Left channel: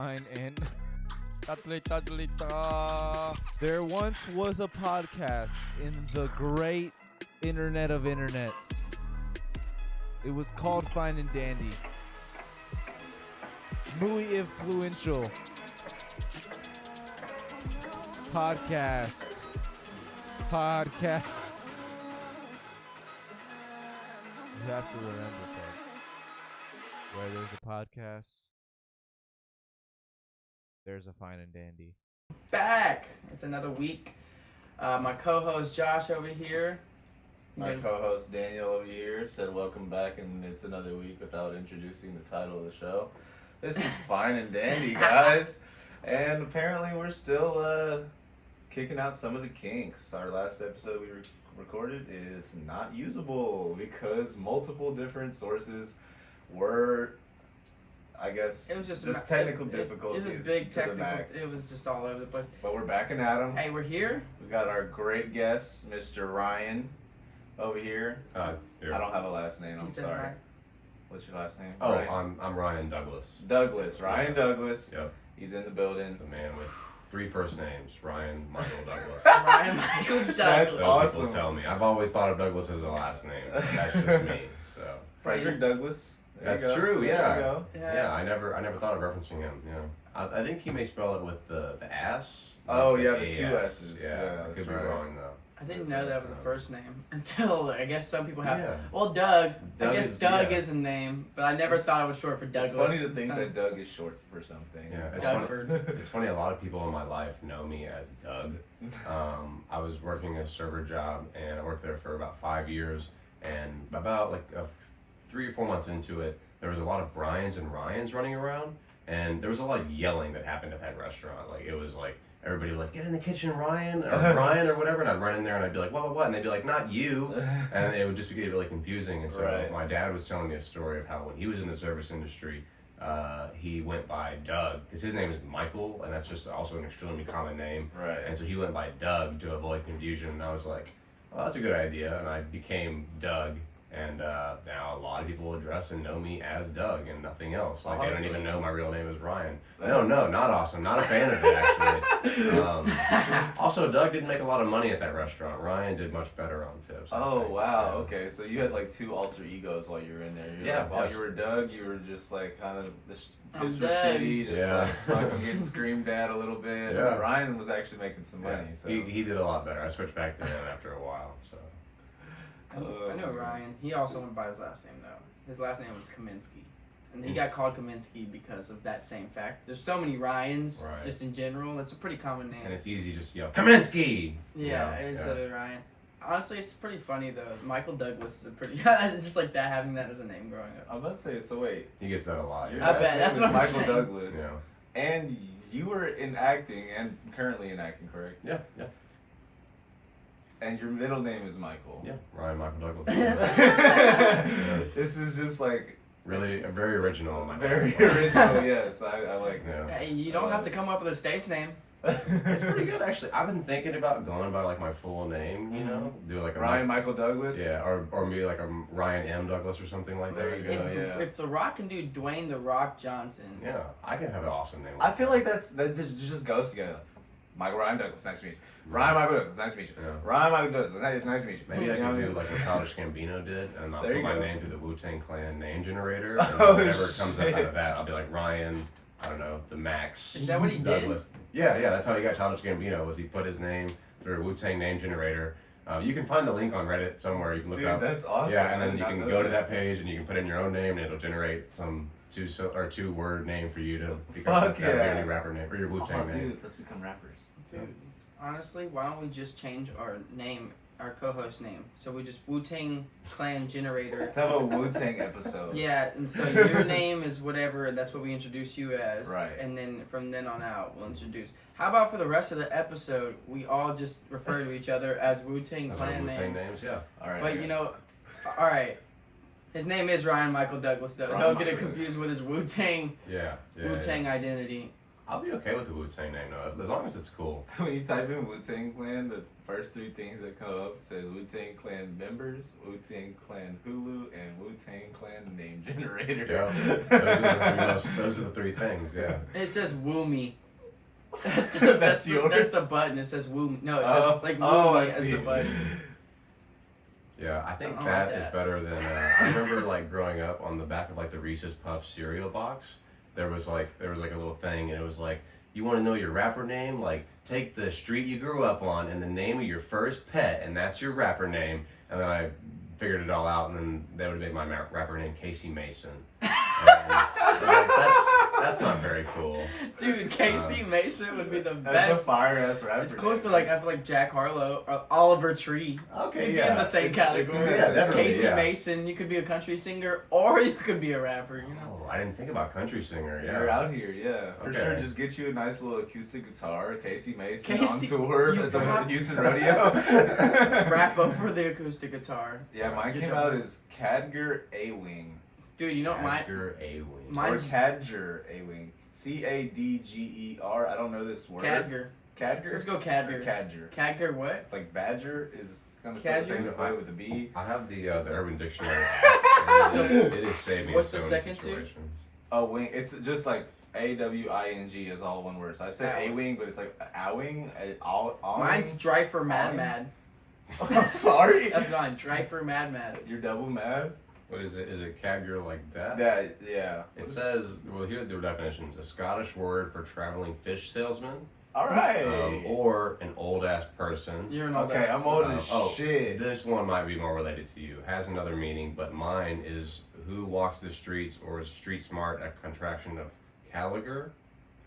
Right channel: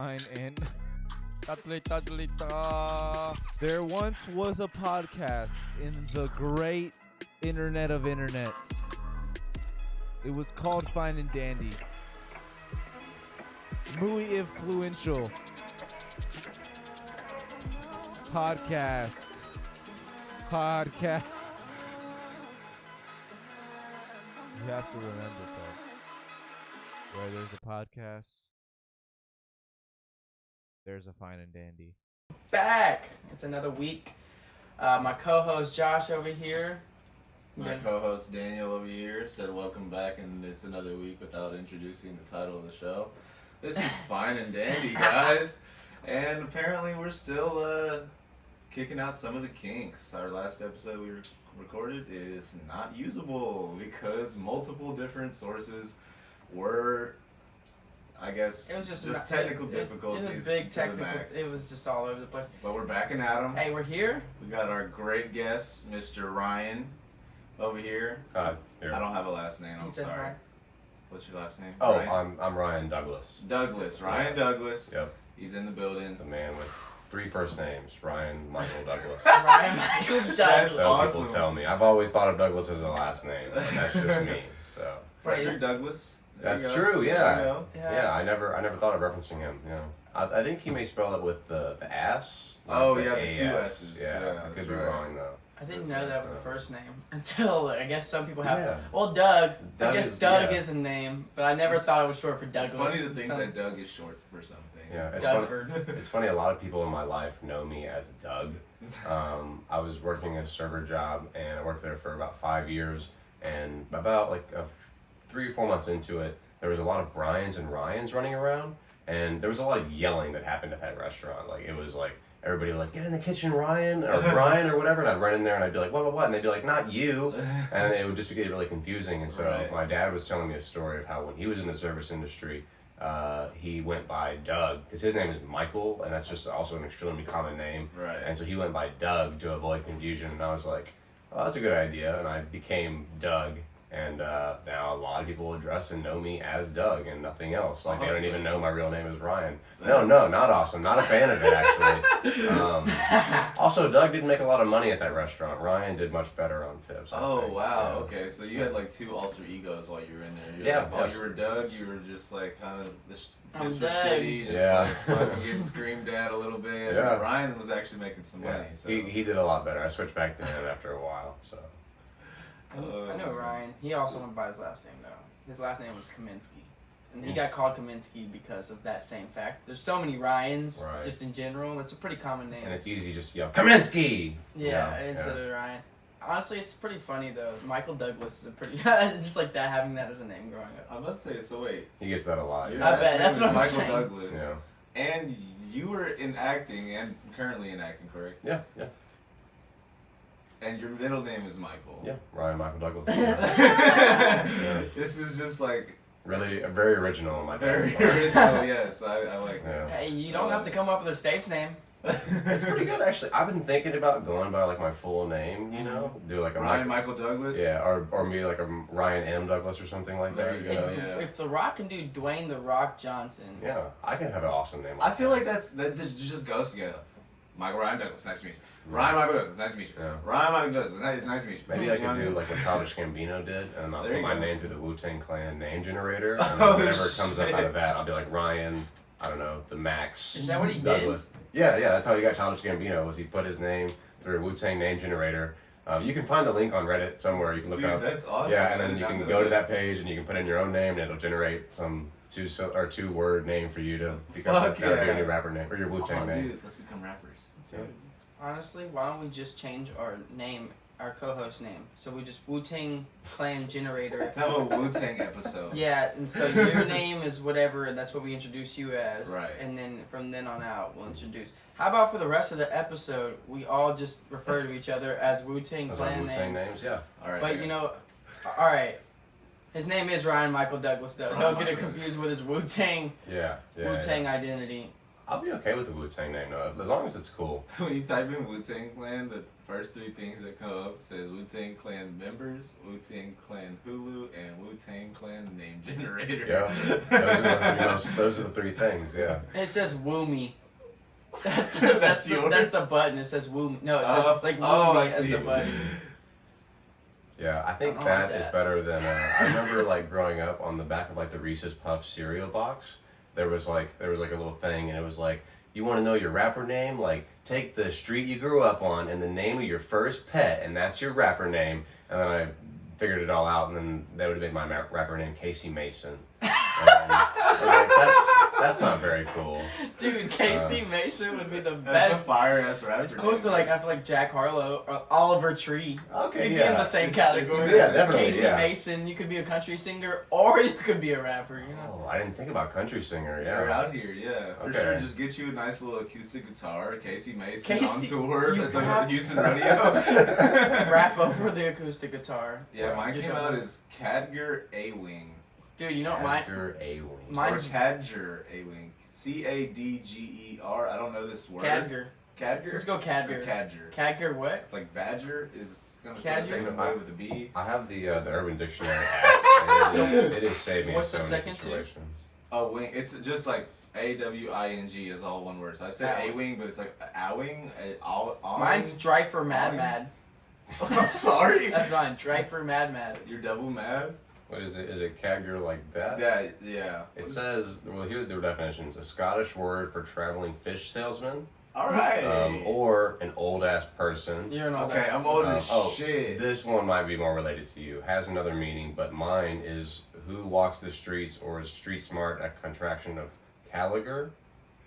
And there once was a podcast in the great internet of internets. It was called Fine and Dandy. Muy influential podcast. You have to remember, folks, where there's a podcast, there's a Fine and Dandy. Back. It's another week. My co-host Josh over here. My co-host Daniel over here said welcome back, and it's another week without introducing the title of the show. This is Fine and Dandy, guys. And apparently we're still kicking out some of the kinks. Our last episode we recorded is not usable because multiple different sources were, I guess, It was just technical difficulties. It was big to the technical. max. It was just all over the place. But we're backing at them. Hey, we're here. We got our great guest, Mr. Ryan, over here. Here. I don't have a last name. He I'm said sorry. hi. What's your last name? Oh, Ryan? I'm Ryan Douglas. Douglas. Ryan Douglas. Yep. He's in the building. The man with 3 first names, Ryan Michael Douglas. Ryan Michael Douglas. That's So awesome. people tell me. I've always thought of Douglas as a last name. That's just me. So Frederick Douglas. There that's you go. true. There Yeah. you go. Yeah. I never thought of referencing him. You know, I think he may spell it with the ass. Oh, not yeah, the AS. 2 S's. Yeah, Yeah, I could that's be right. wrong though. I didn't That's know it, that was a bro. first name until I guess some people have. Yeah. Well, Doug. I Doug guess is- Doug yeah. is a name, but I never It's- thought it was short for Douglas. It's funny to think Sounds- that Doug is short for something. Yeah, it's Dougford. It's funny. A lot of people in my life know me as Doug. I was working a server job, and I worked there for about 5 years. And about 3 or 4 months into it, there was a lot of Brian's and Ryan's running around, and there was a lot of yelling that happened at that restaurant. Like it was like everybody like, get in the kitchen, Ryan, or Brian, or whatever. And I'd run in there and I'd be like, what? And they'd be like, not you. And it would just get really confusing. And so Right. my dad was telling me a story of how when he was in the service industry, he went by Doug because his name is Michael, and that's just also an extremely common name. Right. And so he went by Doug to avoid confusion. And I was like, oh, that's a good idea. And I became Doug. And now a lot of people address and know me as Doug and nothing else. Like, they don't Awesome. even know my real name is Ryan. No, not awesome. Not a fan of it, actually. Also, Doug didn't make a lot of money at that restaurant. Ryan did much better on tips. I Oh, think. wow. Yeah. Okay, so you had like 2 alter egos while you were in there. You're Yeah, like, while yes. you were Doug, you were just like kind of, the I'm tips were Doug. shitty, just Yeah. like fucking getting screamed at a little bit. Yeah. Ryan was actually making some money. So. He did a lot better. I switched back to him after a while. So I know Ryan. He also went by his last name though. His last name was Kaminsky, and he Yes. got called Kaminsky because of that same fact. There's so many Ryans Right. just in general. It's a pretty common name. and it's easy just to yell Kaminsky. Yeah, instead of Ryan. Honestly, it's pretty funny though. Michael Douglas is a pretty just like that, having that as a name growing up. I'm about to say, so wait. He gets that a lot. Your I last bet, name that's is what I'm Michael saying. Douglas. Yeah. And you were in acting and currently in acting, correct? Yeah. And your middle name is Michael. Yeah. Ryan Michael Douglas. This is just like Really, very original on my very dad's part. original. Yes, I like Yeah. Hey, you don't have to come up with a stage name. that. It's pretty good actually. I've been thinking about going by like my full name, you know, do like a Ryan Michael Douglas. yeah, or maybe like a Ryan M. Douglas or something like There that. you You go. know? Yeah. If The Rock can do Dwayne The Rock Johnson, Yeah, I can have an awesome name. I feel like that just goes together. Michael Ryan Douglas, nice to meet you. Ryan Michael Douglas, nice to meet you. Yeah. Ryan Michael Douglas, nice to meet you. Maybe I You know could what do mean? like what Childish Gambino did, and I'll There put you my go. name through the Wu-Tang Clan name generator, and Oh, whatever comes up shit. out of that, I'll be like Ryan. I don't know, the Max. Is that what he did? Douglas. Yeah, that's how he got Childish Gambino. Was he put his name through a Wu-Tang name generator? You can find a link on Reddit somewhere. You can look Dude, up. that's awesome. Yeah, and I then did you not can know go to that page and you can put in your own name and it'll generate some 2-word name for you to become Fuck your yeah. new rapper name or your Oh, Wu-Tang name. dude, let's become rappers. dude. Honestly, why don't we just change our name, our co-host name? So we just Wu-Tang Clan Generator. Let's have a Wu-Tang episode. Yeah, and so your name is whatever. That's what we introduce you as. Right. And then from then on out, we'll introduce. How about for the rest of the episode, we all just refer to each other as Wu-Tang That's our Clan Wu-Tang names. names, yeah. All right. But you know, all right. His name is Ryan Michael Douglas, though. Ryan Don't get it Michael. confused with his Wu-Tang Yeah. Wu-Tang identity. I'll be okay with the Wu-Tang name though, as long as it's cool. When you type in Wu-Tang Clan, the first three things that come up says Wu-Tang Clan members, Wu-Tang Clan Hulu, and Wu-Tang Clan name generator. Yeah, those are the three things. Yeah. It says woo me. That's That's the, yours? that's the button. It says woo me. No, it says Oh, like woo oh, I me as see. the button. Yeah, I think I don't that like is that. better than. I remember like growing up on the back of like the Reese's Puff cereal box. There was like a little thing, and it was like, you want to know your rapper name? Like, take the street you grew up on and the name of your first pet, and that's your rapper name. And then I figured it all out, and then they would make my rapper name Casey Mason. And I'm like, that's not very cool. Dude, Casey Mason would be the That's a best. fire ass rapper. It's close to name. like I feel like Jack Harlow or Oliver Tree. Okay, You'd yeah. be in the same It's- category. yeah, definitely, Casey yeah. Mason, you could be a country singer or you could be a rapper. You know. Oh, I didn't think about country singer. You're Yeah. out here, yeah. For Okay. sure, just get you a nice little acoustic guitar, Casey Mason Casey- on tour you at the rap- Houston Rodeo. Rap over the acoustic guitar. Yeah, mine You're came dumb. out as Cadger A-Wing. Dude, you know what mine? Edgar A. Wing. Mine- Or Mine's- Cadger A-Wing. Cadger. I don't know this word. Cadger. Cadger? Let's go Or Cadger. Cadger. Cadger what? It's like Badger is kind of Cadger? the same way with a B. I have the Urban Dictionary app, and it is saving me What's in the so many second two? situations. Oh, wing. It's just like A-W-I-N-G is all one word. So I said Awing. A-Wing, but it's like A-Wing. Awing. Mine's Dryfer Mad Awing? Mad. I'm sorry. That's mine. Dryfer Mad Mad. You're double mad? What is it? Is it Cadger like that? Yeah. It says, well, here are the definitions: a Scottish word for traveling fish salesman, All right. or an old ass person. You're an old Okay, I'm old as Oh, shit. This one might be more related to you. Has another meaning, but mine is who walks the streets, or is street smart, a contraction of Caliger.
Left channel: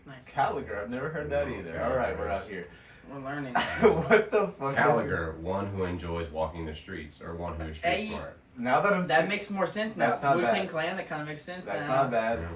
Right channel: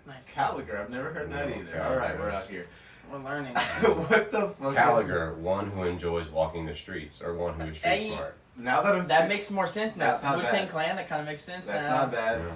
Nice. Caliger, I've never heard that Oh, either. All right, we're out here. We're learning. What the fuck? Caliger, one who enjoys walking the streets, or one who is street Hey, smart. Now that I'm That see- makes more sense now. That's not Wu-Tang bad. Clan, that kind of makes sense that's now. not bad. Yeah.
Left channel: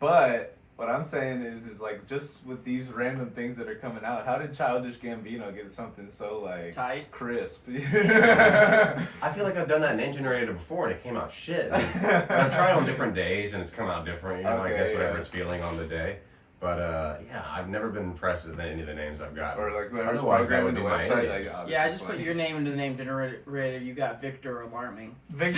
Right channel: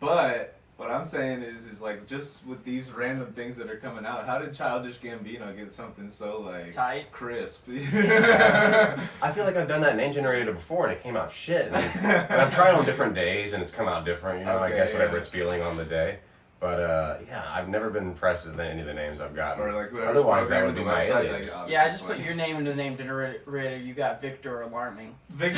But what I'm saying is like just with these random things that are coming out, how did Childish Gambino get something so like Tight. crisp? I feel like I've done that name generator before, and it came out shit. And I've tried on different days, and it's come out different. You know, I Okay, guess whatever yeah. it's feeling on the day. But yeah, I've never been impressed with any of the names I've gotten. Or like whoever's Otherwise, that programming would the be my website. alias. Like, Yeah, I just put your name into the name generator. You got Victor Alarming. Vic.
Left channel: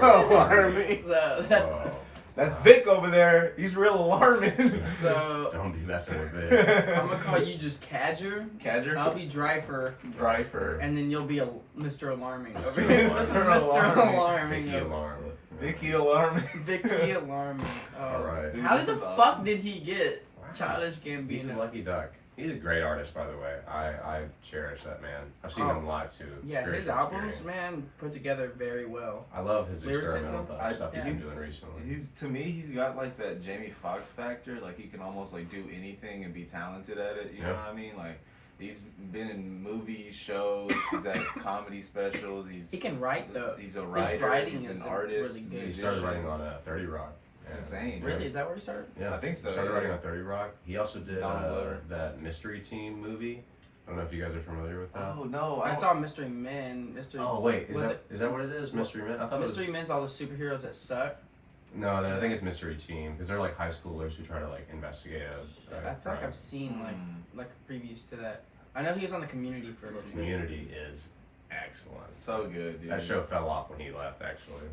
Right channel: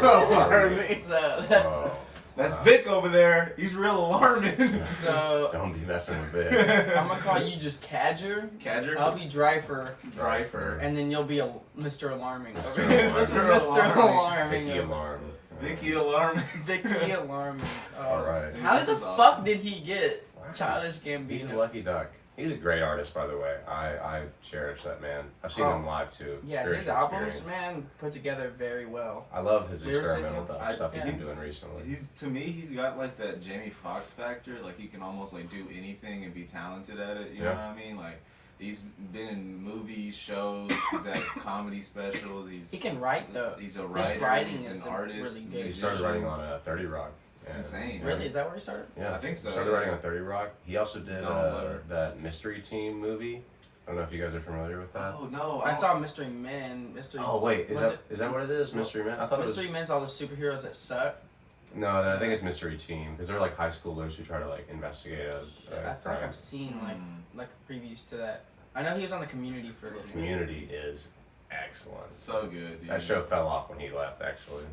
Alarming. So that's Oh, That's wow. Vic over there. He's real alarming. so. Don't be messing with it. I'm gonna call you just Cadger. Cadger. I'll be Dryfer, Dryfer. and then you'll be a Mr. Alarming Mr. over here. Alarming. Mr. Alarming. Vicky Alarm. Vicky alarming. Vicky Alarming. All right. Dude, How this the is fuck awesome. did he get Wow. Childish He's a Gambino? lucky duck. He's a great artist, by the way. I cherish that man. I've seen Oh. him live too. Yeah, his Spiritual albums, experience. man, put together very well. I love his Lyricism. experimental stuff he's Yeah. been doing recently. He's to me, he's got like that Jamie Foxx factor. Like he can almost like do anything and be talented at it. You know Yeah. what I mean? Like he's been in movies, shows. He's at comedy specials. He can write though. He's a writer. writing he's is an artist. really good. He musician. started writing on 30 Rock. It's Yeah. insane. Really? Is that where he started? Yeah, I think so, He started yeah. writing on 30 Rock. He also did Donald Glover. that Mystery Team movie. I don't know if you guys are familiar with that. Oh no! I saw Mystery Men. Mystery. Oh wait, was is that what it is? Mystery Men? I thought Mystery it was. Men's all the superheroes that suck. No, I think it's Mystery Team because they're like high schoolers who try to like investigate a I feel like crime. I've seen Mm, like previews to that. I know he was on the Community for a little bit. Community is excellent. so good, dude. That show fell off when he left, actually.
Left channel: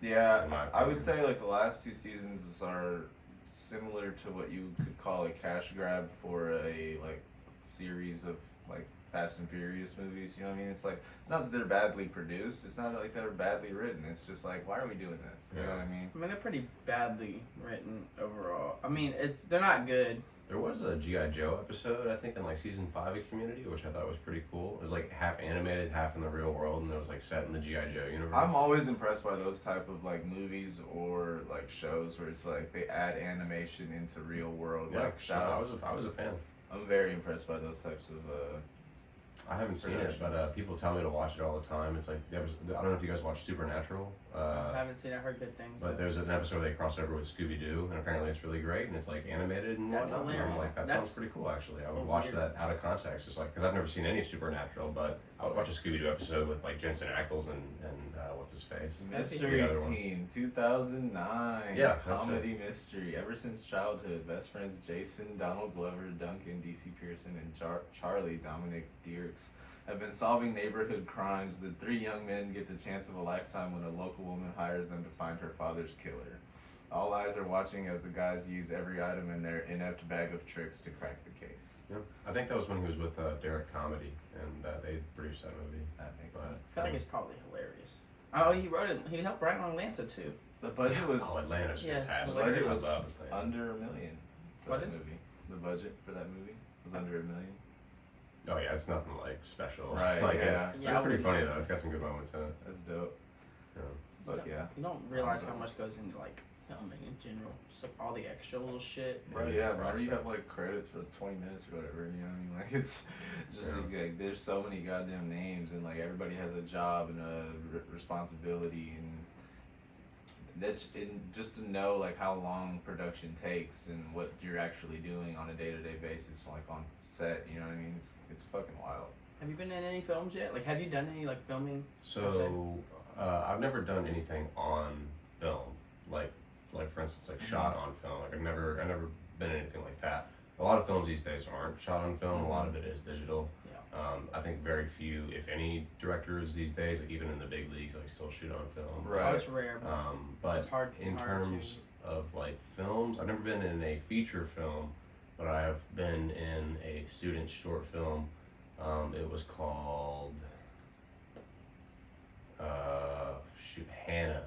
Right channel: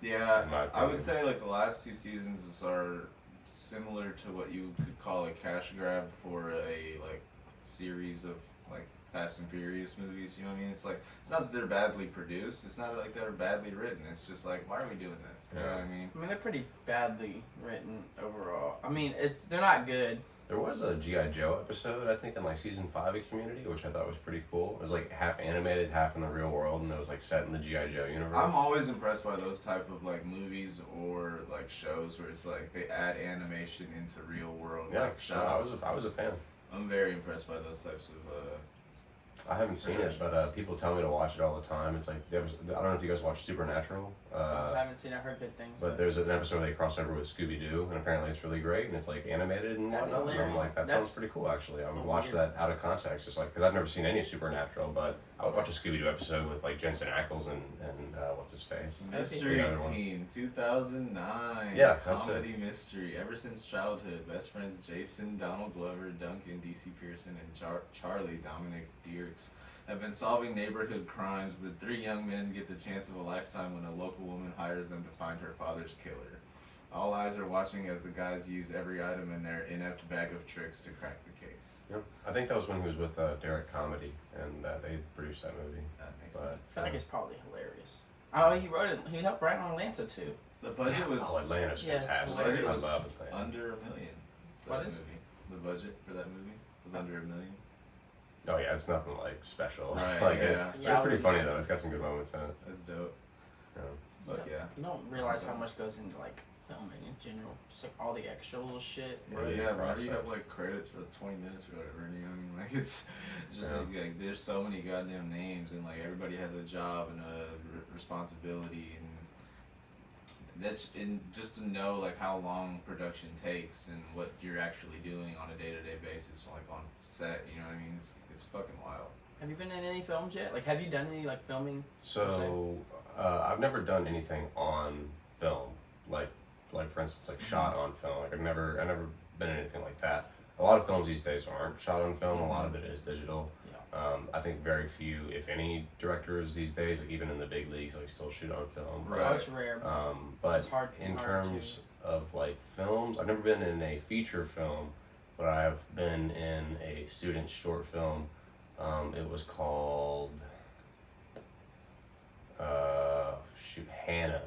Yeah, in my I would opinion. say like the last two seasons are similar to what you could call a cash grab for a like series of like Fast and Furious movies. You know what I mean? It's like it's not that they're badly produced. It's not like they're badly written. It's just like why are we doing this? You know Yeah. what I mean? I mean, they're pretty badly written overall. I mean, they're not good. There was a G.I. Joe episode, I think, in like season 5 of Community, which I thought was pretty cool. It was like half animated, half in the real world, and it was like set in the G.I. Joe universe. I'm always impressed by those type of like movies or like shows where it's like they add animation into real world yeah, like shots. I was a fan. I'm very impressed by those types of I haven't seen it, but people tell me to watch it all the time. It's like I don't know if you guys watch Supernatural. I haven't seen it. I heard good things. But there's an episode where they cross over with Scooby Doo, and apparently it's really great, and it's like animated and That's whatnot. And I'm hilarious. like, that That's sounds pretty cool actually. I would watch that out of context, just like because I've never seen any Supernatural, but I would watch a Scooby Doo episode with like Jensen Ackles and what's his face. Mystery The other one. Teen, 2009. Yeah, that's comedy mystery. Ever since childhood, best friends Jason, Donald Glover, Duncan, D.C. Pearson, and Charlie, Dominic Dierks, have been solving neighborhood crimes. The three young men get the chance of a lifetime when a local woman hires them to find her father's killer. All eyes are watching as the guys use every item in their inept bag of tricks to crack the case. Yep. I think that was when he was with Derek Comedy, and they produced that movie. That makes But, sense. I feel like it's probably hilarious. Oh, he wrote it. He helped write on Atlanta too. The budget was Oh, Atlanta's Yeah, it's fantastic. hilarious. I love Atlanta. under $1 million for What that is? movie. The budget for that movie was under $1 million. Oh yeah, it's nothing like special. Right, Like, yeah. Yeah, it's I pretty would- funny though. It's got some good moments in it. That's dope. Yeah. But yeah. You don't realize how much goes into like filming in general. Just like all the extra little shit. Bro, Yeah, yeah, whenever you have process. like credits for 20 minutes or whatever, you know what I mean? Like it's just Yeah. like there's so many goddamn names and like everybody has a job and a responsibility and that's and just to know like how long production takes and what you're actually doing on a day-to-day basis, like on set, you know what I mean? It's fucking wild. Have you been in any films yet? Like, have you done any like filming? So I've never done anything on film, like for instance, like shot on film. Like I've never been in anything like that. A lot of films these days aren't shot on film. A lot of it is digital. Yeah. I think very few, if any, directors these days, like even in the big leagues, like still shoot on film. Right. Oh, it's rare. But But it's hard. in hard terms of like films, I've never been in a feature film, but I've been in a student short film. It was called Hannah,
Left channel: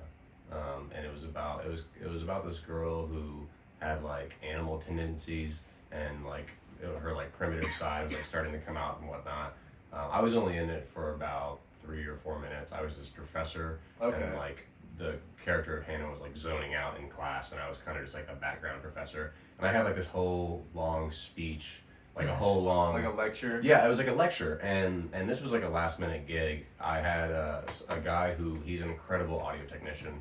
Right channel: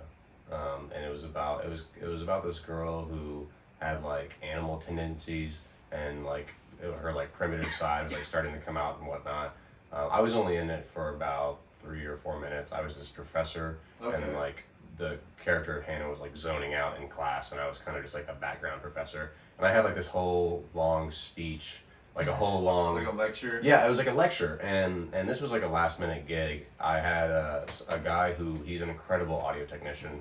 and it was about this girl who had like animal tendencies and like her like primitive side was like starting to come out and whatnot. I was only in it for about 3 or 4 minutes. I was this professor, Okay. and like the character of Hannah was like zoning out in class, and I was kind of just like a background professor. And I had like this whole long speech, like a whole long Like a lecture? yeah, it was like a lecture, and this was like a last minute gig. I had a guy who he's an incredible audio technician.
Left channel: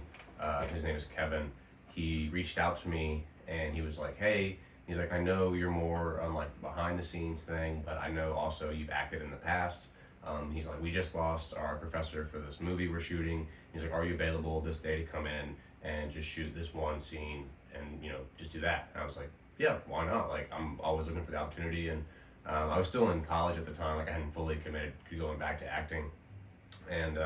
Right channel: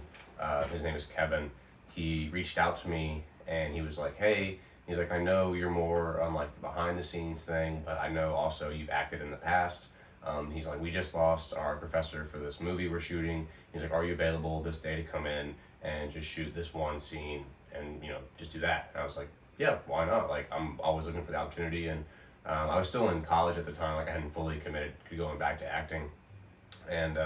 His name is Kevin. He reached out to me and he was like, "Hey," he's like, "I know you're more on like behind the scenes thing, but I know also you've acted in the past." He's like, "We just lost our professor for this movie we're shooting." He's like, "Are you available this day to come in and just shoot this one scene and just do that?" And I was like, yeah, why not? Like, I'm always looking for the opportunity, and I was still in college at the time. Like, I hadn't fully committed to going back to acting, and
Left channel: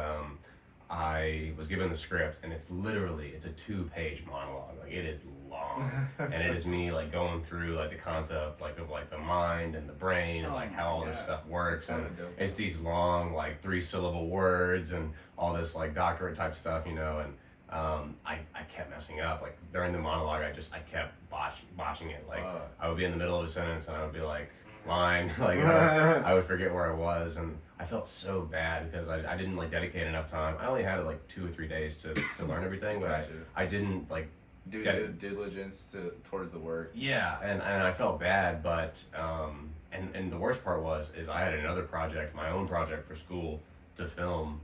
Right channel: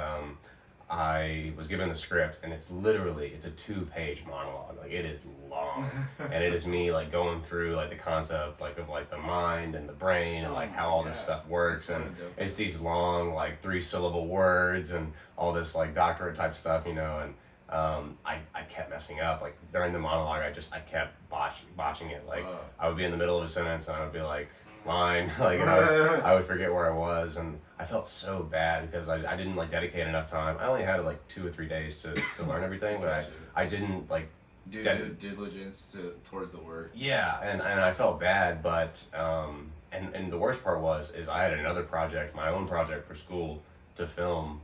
I was given the script, and it's a 2-page monologue. Like, it is long, and it is me like going through like the concept like of like the mind and the brain, and Oh like my how all this God. stuff works, and That's dope. it's these long like 3-syllable words and all this like doctorate type stuff, and I kept messing up. Like during the monologue, I kept botching it. Like I would be in the middle of a sentence and I would be like line, like I would forget where I was, and I felt so bad because I didn't like dedicate enough time. I only had like 2 or 3 days to learn everything, but Gotcha. I didn't like Do that- due diligence towards the work. yeah, and I felt bad, but and the worst part is I had another project, my own project for school to film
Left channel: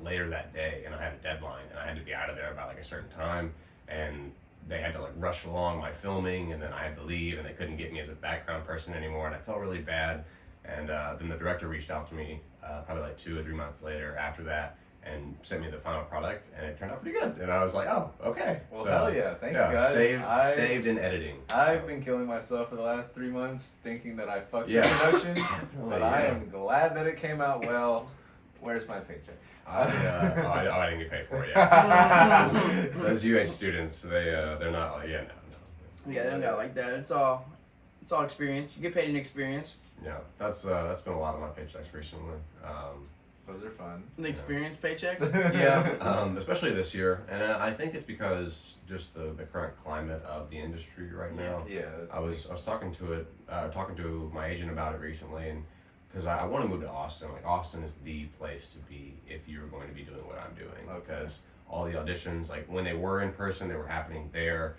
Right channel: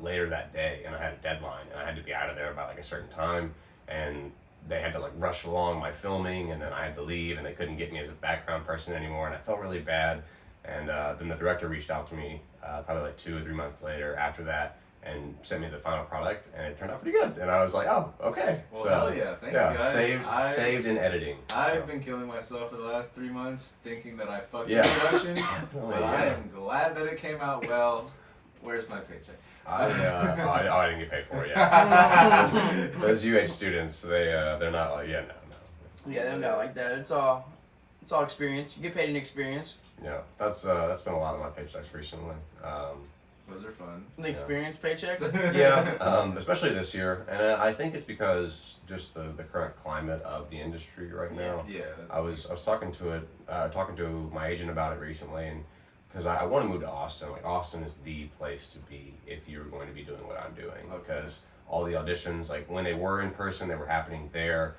later that day, and I had a deadline, and I had to be out of there by like a certain time, and they had to like rush along my filming, and then I had to leave, and they couldn't get me as a background person anymore, and I felt really bad. And then the director reached out to me probably like 2 or 3 months later after that, and sent me the final product, and it turned out pretty good. And I was like, oh, okay. Well, So, hell yeah. Thanks, guys. Saved in editing. I've been killing myself for the last 3 months thinking that I fucked Yeah. production, Oh, but yeah. I am glad that it came out well. Where's my paycheck? I didn't get paid for it yet. Those UH students, they're not like, no. Yeah, they don't got like that. It's all experience. You get paid in experience. Yeah, that's been a lot of my paychecks recently. Those are fun. The experience paychecks. Especially this year, and I think it's because just the current climate of the industry right now. Yeah. I was talking to my agent about it recently, and because I want to move to Austin. Like Austin is the place to be if you're going to be doing what I'm doing. Okay. Because all the auditions, like when they were in person, they were happening there.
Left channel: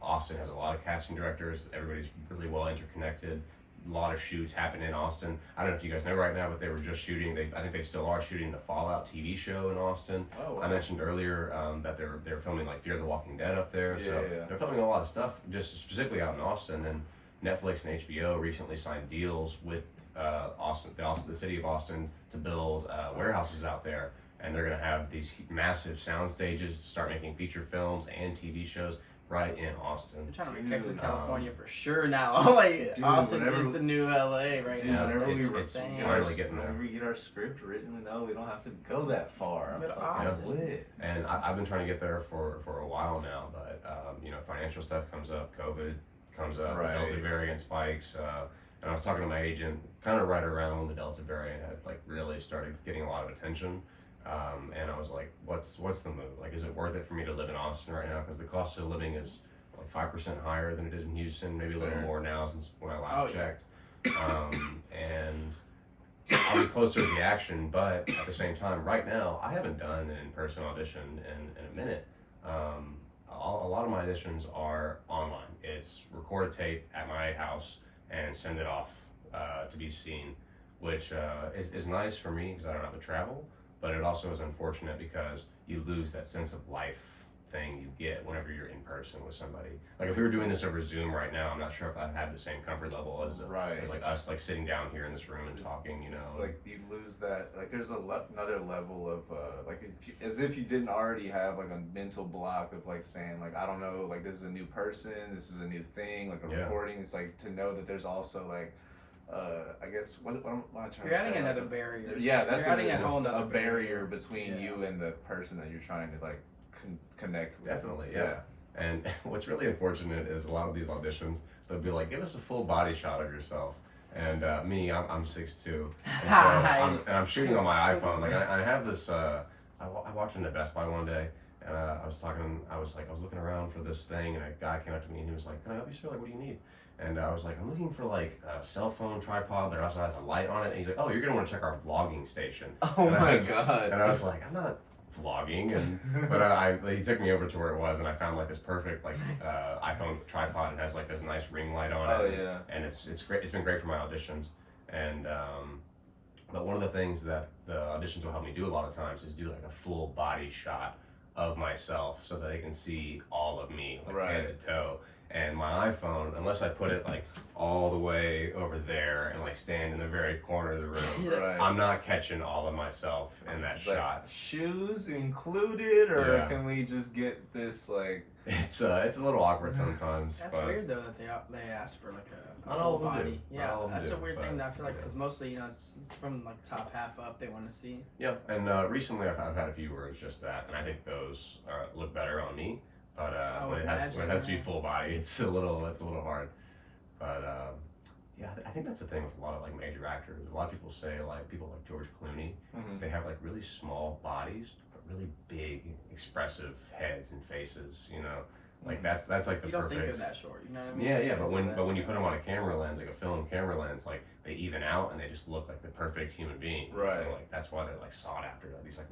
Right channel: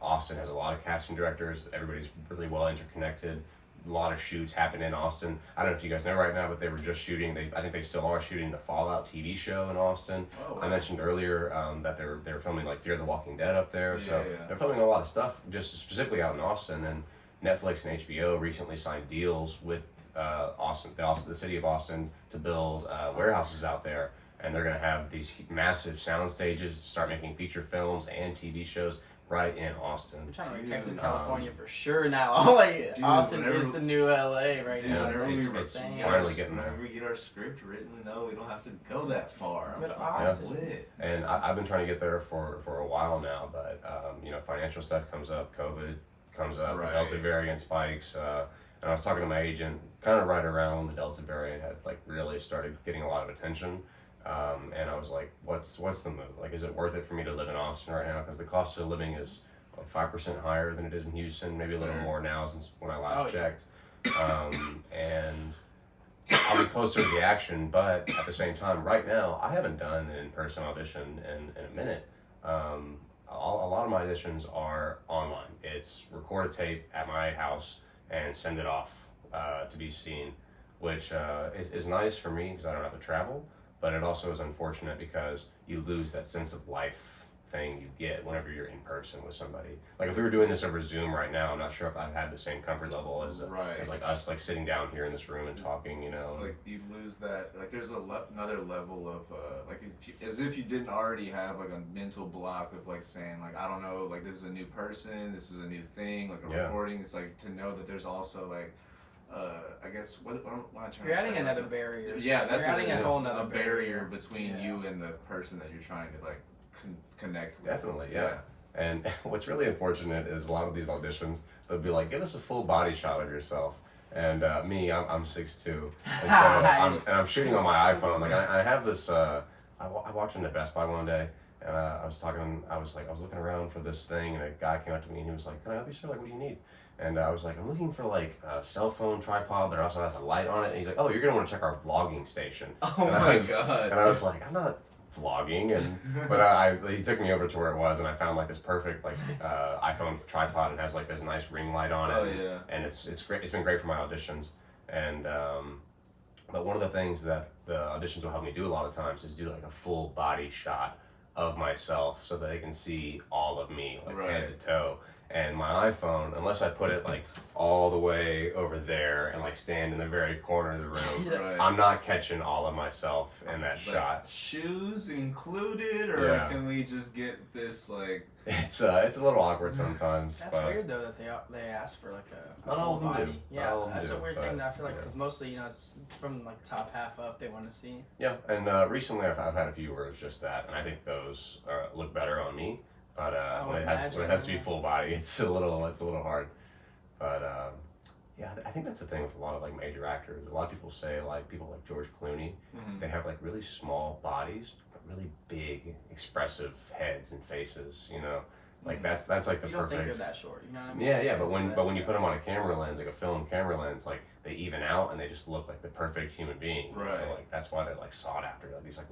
Austin has a lot of casting directors. Everybody's really well interconnected. a lot of shoots happen in Austin. I don't know if you guys know right now, but they were just shooting. I think they still are shooting the Fallout TV show in Austin. Oh, wow. I mentioned earlier that they're filming like Fear the Walking Dead up there. Yeah, So yeah. they're filming a lot of stuff just specifically out in Austin. And Netflix and HBO recently signed deals with the city of Austin to build warehouses out there. And they're going to have these massive sound stages to start making feature films and TV shows right in Austin. We're trying to make Dude, Texas, California for sure now. Like Dude, Austin whenever- is the new LA right Dude, now. whenever That's we insane. finally getting there. whenever we get our script written, we don't have to go that far. But I'm Austin. lit. And I've been trying to get there for a while now, but financial stuff comes up, COVID comes up, Right. Delta variant spikes, and I was talking to my agent kind of right around when the Delta variant had like really started getting a lot of attention, and I was like, what's the move? Like, is it worth it for me to live in Austin right now? Because the cost of living is like 5% higher than it is in Houston, maybe a little more now since when I last checked, and I'll be closer to the action, but at the same time, right now, I haven't done an in-person audition in a minute. A lot of my auditions are online. It's record a tape at my house and send it off to be seen, which is nice for me because I don't have to travel, but it also is unfortunate because you lose that sense of life thing you get whenever you're in person with somebody. Like if we were doing this over Zoom right now, I'm not sure if I'd have the same comfort level as like us like sitting down here in this room and talking, It's like you lose that, like there's another level of like as if you didn't already have like a mental block of like saying like, I don't know, like this is a new person, this is a new thing, like a recording. It's like to know that there's also like I guess what am I trying to say? You're adding another barrier. Yeah, that's You're adding a whole a nother barrier between you and the person that you're trying to like connect with. Definitely, yeah. And what's really unfortunate is a lot of these auditions, they'll be like, give us a full body shot of yourself. And me, I'm 6'2", and so I'm shooting on my iPhone. Like I have this. I walked into Best Buy one day, and I was looking around for this thing, and a guy came up to me and he was like, "Can I help you, sir? Like, what do you need?" And I was like, "I'm looking for like a cell phone tripod that also has a light on it." And he's like, "Oh, you're gonna want to check our vlogging station." Oh my god! And I was like, "I'm not vlogging," but he took me over to where it was, and I found like this perfect like iPhone tripod. It has like this nice ring light on it. Oh yeah. And it's great. It's been great for my auditions. And but one of the things that the auditions will help me do a lot of times is do like a full body shot of myself so that they can see all of me, like head to toe. And my iPhone, unless I put it like all the way over there and like stand in the very corner of the room, I'm not catching all of myself in that shot. Like, shoes included, or can we just get this like? It's a little awkward sometimes. That's weird though that they ask for like a Not all full of them body. do. Yeah, that's a weird thing. That I feel like yeah. because mostly it's from like top half up they want to see. Yeah, and recently I've had a few where it's just that, and I think those look better on me. But when it has to be full body, it's a little hard. But yeah, I think that's the thing with a lot of like major actors. A lot of people say like people like George Clooney, they have like really small bodies but really big, expressive heads and faces. You know, like that's like the You don't perfect. think they're that short, you know what I mean? Yeah, but when you put them on a camera lens, like a film camera lens, like they even out and they just look like the perfect human being. Right. You know? Like that's why they're like sought after. Like, these like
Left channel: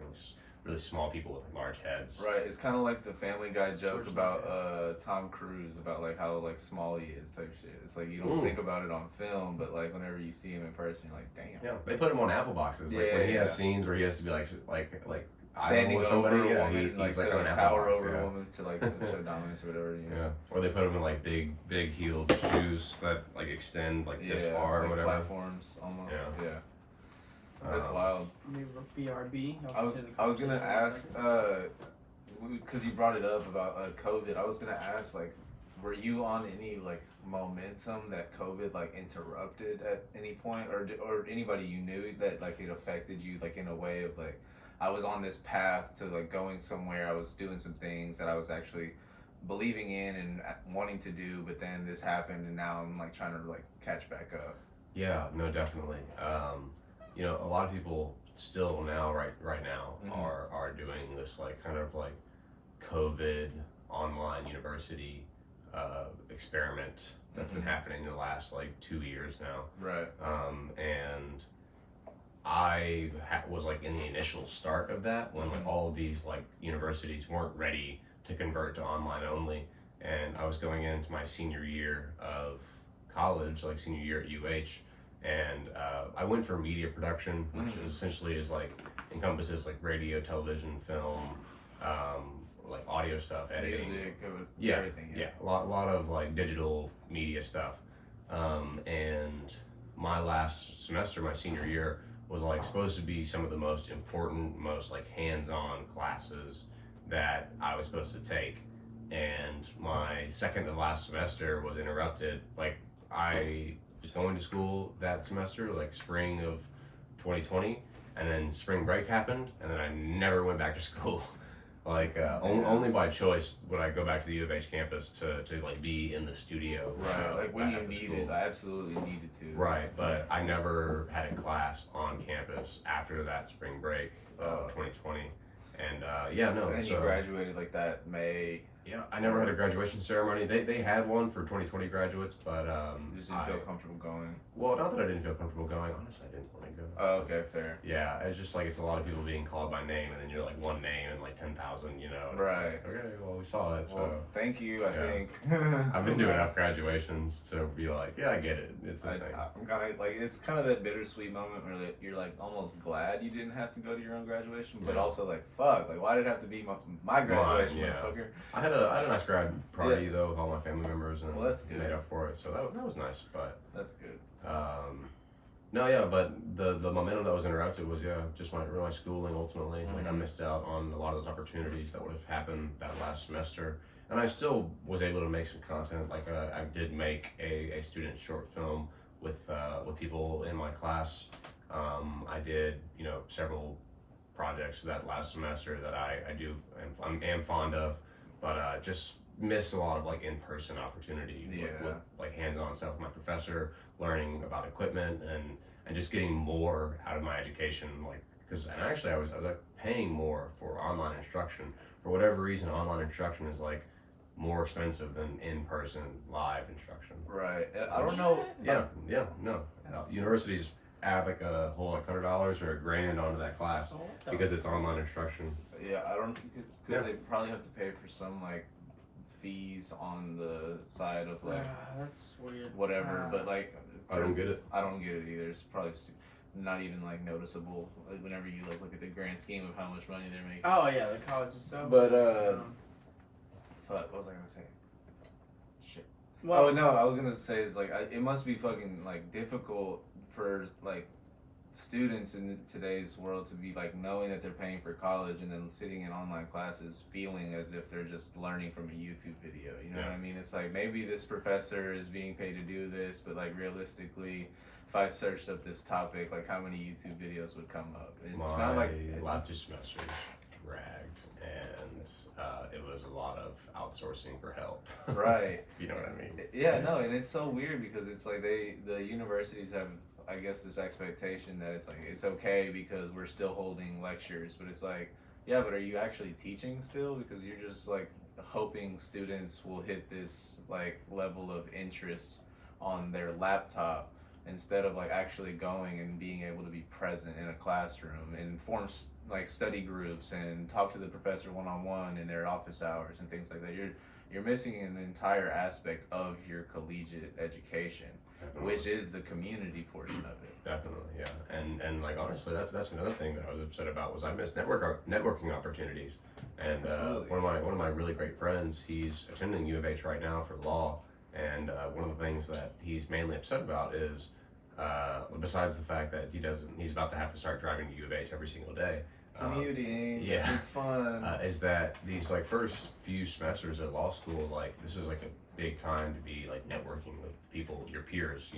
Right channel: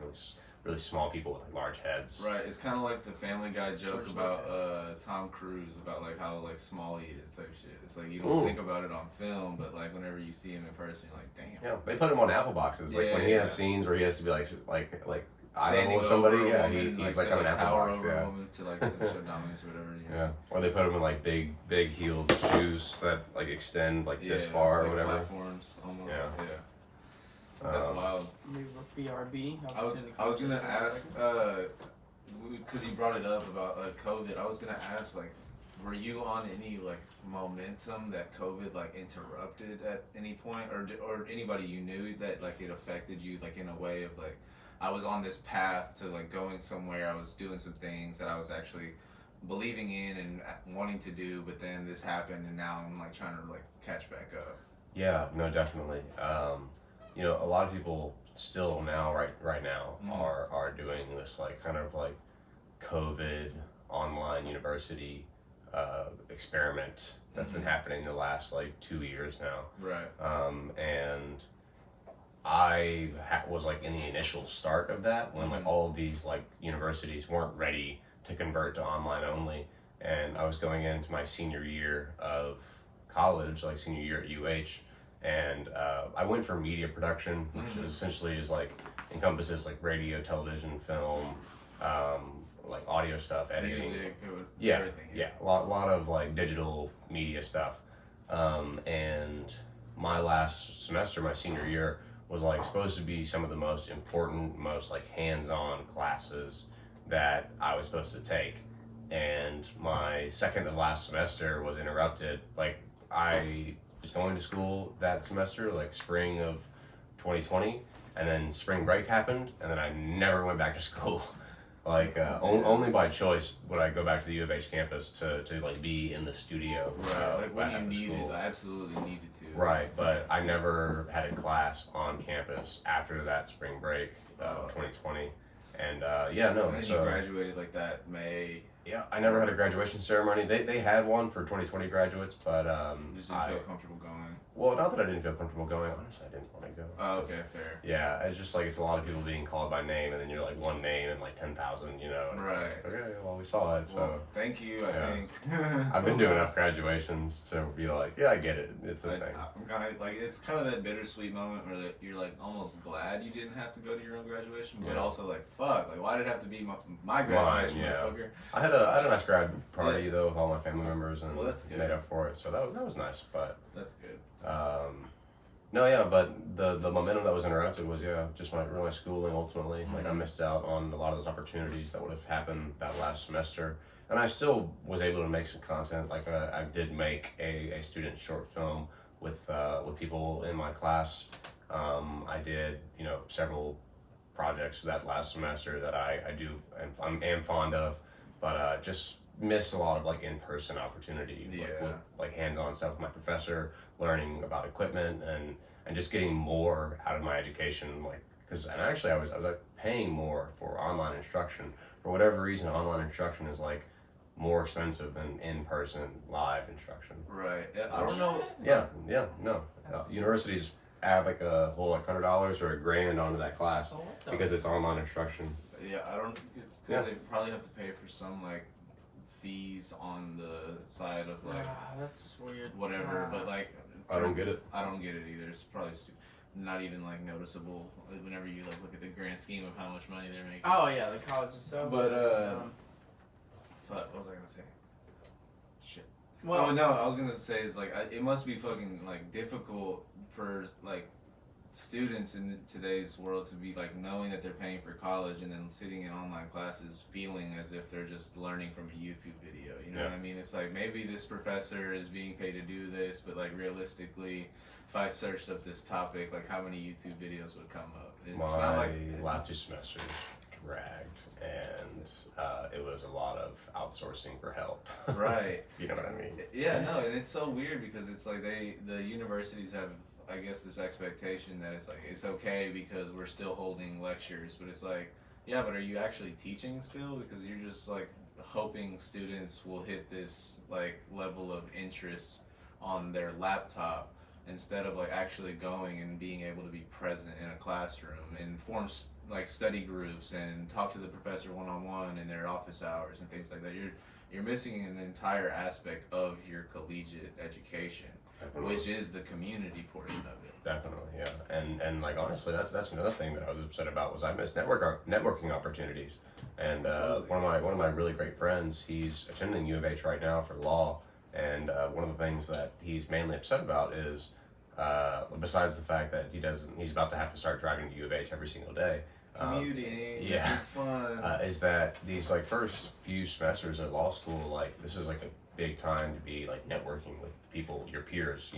really small people with like large heads. Right, it's kind of like the Family Guy joke about Tom Cruise about like how like small he is type shit. It's like you don't think about it on film, but like whenever you see him in person, you're like, damn. Yeah, they put him on Apple boxes. Like when he has scenes where he has to be like standing with somebody. over a Yeah, woman, he's like on an to Apple tower box. over Yeah. a woman to like show dominance or whatever. You know? Yeah, or they put him in like big heeled shoes that like extend like this far like or whatever. Platforms almost. Yeah. That's wild. BRB. I was gonna ask because you brought it up about COVID. I was gonna ask like, were you on any like momentum that COVID like interrupted at any point, or anybody you knew that like it affected you like in a way of like, I was on this path to like going somewhere. I was doing some things that I was actually believing in and wanting to do, but then this happened, and now I'm like trying to like catch back up. Yeah, no, definitely. You know, a lot of people still now, right now, are doing this like kind of like COVID online university experiment that's been happening the last like 2 years now. Right. And I was like in the initial start of that when like all of these like universities weren't ready to convert to online only, and I was going into my senior year of college, like senior year at UH, and I went for media production, which is essentially is like encompasses like radio, television, film, like audio stuff, editing. Music, Yeah, everything. yeah, a lot of like digital media stuff. And my last semester, my senior year, was like supposed to be some of the most important, most like hands-on classes that I was supposed to take. And my second to last semester was interrupted. Like I was going to school that semester, like spring of 2020, and then spring break happened, and then I never went back to school. Like only by choice would I go back to the U of H campus to like be in the studio. Right, like when back you after needed, school. I absolutely needed to. Right, but I never had a class on campus after that spring break of 2020, and yeah, no. And then so you graduated like that May. yeah, I never had a graduation ceremony. They had one for 2020 graduates, but You just didn't feel comfortable going. well, not that I didn't feel comfortable going. Honestly, I didn't want to go. Oh, okay, fair. Yeah, it's just like it's a lot of people being called by name, and then you're like one name and like 10,000. You know. It's Right. Like, okay, well we saw it, so. Well, thank you. I Yeah. think I've been doing enough graduations to be like, yeah, I get it. It's a thing. I'm kind of like it's kind of that bittersweet moment where that you're like almost glad you didn't have to go to your own graduation, but Yeah. also like fuck, like why did it have to be my graduation, Mine, yeah. motherfucker? I had a nice grad party though with all my family members, and Well, that's good. made up for it. So that was nice. But That's good. no, yeah. But the momentum that was interrupted was just my schooling ultimately. Like I missed out on a lot of those opportunities that would have happened that last semester, and I still was able to make some content. Like I did make a student short film with people in my class. I did several projects that last semester that I do and am fond of, but just missed a lot of like in-person opportunity with like hands-on stuff with my professor, learning about equipment and just getting more out of my education. Like and actually I was like paying more for online instruction. For whatever reason, online instruction is like more expensive than in-person live instruction. Right. I don't know. Yeah, no. Universities add like a whole like $100 or $1,000 onto that class because it's online instruction. Yeah, I don't. It's because they probably have to pay for some like fees on the side of like that's weird. whatever. But like, I don't get it. I don't get it either. It's probably not even like noticeable whenever you like look at the grand scheme of how much money they're making. Oh yeah, the college is so. But, Fuck, what was I gonna say? Shit. well, Oh no, I was gonna say is like it must be fucking like difficult for like students in today's world to be like knowing that they're paying for college and then sitting in online classes feeling as if they're just learning from a YouTube video. You know what I mean? It's like maybe this professor is being paid to do this, but like realistically, if I searched up this topic, like how many YouTube videos would come up? It's not like last 2 semesters dragged, and it was a lot of outsourcing for help. right. You know what I mean? Yeah, no, and it's so weird because it's like the universities have, I guess, this expectation that it's like it's okay because we're still holding lectures, but it's like, yeah, but are you actually teaching still? Because you're just like hoping students will hit this like level of interest on their laptop instead of like actually going and being able to be present in a classroom and form like study groups and talk to the professor one-on-one in their office hours and things like that. You're missing an entire aspect of your collegiate education, which is the community portion of it. Definitely, yeah. And like honestly, that's another thing that I was upset about was I missed networking opportunities. And one of my really great friends, he's attending U of H right now for law, and one of the things that he's mainly upset about is besides the fact that he's about to have to start driving to U of H every single day. Commuting, yeah. it's fun. Is that these like first few semesters at law school, like this is like a big time to be like networking with people, your peers,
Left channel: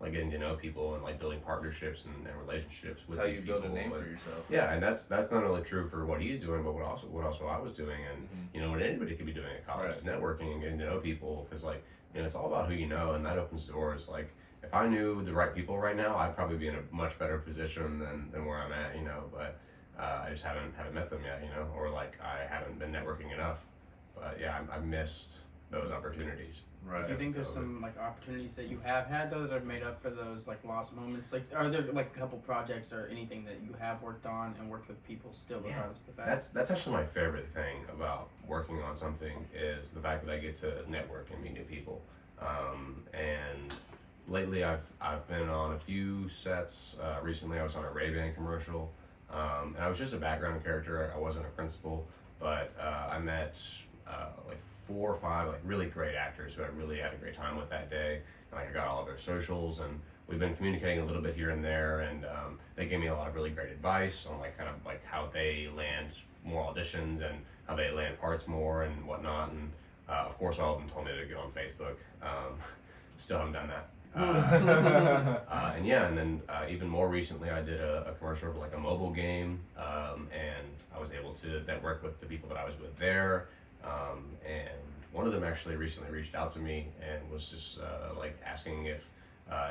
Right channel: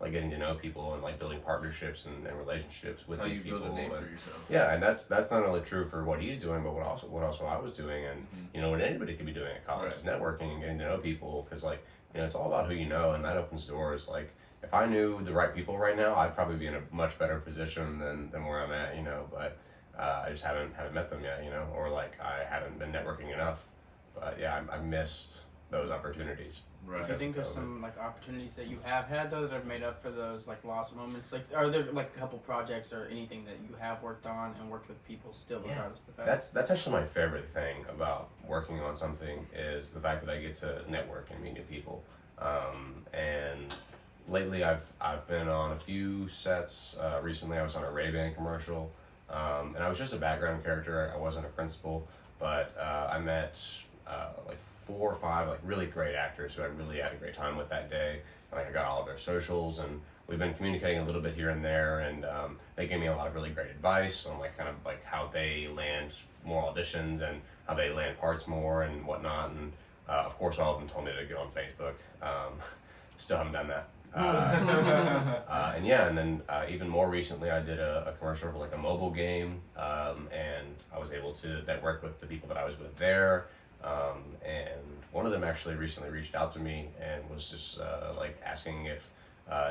like getting to know people and like building partnerships and relationships with That's how these you people. build a name and, for yourself. yeah, and that's not only true for what he's doing, but what also I was doing, and what anybody could be doing at college is networking and getting to know people, because like it's all about who you know, and that opens doors. Like if I knew the right people right now, I'd probably be in a much better position than where I'm at, but I just haven't met them yet, or like I haven't been networking enough. But yeah, I missed those opportunities. Right. do you think there's some like opportunities that you have had though that have made up for those like lost moments? Like, are there like a couple projects or anything that you have worked on and worked with people still regardless of the fact? That's actually my favorite thing about working on something is the fact that I get to network and meet new people. And lately I've been on a few sets. Recently I was on a Ray-Ban commercial, and I was just a background character. I wasn't a principal, but I met like 4 or 5 like really great actors who I really had a great time with that day. And I got all of their socials, and we've been communicating a little bit here and there, and they gave me a lot of really great advice on like kind of like how they land more auditions and how they land parts more and whatnot. And of course, all of them told me to get on Facebook. Still haven't done that. And yeah, and then even more recently, I did a commercial for like a mobile game, and I was able to network with the people that I was with there. And one of them actually recently reached out to me and was just like asking if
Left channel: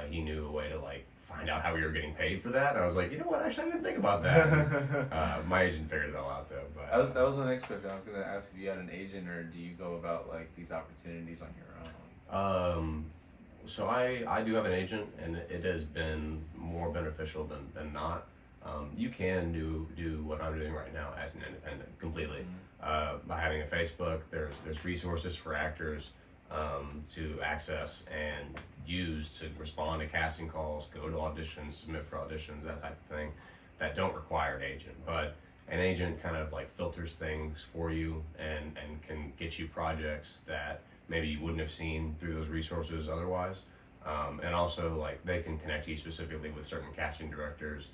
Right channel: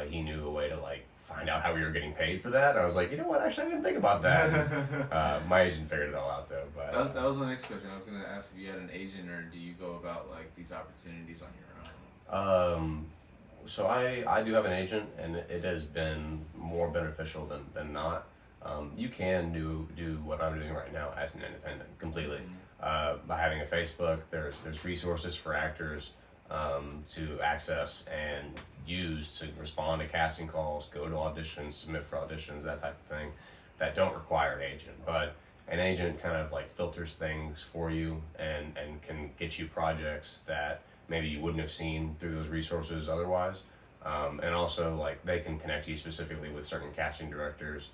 he knew a way to like find out how we were getting paid for that. And I was like, you know what? Actually, I didn't think about that. My agent figured it all out though. But That was my next question. I was gonna ask if you had an agent, or do you go about like these opportunities on your own? So I do have an agent, and it has been more beneficial than not. You can do what I'm doing right now as an independent completely. By having a Facebook, there's resources for actors to access and use to respond to casting calls, go to auditions, submit for auditions, that type of thing, that don't require an agent. But an agent kind of like filters things for you and can get you projects that maybe you wouldn't have seen through those resources otherwise. And also like they can connect you specifically with certain casting directors.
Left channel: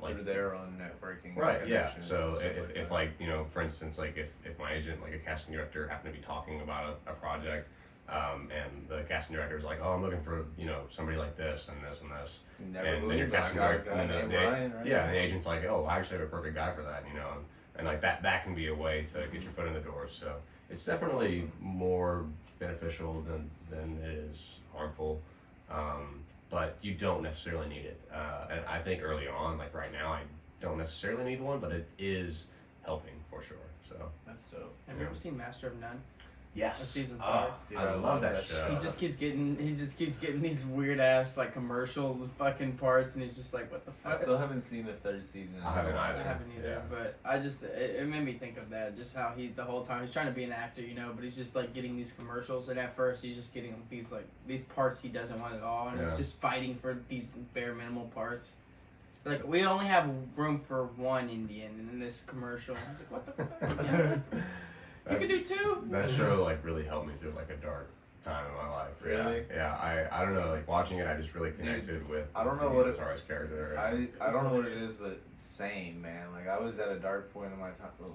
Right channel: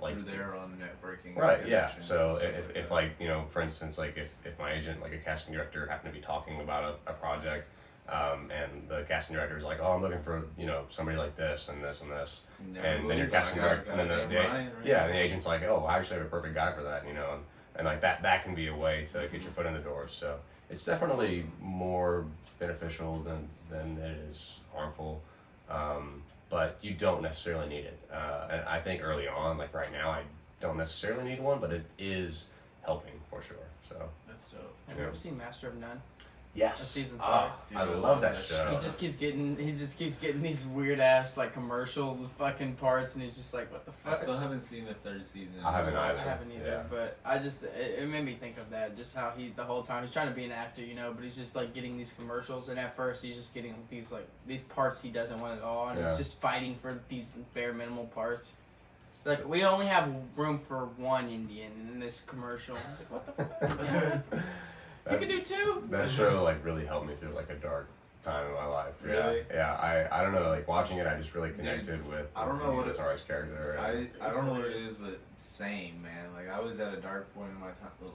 Like Through their own networking. right, yeah. connections So and stuff if that. like, you know, for instance, like if my agent, like a casting director, happened to be talking about a project, and the casting director is like, oh, I'm looking for, you know, somebody like this and this and this, You never and then believe your it. casting I got a director, guy and then named the Ryan, right? yeah, and the agent's like, oh, I actually have a perfect guy for that, you know, and like that can be a way to get your foot in the door. So it's definitely more beneficial than it is harmful. But you don't necessarily need it. And I think early on, like right now, I don't necessarily need one, but it is helping for sure. So That's dope. Have you ever seen Master of None? yes, That season Dude, I I love love that that show. He just keeps getting these weird ass like commercial fucking parts, and he's just like, what the I fuck? still haven't seen the 3rd season. I haven't I either. haven't either, Yeah. but I just it made me think of that, just how he the whole time he's trying to be an actor, you know, but he's just like getting these commercials, and at first he's just getting these parts he doesn't want at all, and Yeah. he's just fighting for these bare minimal parts. Like, we only have room for one Indian in this commercial. I was like, what the fuck? You could do 2. That show like really helped me through like a dark time in my life. Really? Yeah. I don't know. Like watching it, I just really connected with. I don't know what it- Cesar's character. I It's don't know what it hilarious. is, but it's same, man. Like, I was at a dark point in my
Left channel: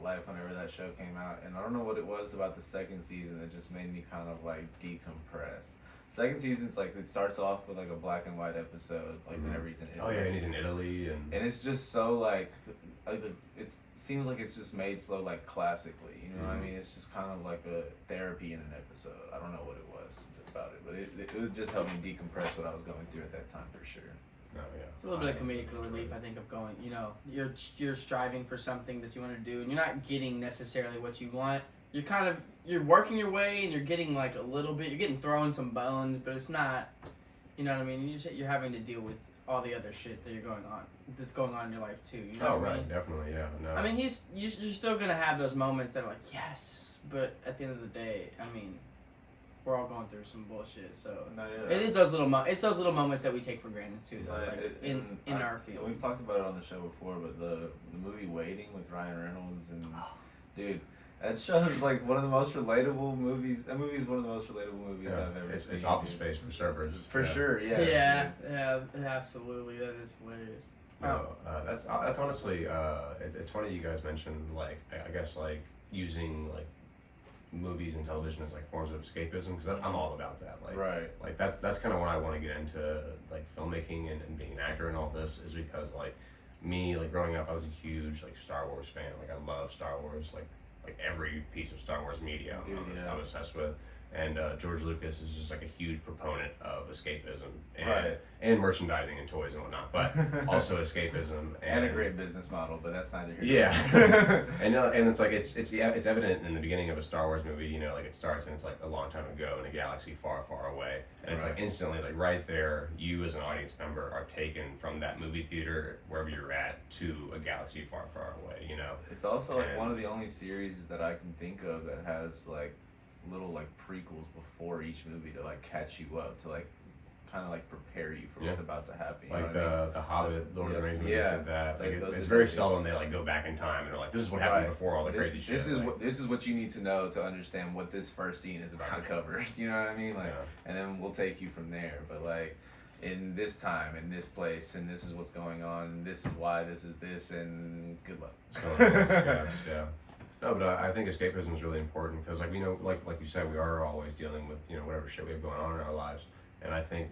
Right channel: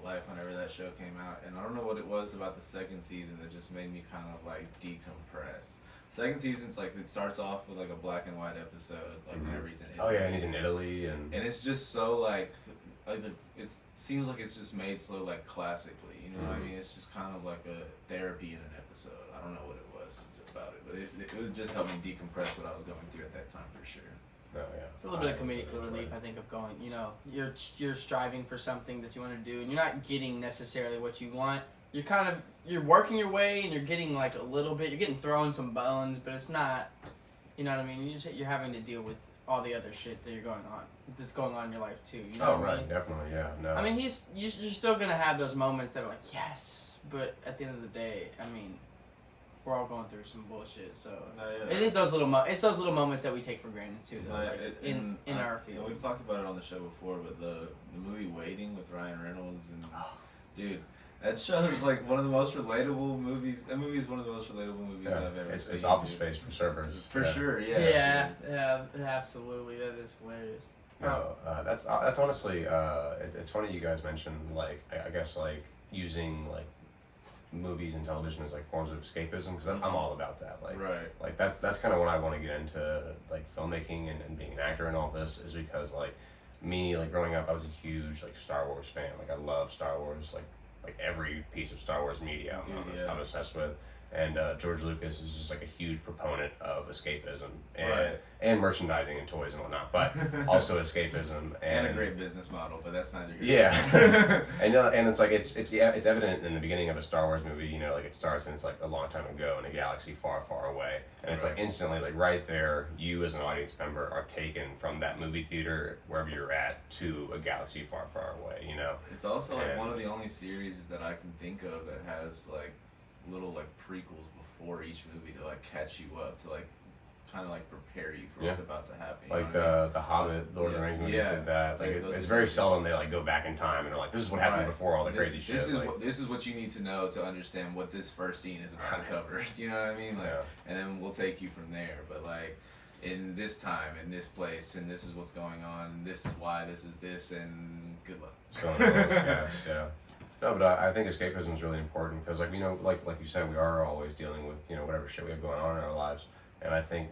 life whenever that show came out, and I don't know what it was about the 2nd season that just made me kind of like decompress. 2nd season's like, it starts off with like a black and white episode, like Mhm. whenever he's in Italy. Oh yeah, and he's in Italy and. And it's just so like it seems like it's just made so like classically, you know what I Mhm. mean? It's just kind of like a therapy in an episode. I don't know what it was about it, but it was just helping me decompress what I was going through at that time for sure. Oh yeah. It's a little bit of comedic relief, I think, of going, you know, you're striving for something that you want to do, and you're not getting necessarily what you want. You're working your way, and you're getting like a little bit. You're getting thrown some bones, but it's not, you know what I mean. You're having to deal with all the other shit that's going on in your life too. You know Oh what I right, mean? definitely, yeah. No. I mean, you're still gonna have those moments that are like yes, but at the end of the day, I mean, we're all going through some bullshit. So it is those little moments that we take for granted too, though, like in our field. We've talked about it on the show before, but the movie Waiting with Ryan Reynolds and dude, that show is like one of the most relatable movies. That movie is one of the most relatable movies yeah. I've ever seen. It's Office dude. Space for servers. For yeah. sure, Yeah, absolutely. That is hilarious. No, that's honestly it's funny you guys mentioned like I guess like using like movies and television as like forms of escapism because I'm all about that like that's kind of what I want to get into like filmmaking and being an actor and all this is because like me like growing up I was a huge like Star Wars fan, like I love Star Wars, like every piece of Star Wars media I'm obsessed with. And George Lucas is just like a huge proponent of escapism and merchandising and toys and whatnot, but also escapism and a great business model. But that's neither here. Yeah, and it's like it's evident in the beginning of a Star Wars movie. You know, like it starts and it's like a long time ago in a galaxy far, far away, and it's like instantly like right there, you as an audience member are taken from that movie theater wherever you're at to a galaxy far, far away. You know, It's also like one of the only series that I can think of that has like little like prequels before each movie to like catch you up to like kind of like prepare you for what's about to happen. You Like know what I mean? the Hobbit, Lord of the Rings movies did that. Like those it's are very good. seldom they like go back in time and are like, this is what happened before all the crazy shit. This is what you need to know to understand what this first scene is about to cover. You know what I mean? Like, and then we'll take you from there. But like, in this time, in this place, and this is what's going on, and this is why, this is this, and good luck. Yeah. No, but I think escapism is really important because, like, you know, like you said, we are always dealing with, you know, whatever shit we have going on in our lives. And I think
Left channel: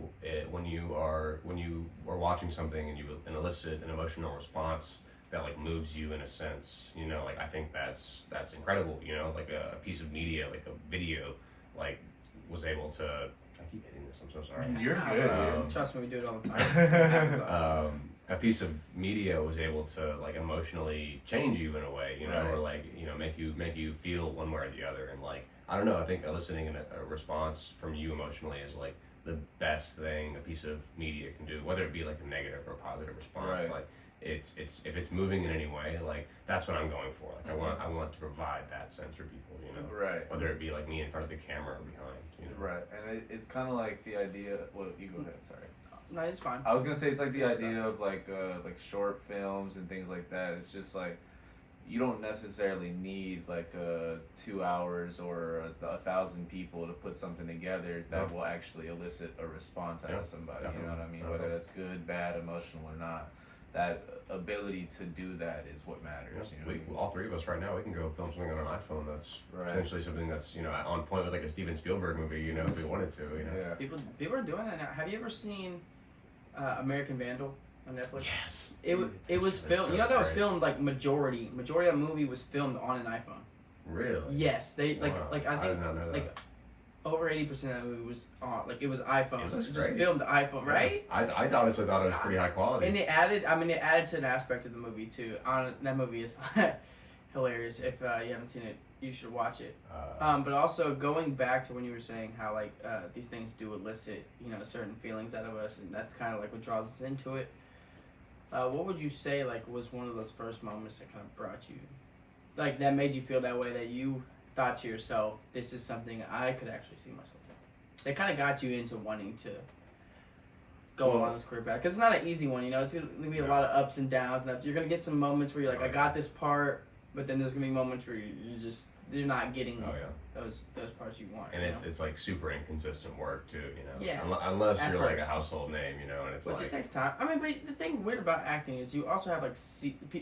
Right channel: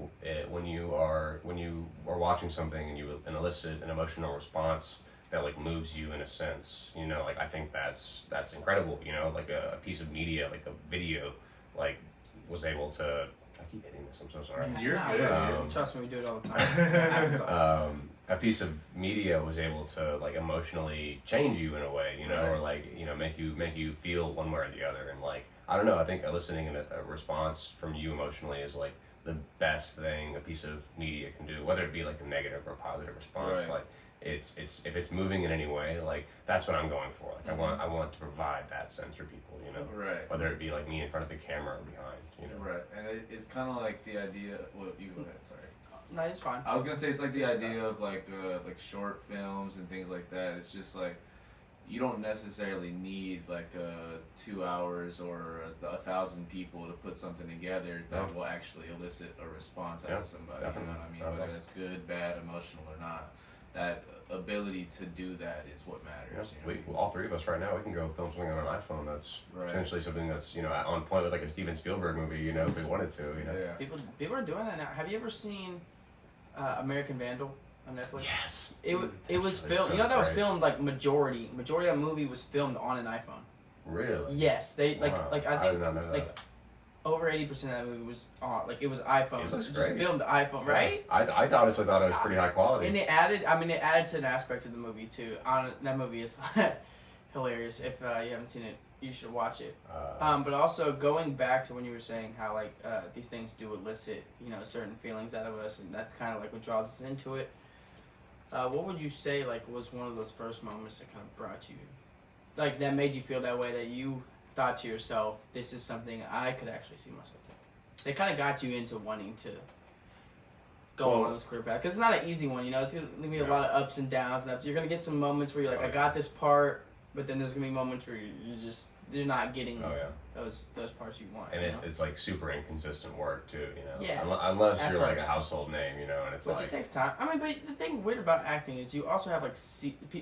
when you are watching something and you elicit an emotional response that like moves you in a sense, you know, like I think that's incredible. You know, like a piece of media, like a video, like was able to. I keep hitting this. I'm so sorry. You're good. Trust me, we do it all the time. It happens all the time. A piece of media was able to like emotionally change you in a way, you know, or like, you know, make you feel one way or the other. And like, I don't know, I think eliciting a response from you emotionally is like the best thing a piece of media can do, whether it be like a negative or positive response. Like it's if it's moving in any way, like that's what I'm going for. Like I want to provide that sense for people, you know, whether it be like me in front of the camera or behind, you know. And it's kind of like the idea. Well, you go ahead. Sorry. No, it's fine. I was gonna say it's like the idea of like short films and things like that. It's just like you don't necessarily need like 2 hours or 1,000 people to put something together that will actually elicit a response out of somebody. You know what I mean? Whether that's good, bad, emotional, or not. That ability to do that is what matters. You know? All three of us right now, we can go film something on an iPhone that's potentially something that's, you know, on point with like a Steven Spielberg movie, you know, if we wanted to. You know? People are doing that now. Have you ever seen American Vandal on Netflix? Yes. It was filmed. You know that was filmed like majority of that movie was filmed on an iPhone. Really? Yes, they like I think did not know that. like over 80% of that movie was on it was iPhone. It looks just great. filmed iPhone, right? I honestly thought it was pretty high quality. And it added to an aspect of the movie too. That movie is hilarious. If you haven't seen it, you should watch it. But also going back to when you were saying how like these things do elicit, you know, certain feelings out of us, and that's kind of like what draws us into it. What would you say like was one of those first moments that kind of brought you, like that made you feel that way, that you thought to yourself, this is something I could actually see myself doing? That kind of got you into wanting to go along this career path, because it's not an easy one, you know. It's gonna be a lot of ups and downs, and you're gonna get some moments where you're like, I got this part, but then there's gonna be moments where you're not getting those parts you want. And you it's like super inconsistent work too, you know. Yeah. Unless At you're like a first. household name, you know, and it's Which like it takes time. I mean, but the thing weird about acting is you also have like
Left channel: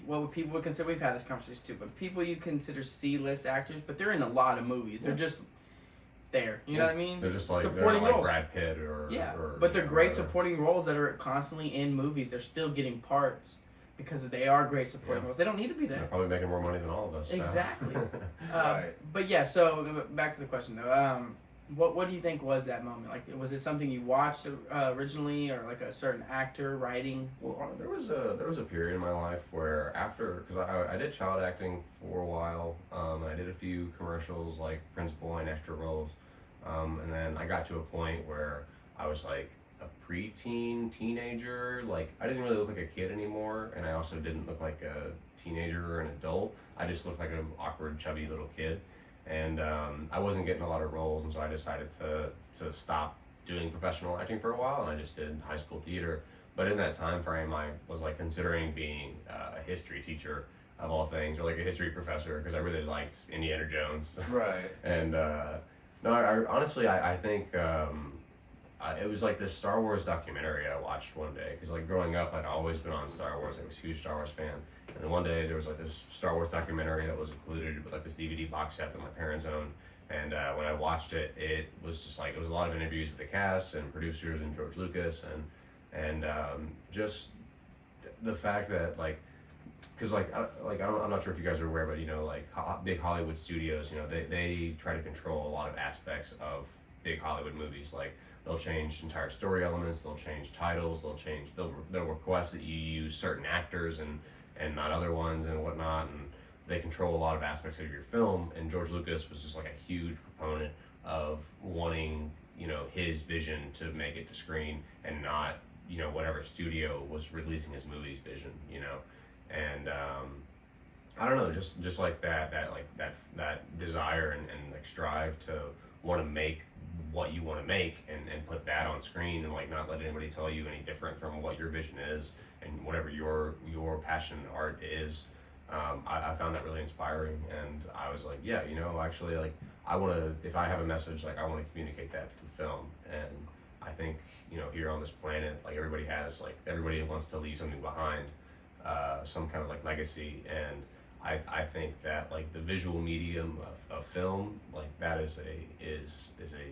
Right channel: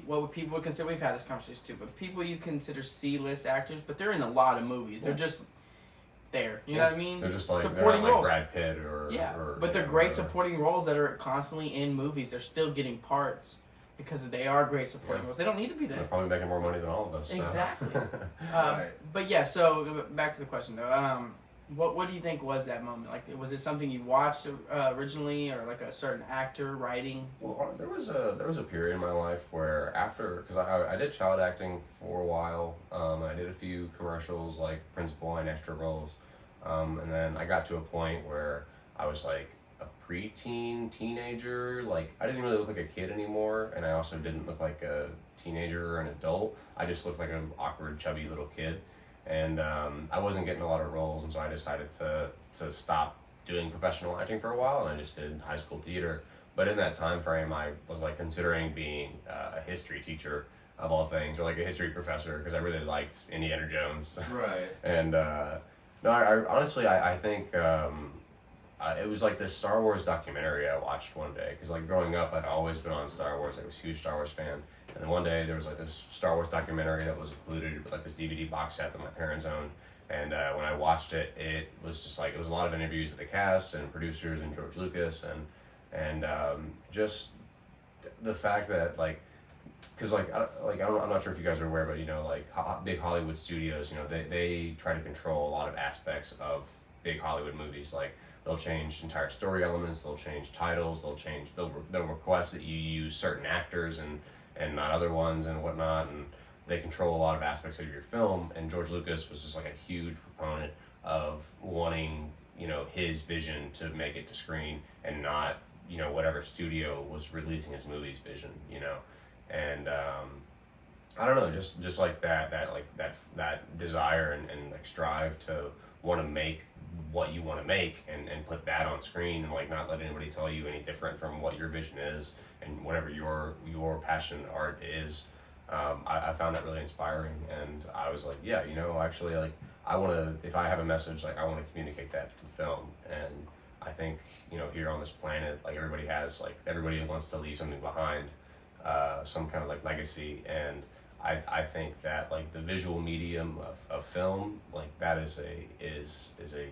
what people would consider. We've had this conversation too, but people you consider C-list actors, but they're in a lot of movies. They're just there. You know what I mean? They're just like supporting they're not roles. like Brad Pitt or but they're you know, great whatever. supporting roles that are constantly in movies. They're still getting parts because they are great supporting roles. They don't need to be They're there. probably making more money than all of us. so. Exactly. Right. But yeah, so back to the question though. What do you think was that moment? Like, was it something you watched originally, or like a certain actor writing? Well, there was a period in my life where because I did child acting for a while, and I did a few commercials like principal and extra roles, and then I got to a point where I was like a preteen teenager. Like I didn't really look like a kid anymore, and I also didn't look like a teenager or an adult. I just looked like an awkward, chubby little kid. And I wasn't getting a lot of roles, and so I decided to stop doing professional acting for a while, and I just did high school theater. But in that time frame, I was like considering being a history teacher of all things, or like a history professor, because I really liked Indiana Jones. Right. And no, I honestly I think it was like this Star Wars documentary I watched one day, because like growing up I'd always been on Star Wars. I was a huge Star Wars fan. And then one day there was like this Star Wars documentary that was included with like this DVD box set that my parents owned. And when I watched it, it was just like, it was a lot of interviews with the cast and producers and George Lucas and just the fact that like, because I'm not sure if you guys are aware, but you know, like big Hollywood studios, you know, they try to control a lot of aspects of big Hollywood movies. Like they'll change entire story elements, they'll change titles, they'll request that you use certain actors and not other ones and whatnot, and they control a lot of aspects of your film. And George Lucas was just like a huge proponent of wanting, you know, his vision to make it to screen and not, you know, whatever studio was releasing his movie's vision, you know. And I don't know, just like that desire and like strive to want to make what you want to make and put that on screen and like not let anybody tell you any different from what your vision is and whatever your passion art is. I found that really inspiring, and I was like, yeah, actually, like, I want to, if I have a message, like, I want to communicate that through film. And I think, here on this planet, like, everybody wants to leave something behind, some kind of like legacy. And I think that like the visual medium of film, like, that is a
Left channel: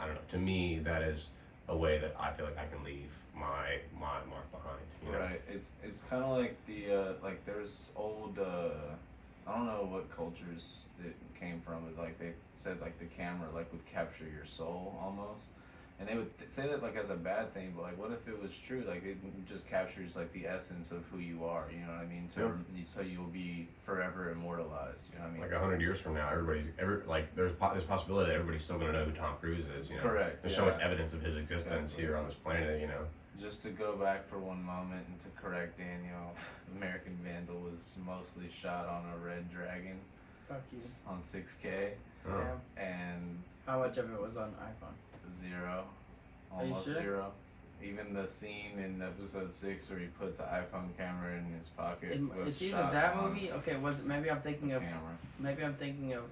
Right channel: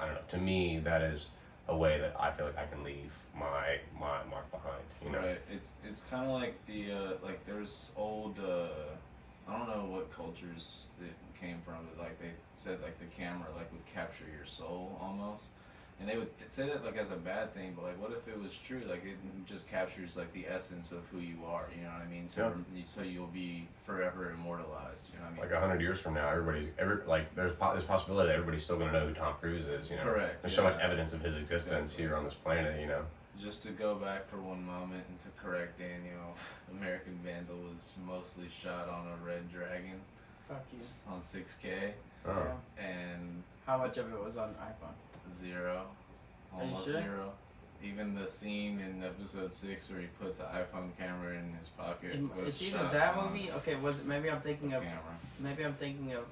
I don't know, to me, that is a way that I feel like I can leave my mark behind. Right. It's kind of like the like there's old I don't know what cultures it came from, but like they said like the camera like would capture your soul almost, and they would say that like as a bad thing, but like what if it was true? Like it just captures like the essence of who you are. You know what I mean? So you'll be forever immortalized. You know what I mean? Like 100 years from now, there's possibility that everybody's still gonna know who Tom Cruise is. Correct. There's so much evidence of his existence here on this planet. Just to go back for one moment and to correct Daniel, American Vandal was mostly shot on a Red Dragon. Fuck you. On 6K. Oh. Yeah. And How much of it was on iPhone? 0. Are you Almost sure? 0. Even the scene in episode 6 where he puts an iPhone camera in his pocket was It's either shot that on movie. Okay, was it? Maybe I'm thinking of. camera Maybe I'm thinking of.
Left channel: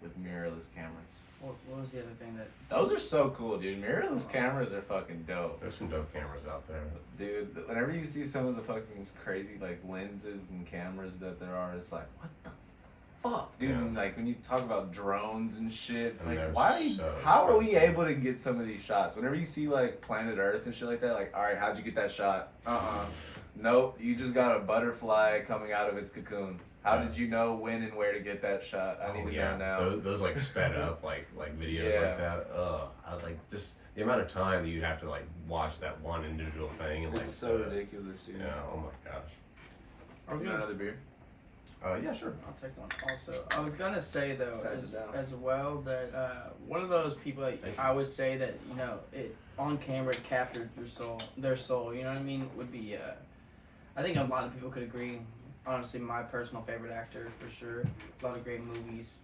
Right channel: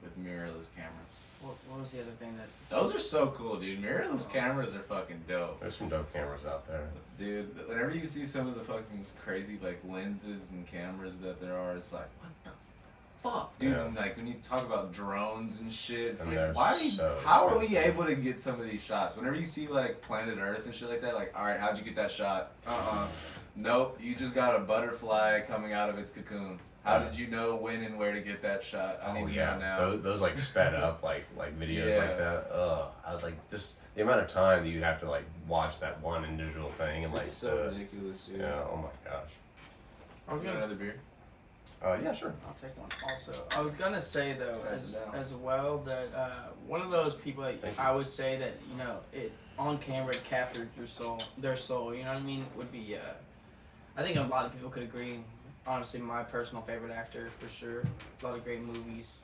with mirrorless cameras. What was the other thing that? Those are so cool, dude. Mirrorless cameras are fucking dope. There's some dope cameras out there. Dude, whenever you see some of the fucking crazy like lenses and cameras that there are, it's like, what the fuck, dude? Yeah. And, like when you talk about drones and shit, it's And like, they're why? so How are we expensive. able to get some of these shots? Whenever you see like Planet Earth and shit like that, like, all right, how'd you get that shot? Nope, you just got a butterfly coming out of its cocoon. How did you know when and where to get that shot? I need to know now. Those like sped up like videos Yeah. like that. I was like, just the amount of time that you'd have to like watch that one individual thing and like It's so the- ridiculous, dude. Yeah. Oh my gosh. I was You gonna. want another beer? Yeah, sure. I'll take one. Also, I was gonna say though, Pass it down. as well that one of those people that Thank you. I would say that it on camera it captured their soul. You know what I mean? Would be. I think a lot of people could agree. Honestly, my personal favorite actor for sure. A lot of great movies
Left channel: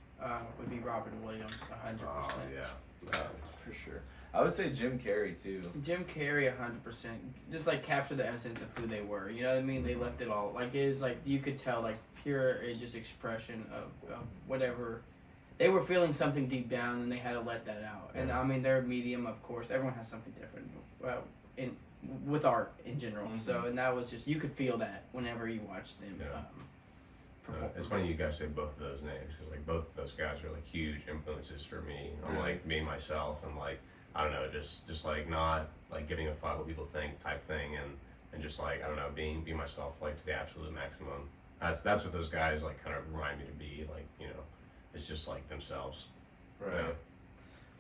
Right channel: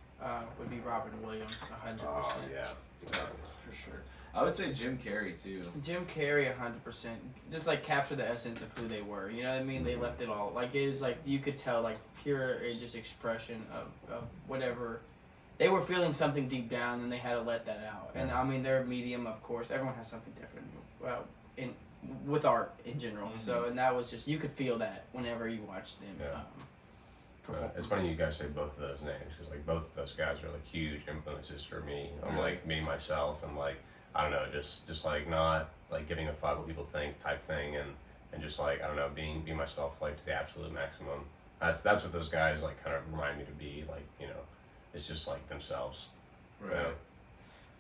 would be Robin Williams, 100%. Oh yeah. For sure. I would say Jim Carrey too. Jim Carrey, 100%. Just like capture the essence of who they were. You know what I mean? They left it all. Like it was like you could tell like pure just expression of whatever. They were feeling something deep down and they had to let that out. And I mean, their medium, of course, everyone has something different. Well, with art in general. Mhm. So and that was just you could feel that whenever you watched them. Yeah. Perform. It's funny you guys say both of those names because like both of those guys are like huge influences for me on Really? like being myself and like I don't know just like not like giving a fuck what people think type thing and just like I don't know being myself like to the absolute maximum. That's what those guys like kind of remind me to be like it's just like themselves. Right.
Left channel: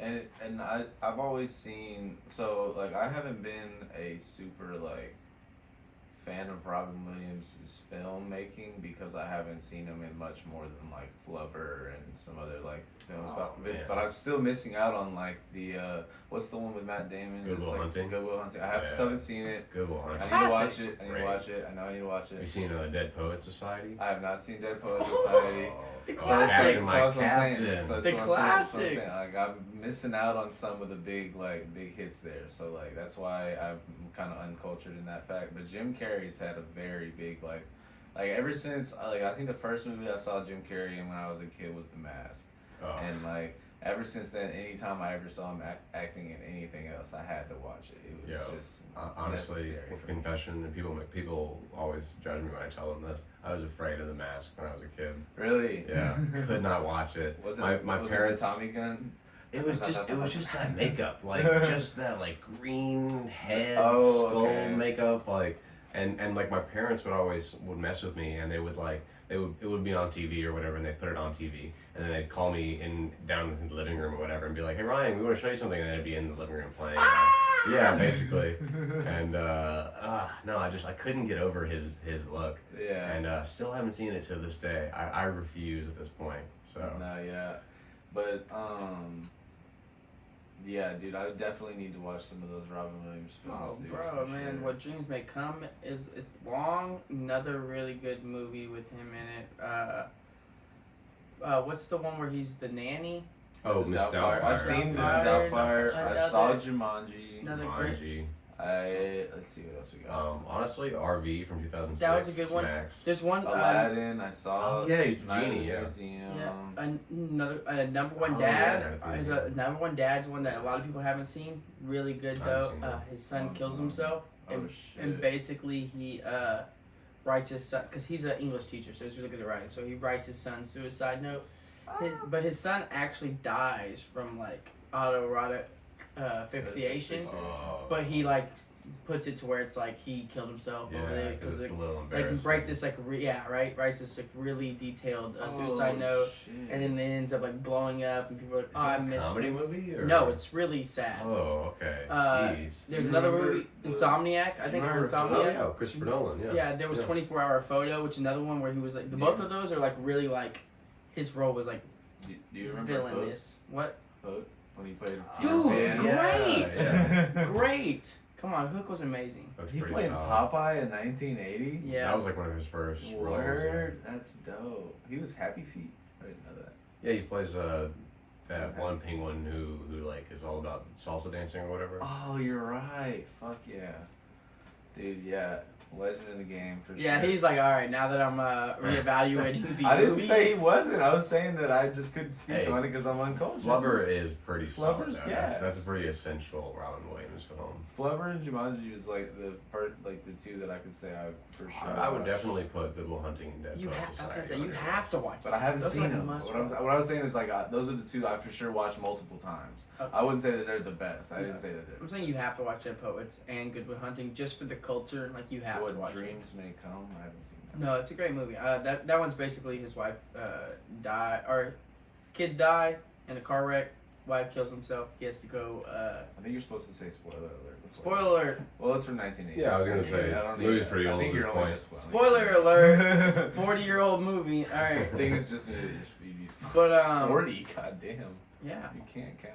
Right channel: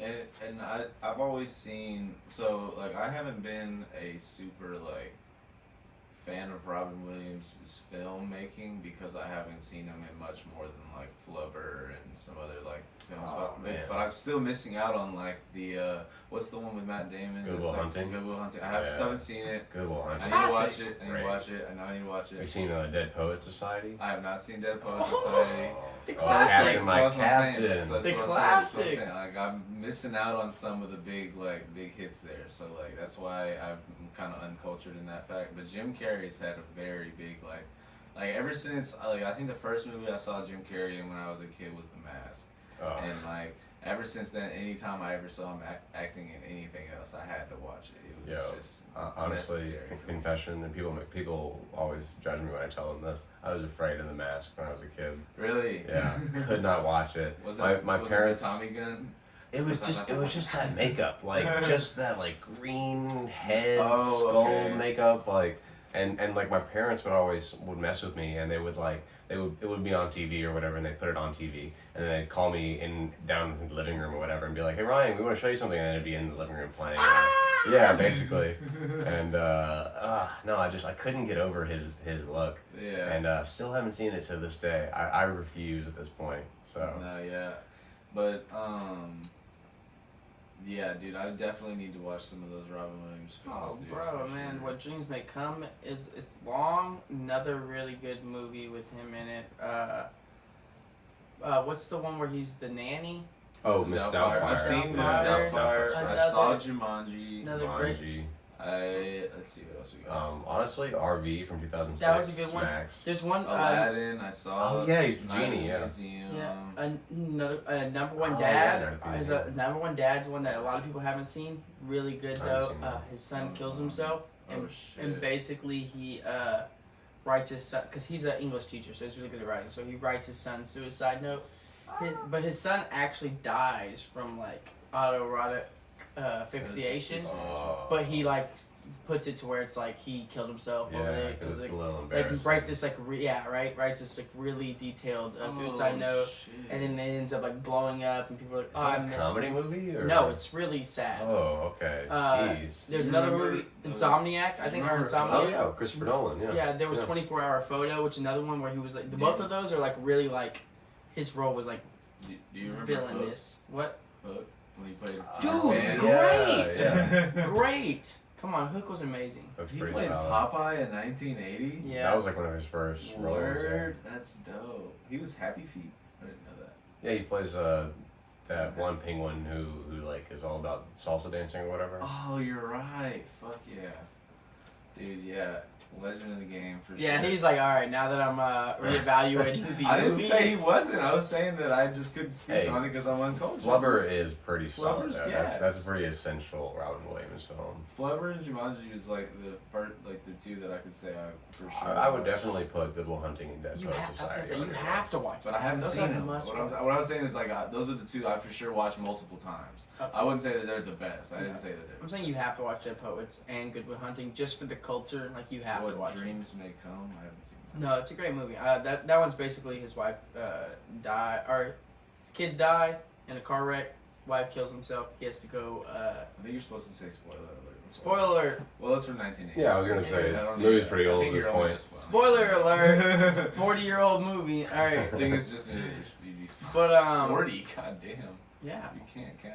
And I've always seen, so like I haven't been a super like fan of Robin Williams' filmmaking because I haven't seen him in much more than like Flubber and some other like films. Oh, man. But I'm still missing out on like the what's the one with Matt Damon? Good It's, Will like, Hunting? Good Will Hunting. I Yeah. still haven't seen it. Good Will Hunting. I need to watch Classic. it. I need to Great. watch it. I know I need to watch Have you it. seen Dead Poet Society? I have not seen Dead Poets Society. The Oh, classics. Captain, my So that's what I'm saying. captain. So that's The what I'm saying. classics. Like I'm missing out on some of the big hits there. So like that's why I'm kind of uncultured in that fact. But Jim Carrey's had a very big like ever since I think the first movie I saw Jim Carrey in when I was a kid was The Mask. Oh. And like ever since then, anytime I ever saw him acting in anything else, I had to watch it. It was Yeah. just Honestly, necessary for me. confession, and people always judge me when I tell them this. I was afraid of The Mask when I was a kid. Really? Yeah, could not watch it. Was my it parents. the Tommy gun? It was just that makeup, like just that like green head Oh, skull okay. makeup, like and like my parents would mess with me, and they would it would be on TV or whatever, and they'd put it on TV, and then they'd call me down in the living room or whatever, and be like, "Hey Ryan, we want to show you something," and it'd be in the living room playing. Yeah, basically. And no, I couldn't get over his look, Yeah. and still haven't seen it to this day. I refuse at this point. So No, yeah, but yeah, dude, I definitely need to watch some of those Robin Williams films. Oh, dude, bro, for man, sure. What Dreams May Come it's long. Another really good movie with him in it. What's the one where he's the nanny? Oh, Mrs. Miss Doubtfire. Doubtfire. I've seen Mrs. Doubtfire. Doubtfire. I Another- saw Jumanji. Another great. Jumanji. Let's see what else we got. Honestly, RV from 2006. That was a good one. smacks. There's one. Aladdin. I saw. Oh, yeah, he's the Night at genie, yeah. Museum. Another number one Oh, dad yeah, is a number one dad's one that a lot of people haven't seen. Really good I though. haven't seen that. His son haven't kills seen himself, Oh, and shit. basically he writes his son because he's an English teacher, so he's really good at writing. So he writes his son's suicide note, but his son actually dies from like autoerotic asphyxiation. Oh. But he like puts it to where it's like he killed himself over Yeah, there because because it's a little like embarrassing. writes this like writes this like really detailed suicide Oh, note. shit. And then it ends up like blowing up, and people are like, Is "Oh, that I a missed comedy it." movie? Or? No, it's really sad. Oh, okay. Uh, Jeez. There's You another remember movie, the- Insomniac, I think, or remember- Insomniac. Oh yeah, Christopher Nolan. Yeah. Yeah, there was Yeah. 24-hour photo, which another one where he was like, both Yeah. of those are like really like, his role was like Do you remember villainous. What? Hook when he played? Dude, Peter Pan? great! Yeah. Great! Come on, Hook was amazing. That was He pretty played solid. Popeye in 1980. Yeah. That was like one of his first roles. Word, that's dope. He was Happy Feet. I didn't know that. Yeah, he plays that one penguin who like is all about salsa dancing or whatever. Oh, you're right. Fuck yeah, dude. Yeah, legend of the game for Yeah, sure. he's like, all right, now that I'm reevaluating the I didn't movies. say he wasn't. I was saying that I just couldn't speak Hey, on it because I'm uncultured. Flubber is pretty solid. Flubber's Though. gas. That's a pretty essential Robin Williams film. Flubber and Jumanji was like the first, like the two that I could say I for sure. I would watched. definitely put Good Will Hunting and Dead You Poets have, I was gonna Society say, you on your have list. to watch But I those. haven't Those seen are them. must What I was saying is like those are the two I for sure watched multiple times. I wouldn't say that they're the best. I didn't say that I'm they're. saying you have to watch Dead Poets and Good Will Hunting just for the culture. Like you have to watch What it. dreams may come. I haven't seen that. No, it's a great movie. That one's basically his wife die or kids die in a car wreck. Wife kills himself. He has to go. I think you're supposed to say spoiler alert. Spoiler alert! Well, it's from 1980. Yeah, I was gonna say, I it's- don't the movie's need- pretty I old think at this you're only point. just spoiling. Spoiler alert! 40-year-old movie. All right, I think it's just me that you're speedy. but 40. Goddamn. yeah. You can't count.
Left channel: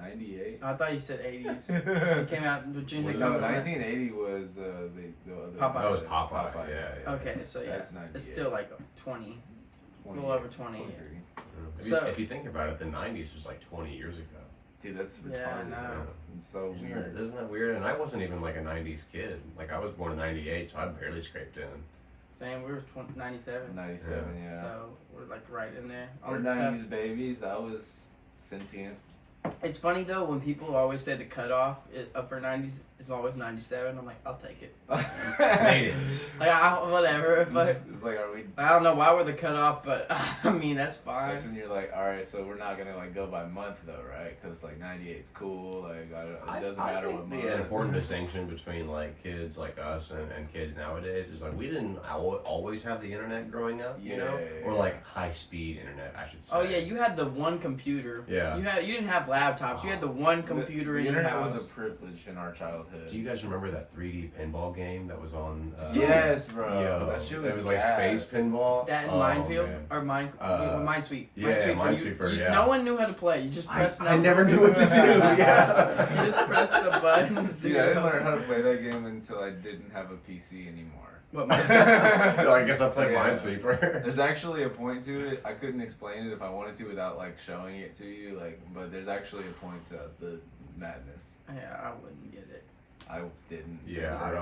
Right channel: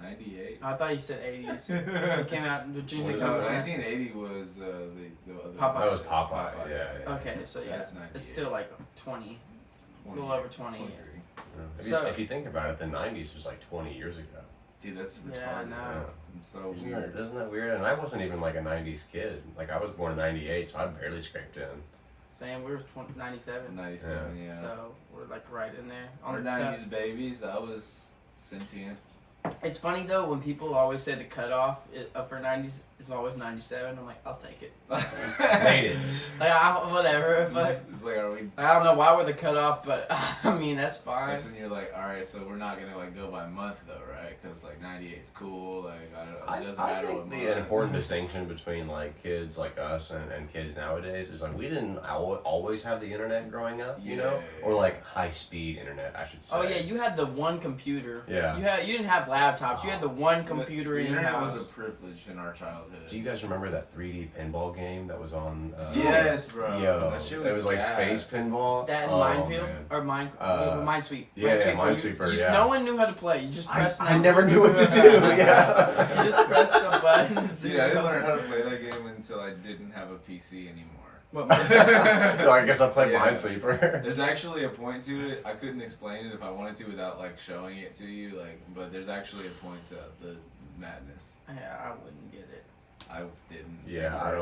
98. I thought you said 80s. It came out. The Junior No, Comes out. 1980 was the other. Popeye. That was Popeye, yeah. Okay, so yeah, That's 98. it's still like 20. 20, little over 20, yeah. 23. So- If you think about it, the '90s was like 20 years ago. Dude, that's retarded. Yeah, I know. It's so Isn't weird. that, isn't that weird? And I wasn't even like a '90s kid. Like I was born in '98, so I barely scraped in. Same. We were 97. 97, yeah. So we're like right in there. We're On the 90s cusp. babies. I was sentient. It's funny though when people always say the cutoff for 90s is always 97. I'm like, I'll take it. Made it. Like, whatever. If I, It's like, are we? I don't know why we're the cutoff, but I mean that's fine. That's when you're like, all right, so we're not gonna like go by month though, right? Because like 98's cool. Like it doesn't matter think what month. the important distinction between like kids like us and kids nowadays is like we didn't always have the internet growing up, you know, Yeah. or like high speed internet, I should say. Oh yeah, you had the one computer. Yeah. You didn't have laptops. You had the one computer the in your internet house. was a privilege in our childhood. Do you guys remember that 3D pinball game that was on? Yes, bro. Yo, That shit it was was like gas. space pinball. That Oh, Minefield man. or Minesweep. yeah, Minesweeper, yeah. No one knew how to play. You just pressed. I never knew what to do. Yes. You just pressed the buttons. Dude, I didn't learn how to play that game until I didn't have a PC anymore. What? No, I guess I played Yeah. Minesweeper. There's actually a point to it. I couldn't explain it if I wanted to without like showing it to you. Like, but there's actually a point to the madness. Yeah, I wouldn't get it. I didn't. Yeah, at I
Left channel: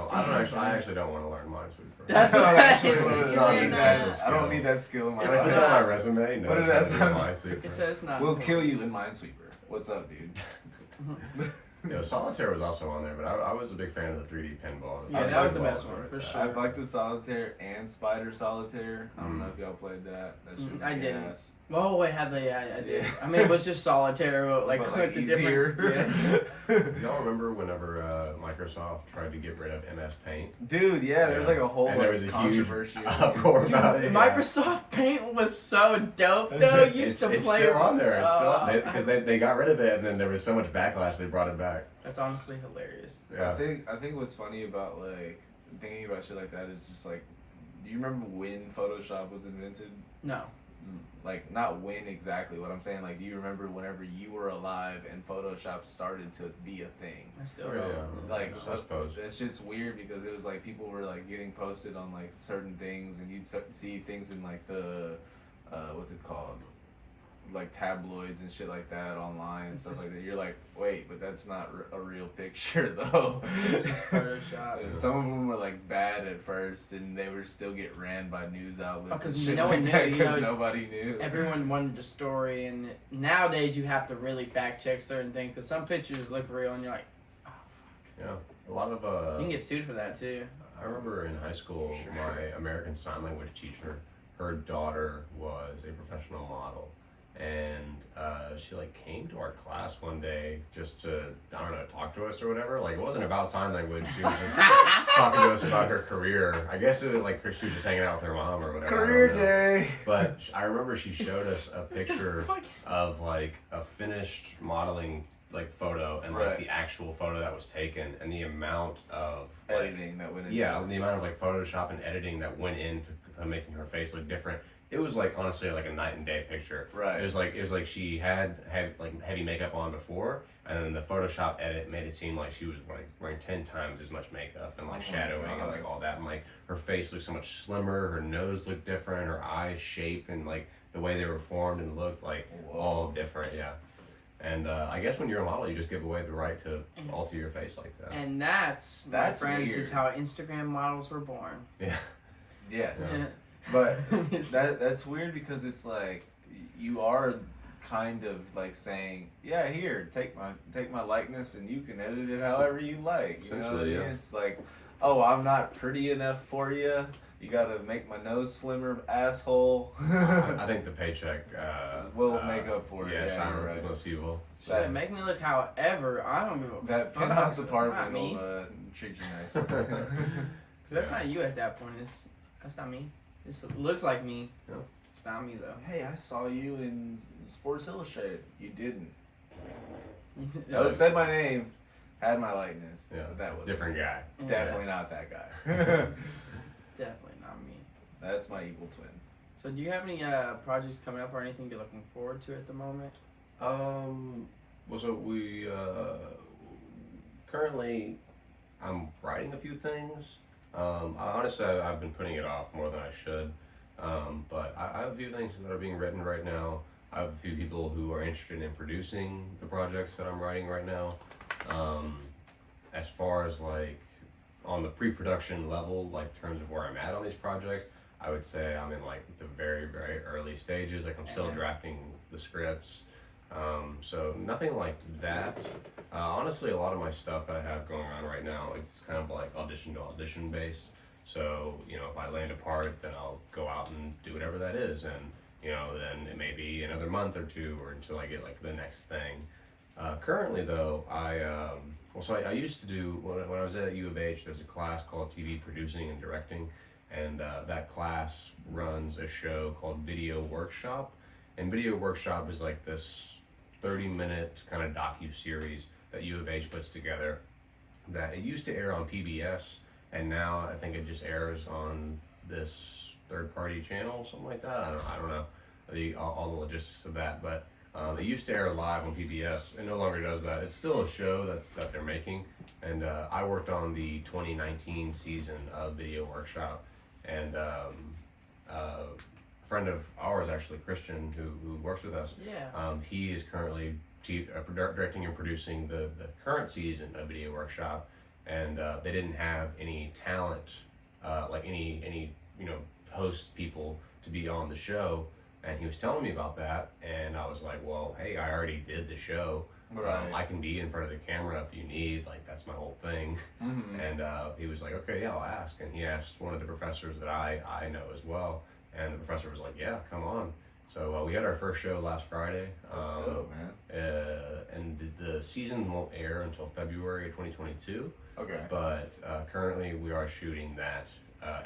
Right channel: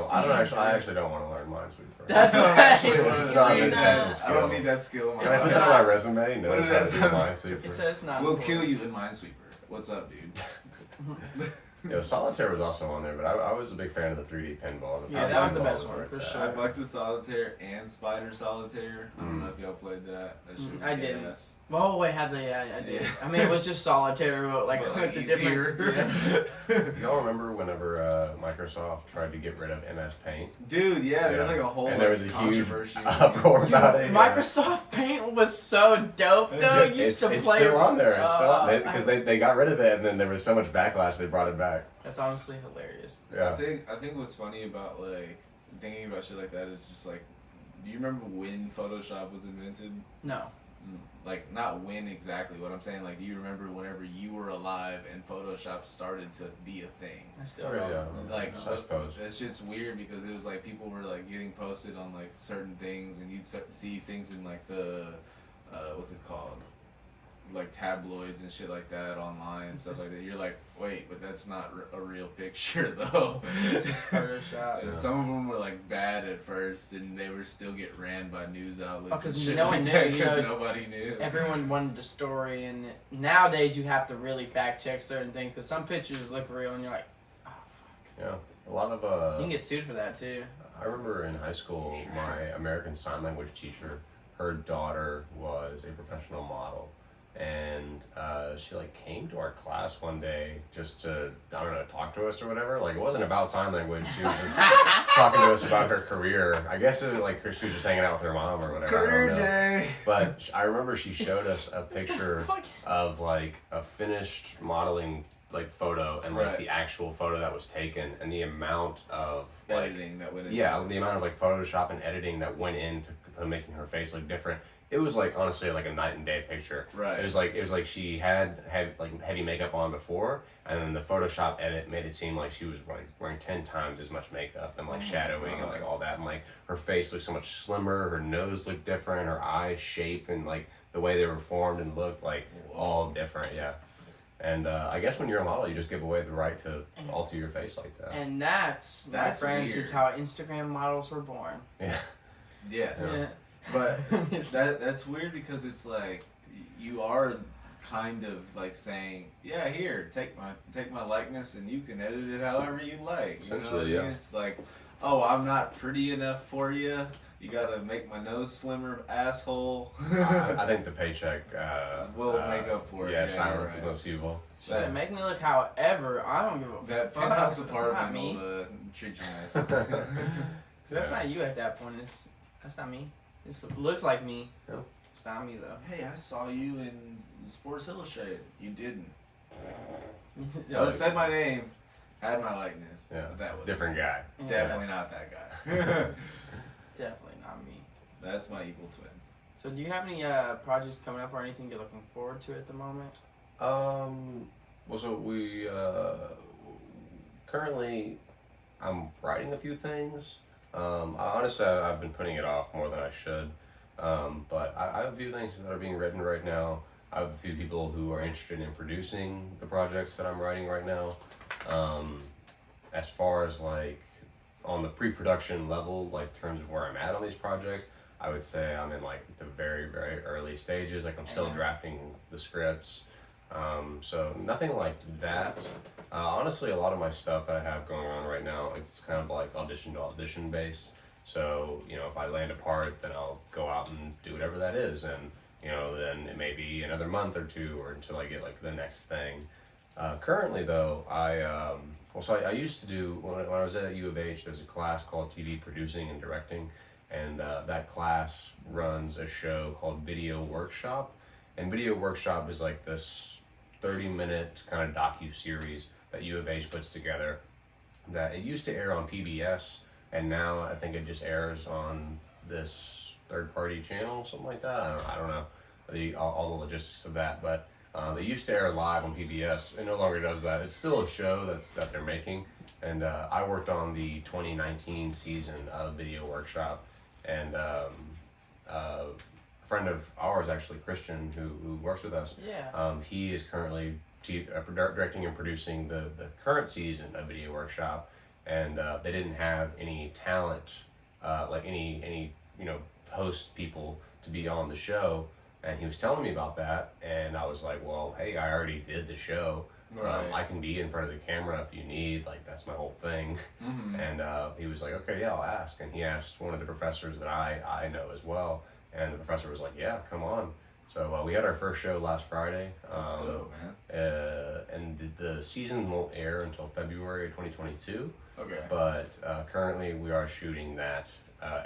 first. I actually don't want to learn Minesweeper. That's No, what actually, it what is. is You it? ain't, I don't need that skill. in my Can I It's put life. that on not- my resume? No, What it's is not that? Minesweeper. It says not. We'll important. kill you in Minesweeper. What's up, dude? Yeah, Solitaire was also on there, but I was a big fan of the 3D pinball. Yeah, I that was the pinball best where one, it's for at. sure. I fucked with Solitaire and Spider Solitaire. I don't know if y'all played that. That shit was I didn't. gas. Oh, I had the. Yeah, I did. Yeah. I mean, it was just solitaire, like But, with the easier. different. Yeah. Do y'all remember whenever Microsoft tried to get rid of MS Paint? Dude, yeah, there's like a whole And there was like, a huge controversy. uproar against about it. it. Microsoft Paint was so dope though. You used It's to it's play still on there. It's still on Uh, because they got rid of it, and then there was so much backlash they brought it back. That's honestly hilarious. Yeah. I think what's funny about like thinking about shit like that is just like, do you remember when Photoshop was invented? No. Like not when exactly. What I'm saying, like, do you remember whenever you were alive and Photoshop started to be a thing? I still Oh, don't. yeah. Like, I suppose. that shit's weird because it was like people were like getting posted on like certain things, and you'd see things in like the what's it called? like tabloids and shit like that online and stuff like that. You're like, wait, but that's not a real picture though. It's just Photoshop. And some of them were like bad at first, and they would still get ran by news outlets. Oh, 'cause and shit no one like knew, that, you 'cause know, nobody knew. Everyone wanted the story, and nowadays you have to really fact check certain things because some pictures look real, and you're like, oh fuck. Yeah, a lot of You can get sued for that too. I remember in high school, my American Sign Language teacher, her daughter was a professional model, and she like came to our class one day just to, I don't know, talk to us or whatever. Like, it wasn't about sign language. She was just talking to us about her career. I guess it was like she was just hanging out with her mom or whatever. I Career don't know. day. But I remember she showed us a picture of like a finished modeling like photo and like Right. the actual photo that was taken, and the amount of like, Editing that went into yeah, it. the amount of like Photoshop and editing that went into to making her face look different. It was like honestly like a night and day picture. Right. It was like she had like heavy makeup on before, and then the Photoshop edit made it seem like she was like wearing 10 times as much makeup and like Oh my shadowing and God. like all that, and like her face looked so much slimmer, her nose looked different, her eye shape and like the way they were formed and looked like Whoa. all different. Yeah. And I guess when you're a model, you just give away the right to alter your face like that. And that's my That's friends, weird. is how Instagram models were born. Yeah. Yes. Yeah. But that's weird because it's like you are kind of like saying, yeah, here, take my likeness and you can edit it however you like. You know what I Essentially, mean? yeah. It's like, oh, I'm not pretty enough for you. You gotta make my nose slimmer, asshole. I think the paycheck Will make up for it. Yeah, Yeah, silences you're right. most people. Shit, make me look however. I don't give a That fuck. penthouse That's not apartment me. will treat you nice. 'Cause that's Yeah. not you at that point. That's not me. This looks like me. No. It's not me though. Hey, I saw you in Sports Illustrated. You didn't. Yeah. Oh, it said my name, had my likeness. Yeah, But that was different guy. Definitely not that guy. Definitely not me. That's my evil twin. So do you have any projects coming up or anything you're looking forward to at the moment? Well, so we currently, I'm writing a few things. Honestly, I've been putting it off more than I should. But I have a few things that are being written right now. I have a few people who are interested in producing the projects that I'm writing right now. As far as like on the pre-production level, like in terms of where I'm at on these projects, I would say I'm in like the very, very early stages. Like I'm still Okay. drafting the scripts. So nothing like that. Honestly, a lot of my stuff that I have going on right now, it's kind of like audition to audition based. So, you know, if I land a part, then I'll go out and do whatever that is. And, you know, then it may be another month or two or until I get like the next thing. Currently though, I used to do, when I was at U of H, there's a class called TV Producing and Directing. And that class runs a show called Video Workshop. And Video Workshop is like this 30-minute kind of docu-series that U of H puts together. That it used to air on PBS, and now I think it just airs on this third-party channel, something like that. I don't know all the logistics of that, but it used to air live on PBS. It no longer does that. It's still a show that they're making, and I worked on the 2019 season of Video Workshop, and a friend of ours, actually Christian, who works with us. Yeah. He is currently directing and producing the current season of Video Workshop, and they didn't have any talent, like any host people to be on the show, and he was telling me about that, and I was like, well, hey, I already did the show. Right. I can be in front of the camera if you need, like that's my whole thing. Mm-hmm. And he was like, okay, yeah, I'll ask. And he asked one of the professors that I know as well, and the professor was like, yeah, come on. So we had our first show last Friday. That's dope, man. And the season won't air until February of 2022. Okay. But currently we are shooting that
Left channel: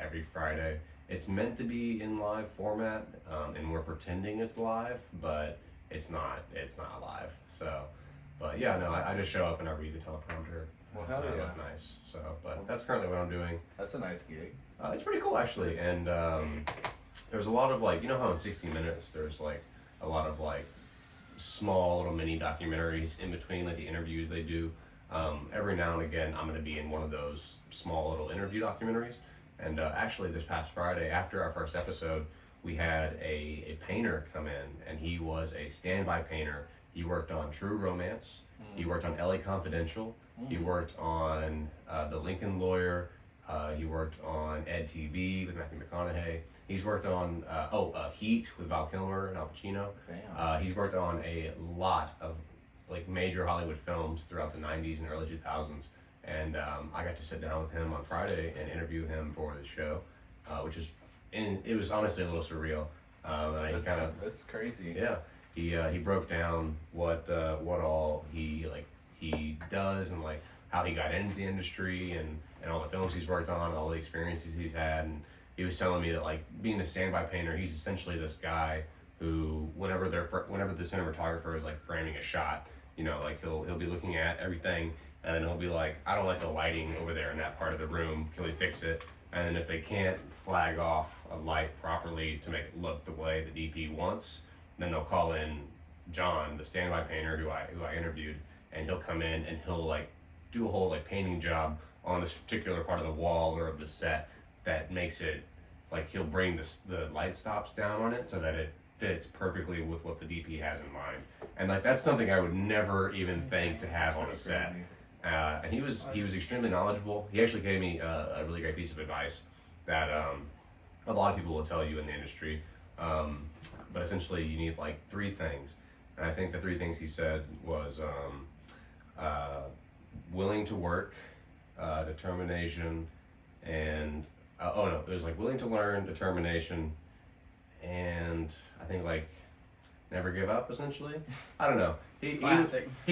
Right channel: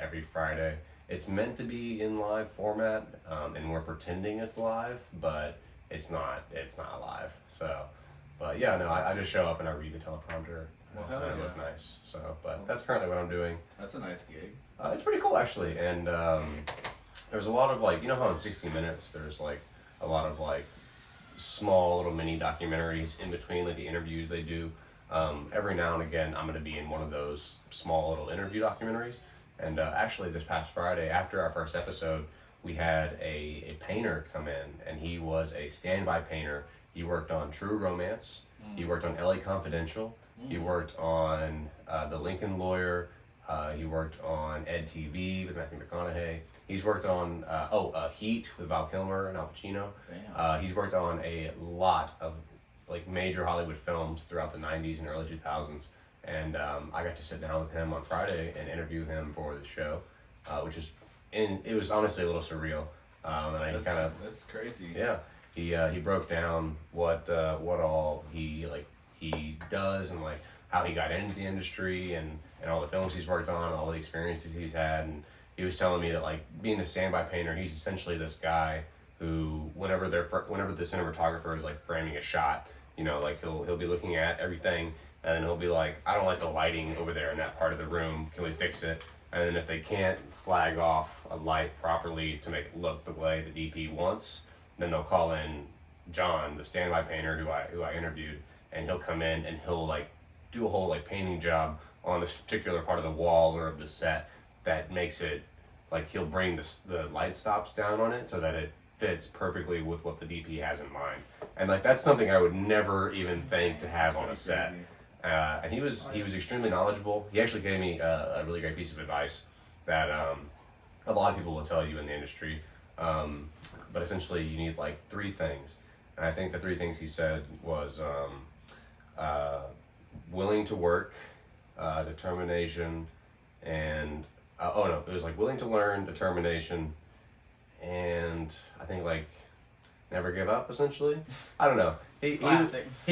every Friday. It's meant to be in live format, and we're pretending it's live, but it's not live. So, but yeah, no, I just show up and I read the teleprompter. Well, hell and I yeah. look nice. So, but that's currently what I'm doing. That's a nice gig. It's pretty cool actually, and there's a lot of like, you know how in 60 Minutes there's like a lot of like small little mini documentaries in between like the interviews they do. Every now and again I'm going to be in one of those small little interview documentaries, and actually this past Friday after our first episode we had a painter come in, and he was a standby painter. He worked on True Romance. He worked on LA Confidential. He worked on The Lincoln Lawyer. He worked on Ed TV with Matthew McConaughey. He's worked on Heat with Val Kilmer and Al Pacino. Damn. He's worked on a lot of like major Hollywood films throughout the 90s and early 2000s. And I got to sit down with him on Friday and interview him for the show, which is, it was honestly a little surreal. And he kind of, That's crazy. yeah, he broke down what all he does, and like how he got into the industry, and all the films he's worked on, all the experiences he's had. And he was telling me that like being a standby painter, he's essentially this guy who whenever the cinematographer is like framing a shot, you know, like he'll be looking at everything, and then he'll be like, I don't like the lighting over there in that part of the room, can we fix it? And then if they can't flag off a light properly to make it look the way the DP wants, then they'll call in John, the standby painter who I interviewed, and he'll come in and he'll like do a whole like painting job on this particular part of the wall or of the set that makes it like, he'll bring the light stops down on it so that it fits perfectly with what the DP has in mind. And like that's something I would never even think to have on a set. And he was extremely knowledgeable. He actually gave me a really great piece of advice that a lot of people will tell you in the industry. But essentially you need like 3 things. And I think the 3 things he said was willing to work, determination, and it was like willing to learn, determination, and I think like never give up, essentially. I don't know. He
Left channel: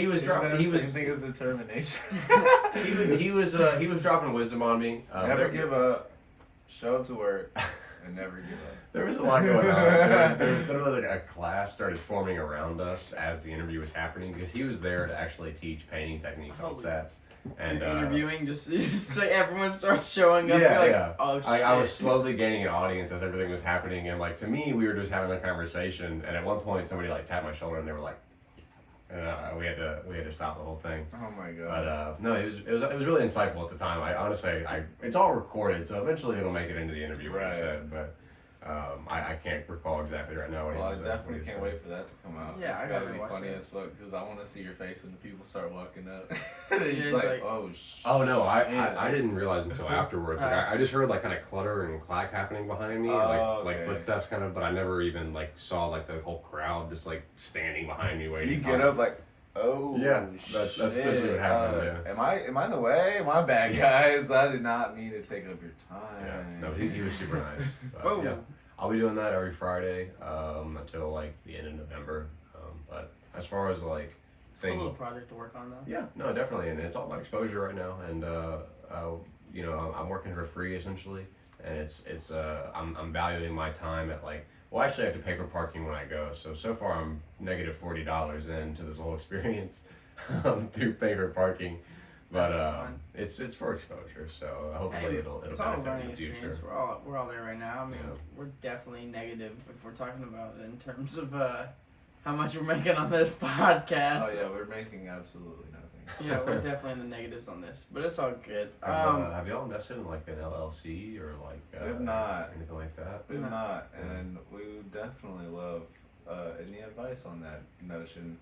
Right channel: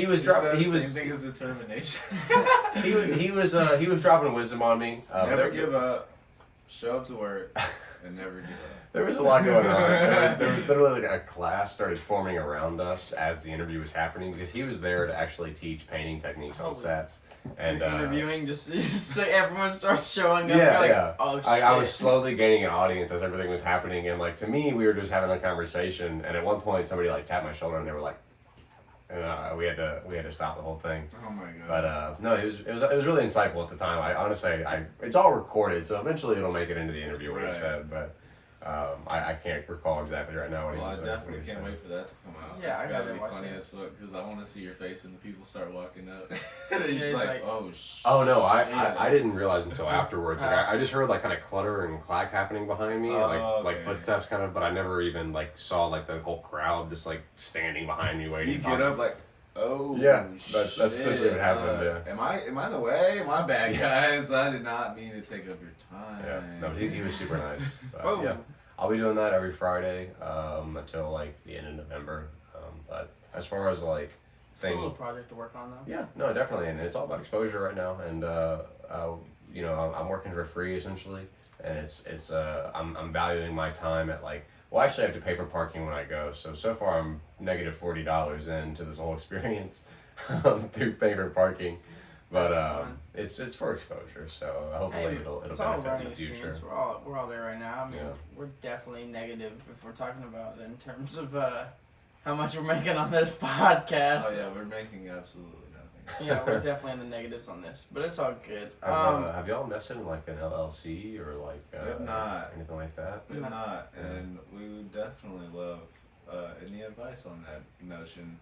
was dropping. He was same thing as determination. he was dropping wisdom on me. Never give up. Show up to work and never give up. There was a lot going on. There was literally like a class started forming around us as the interview was happening, because he was there to actually teach painting techniques on sets. And you're interviewing, just like everyone starts showing up. Yeah, like, oh shit. I was slowly gaining an audience as everything was happening, and like to me, we were just having a conversation. And at one point, somebody like tapped my shoulder, and they were like, we had to stop the whole thing. Oh my god. But no, it was really insightful at the time. I honestly, it's all recorded, so eventually it'll make it into the interview what he said. But I can't recall exactly right now what he was saying. I definitely can't wait for that to come out. Yeah, I gotta be watch funny that. as fuck, because I want to see your face when the people start walking up. And Yeah, it's it's like, like- oh shit. Oh no, I didn't realize until afterwards. Like, I just heard like kind of clutter and clack happening behind me, like footsteps kind of, but I never even like saw like the whole crowd just like standing behind me waiting. You get up like, oh Yeah, that's shit. essentially what happened. Am I in the way? My bad, guys. I did not mean to take up your time. Yeah, no, he was super nice. Whoa. Yeah, I'll be doing that every Friday until like the end of November. But as far as like It's a cool little project to work on, though. yeah, no, definitely, and it's all about exposure right now. And you know, I'm working for free essentially, and it's I'm valuing my time at like. Well, actually, I have to pay for parking when I go. So far, I'm negative $40 into this whole experience through paying for parking. But That's fun. it's for exposure, so hopefully Hey, it'll it's all a benefit learning in the future. experience. We're all there right now. I mean, Yeah. we're definitely negative if we're talking about it in terms of how much we're making on this podcast. Oh yeah, we're making absolutely nothing. Yeah, we're definitely in the negatives on this, but it's all good. Have y'all invested in like an LLC or like We have not. anything like that? We're not, Yeah. and we would definitely love any advice on that notion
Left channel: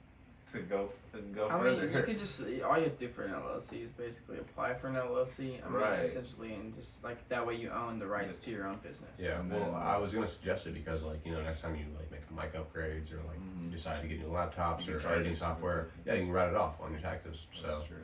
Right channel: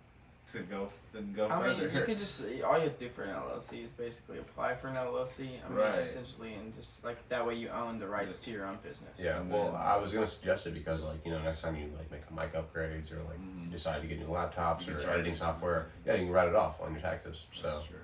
to go I further. mean, you could just all you have to do for an LLC is basically apply for an LLC. I mean, Right. essentially, and just like that way you own the rights to your own business. Yeah, And well, then- I was gonna suggest it because like next time you like make a mic upgrades or like you decide to get new laptops You or can charge editing it something. software, yeah, you can write it off on your taxes. So That's true.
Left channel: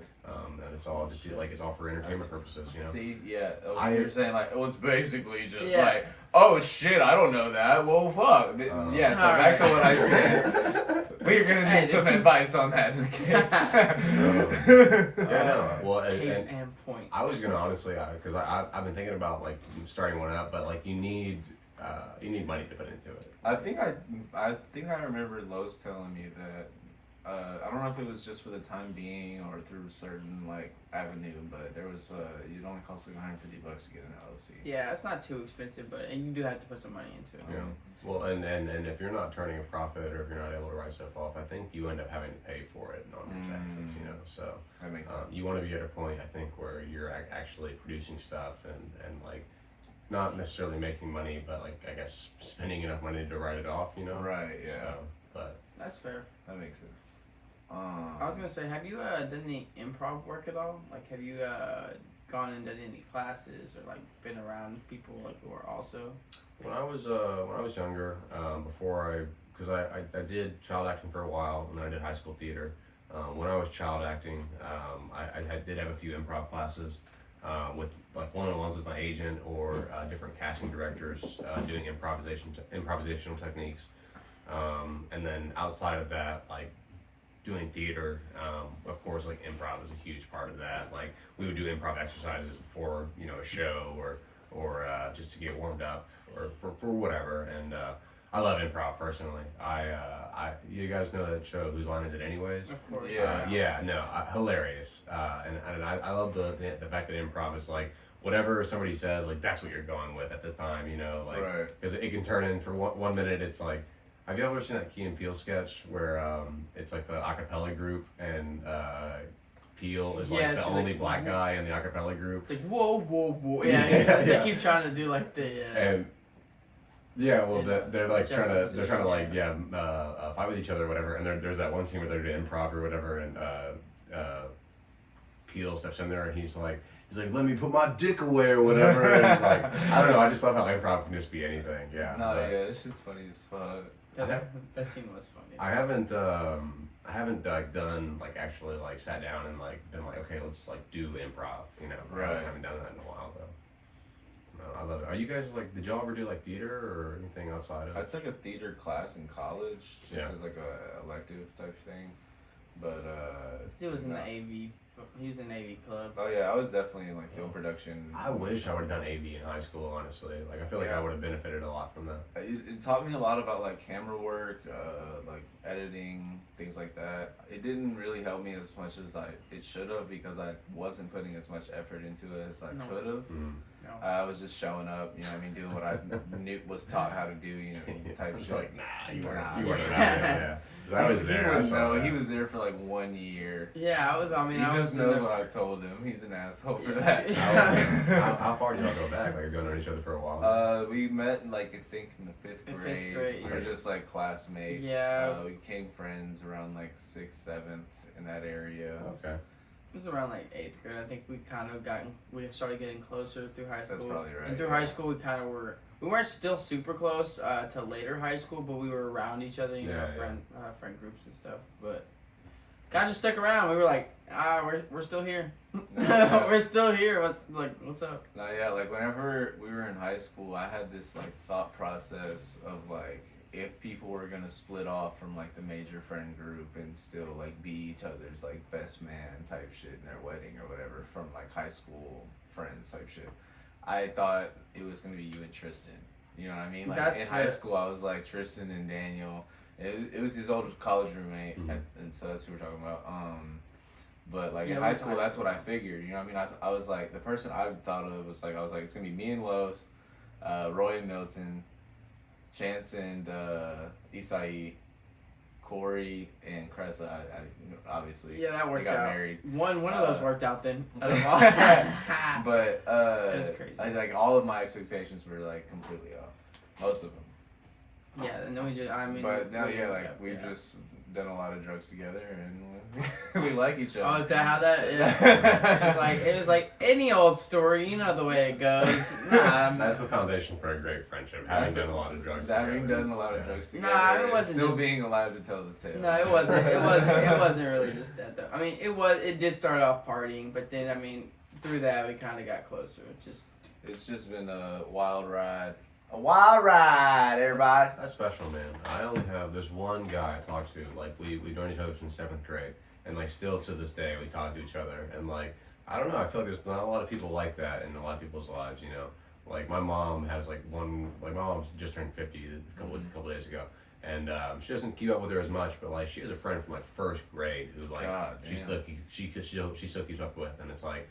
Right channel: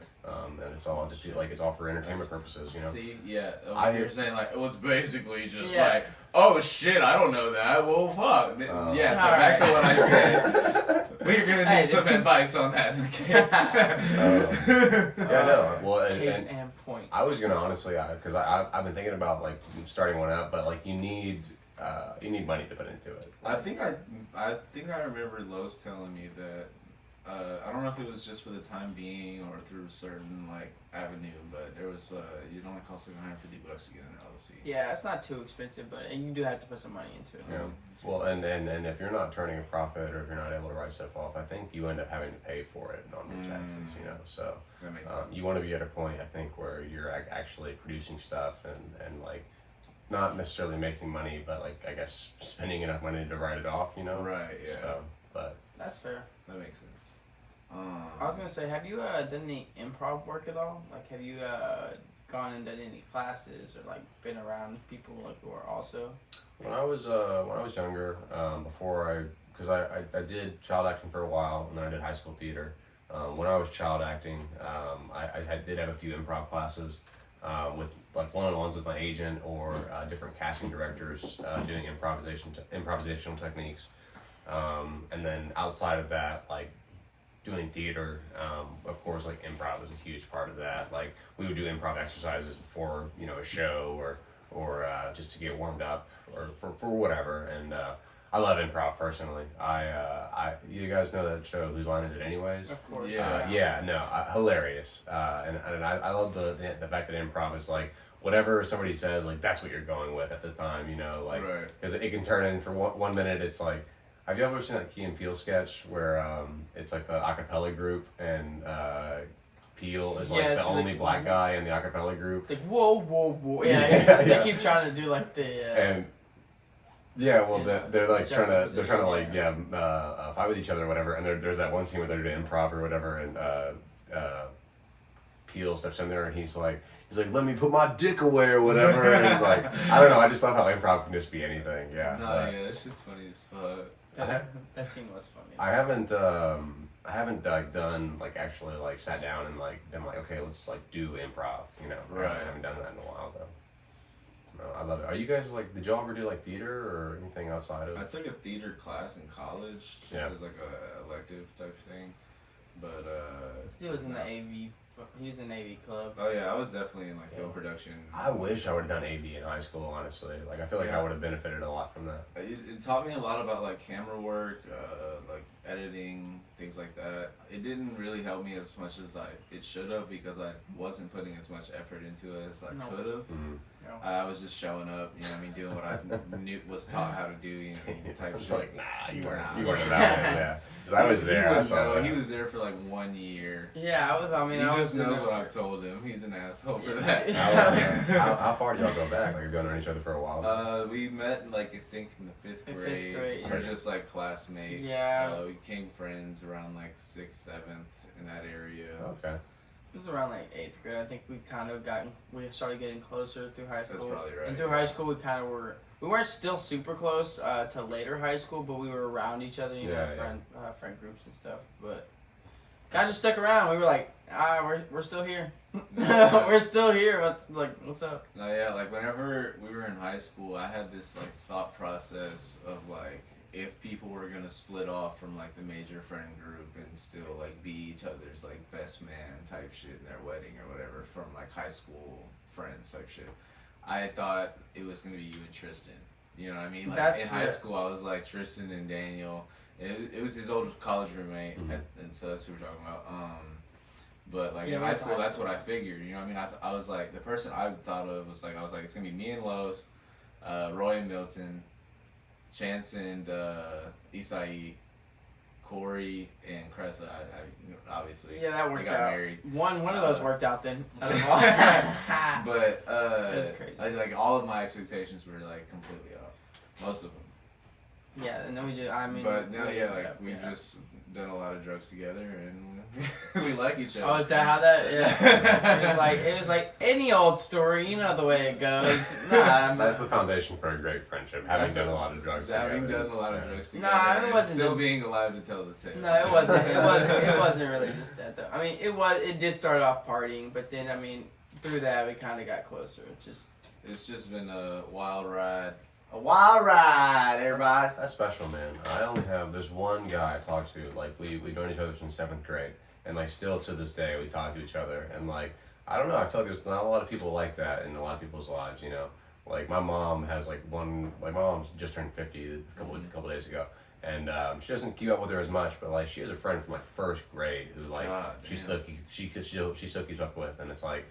and it's all just like it's all for entertainment purposes, you know. See, yeah, I- you're saying like it was basically just Yeah. like, oh shit, I don't know that. Well, fuck. Yeah, so back to what I said. We're gonna Hey, need some advice on that in the case. Yeah, no, well, Case and and point. I was gonna honestly, because I've been thinking about like starting one up, but like you need money to put into it. I think I remember Lowe's telling me that I don't know if it was just for the time being or through a certain like avenue, but there was it only costs like $150 to get an LLC. Yeah, it's not too expensive, but you do have to put some money into it. Yeah. Well, and if you're not turning a profit or if you're not able to write stuff off, I think you end up having to pay for it on your taxes. You know, so That makes sense. you want to be at a point I think where you're actually producing stuff and like not necessarily making money, but like I guess spending enough money to write it off, you know. Right. Yeah. So, but That's fair. That makes sense. I was gonna say, have you done any improv work at all? Like, have you gone and done any classes or like been around people like who are also? when I was younger, before because I did child acting for a while, and then I did high school theater. When I was child acting, I did have a few improv classes with like one-on-ones with my agent or different casting directors doing improvisational techniques. And then outside of that, like doing theater, of course, like improv is a huge part of that. Like we would do improv exercises before, you know, a show or just to get warmed up or for whatever. And I love improv personally. You guys know that show Whose Line Is It Anyways? Of course. Hilarious. And I love the fact that improv is like whatever somebody says, like that's what you're going with at the time, you know, like because it can turn in for one minute it's like, have you ever seen that Key and Peele sketch where it's like the acapella group and Peele is like the only black guy in the acapella group? It's like whoa, whoa, whoa. Yeah, Yeah, they keep trying to do like the. And yeah, well, they're like trying to juxtaposition, fight with each other or whatever. And there's that one scene where they're doing improv or whatever, and Peele steps in there and he's like, let me put my dick away or whatever. And like, I don't know, I just love how improv can just be anything. Yeah. No, yeah, this shit's funny as fuck. That scene was funny. I haven't like done like actually like sat down and like been like, okay, let's like do improv, you know. Right. I haven't done that in a while though. No, I love it. Are you guys like, did y'all ever do like theater or anything outside of I it? took a theater class in college, just as like a elective type thing. But He was in the AV. He was in AV club. oh yeah, I was definitely in like film production. I wish I would have done AV in high school, honestly. Like, I feel like I would have benefited a lot from that. It taught me a lot about like camera work, like editing, things like that. It didn't really help me as much as it should have because I wasn't putting as much effort into it as I could have. Mm-hmm. No. I was just showing up, you know what I mean, doing what I was taught how to do, you know, type Just shit. like, nah, you Nah. weren't about it, yeah. 'Cause I was there, I saw that. He was there for like 1 year. Yeah, I was. I mean, He I just was. knows what I've told him. He's an asshole for that. How far do y'all go back? Like, you're going to each other for a while? We met in like I think in the fifth In fifth grade. grade, We were yeah. just like classmates. Yeah. We became friends around like 6th, 7th in that area. Okay. It was around like 8th grade. I think we started getting closer through high school. That's probably right. And through high school, we weren't still super close to later high school, but we were around each other, you know, friend groups and stuff. But kind of just stuck around. We were like, we're still here. Yeah. We're still here. What's up? No, yeah, like whenever we were in high school, I had this like thought process of like if people were gonna split off from like the major friend group and still like be each other's like best man type shit in their wedding or whatever from like high school friends type shit. I thought it was gonna be you and Tristan. You know what I mean? Like in high school, I was like Tristan and Daniel. It was his old college roommate, and so that's who we're talking about. But like in high school, that's what I figured. You know what I mean? I was like the person I thought of was like it's gonna be me and Los, Roy and Milton, Chance and Isai, Corey and Cressa. Obviously. Yeah, that worked they got out. Married. One of those worked out then. Out of all. But It was crazy. like all of my expectations were like completely off. Most of them. Yeah, and then But now, we've just done a lot of drugs together and we like each other. Oh, is that how that? Yeah. it was like any old story. You know the way it goes. Nah, That's the foundation for a great friendship, having done a lot of drugs Having together. done a lot of drugs together. Nah, it wasn't still just being alive to tell the tale. No, it wasn't. It wasn't really just that though. I mean, it did start off partying, but then I mean, through that we kind of got closer. It's just been a wild ride. A wild ride, everybody. That's special, man. There's one guy I talked to, like, we've known each other since 7th grade, and, like, still to this day, we talk to each other, and, like, I don't know, I feel like there's not a lot of people like that in a lot of people's lives, you know? Like, my mom has, my mom's just turned 50 a couple days ago, and she doesn't keep up with her as much, but, like, she has a friend from, like, 1st grade who, like, she still keeps up with, and it's, like,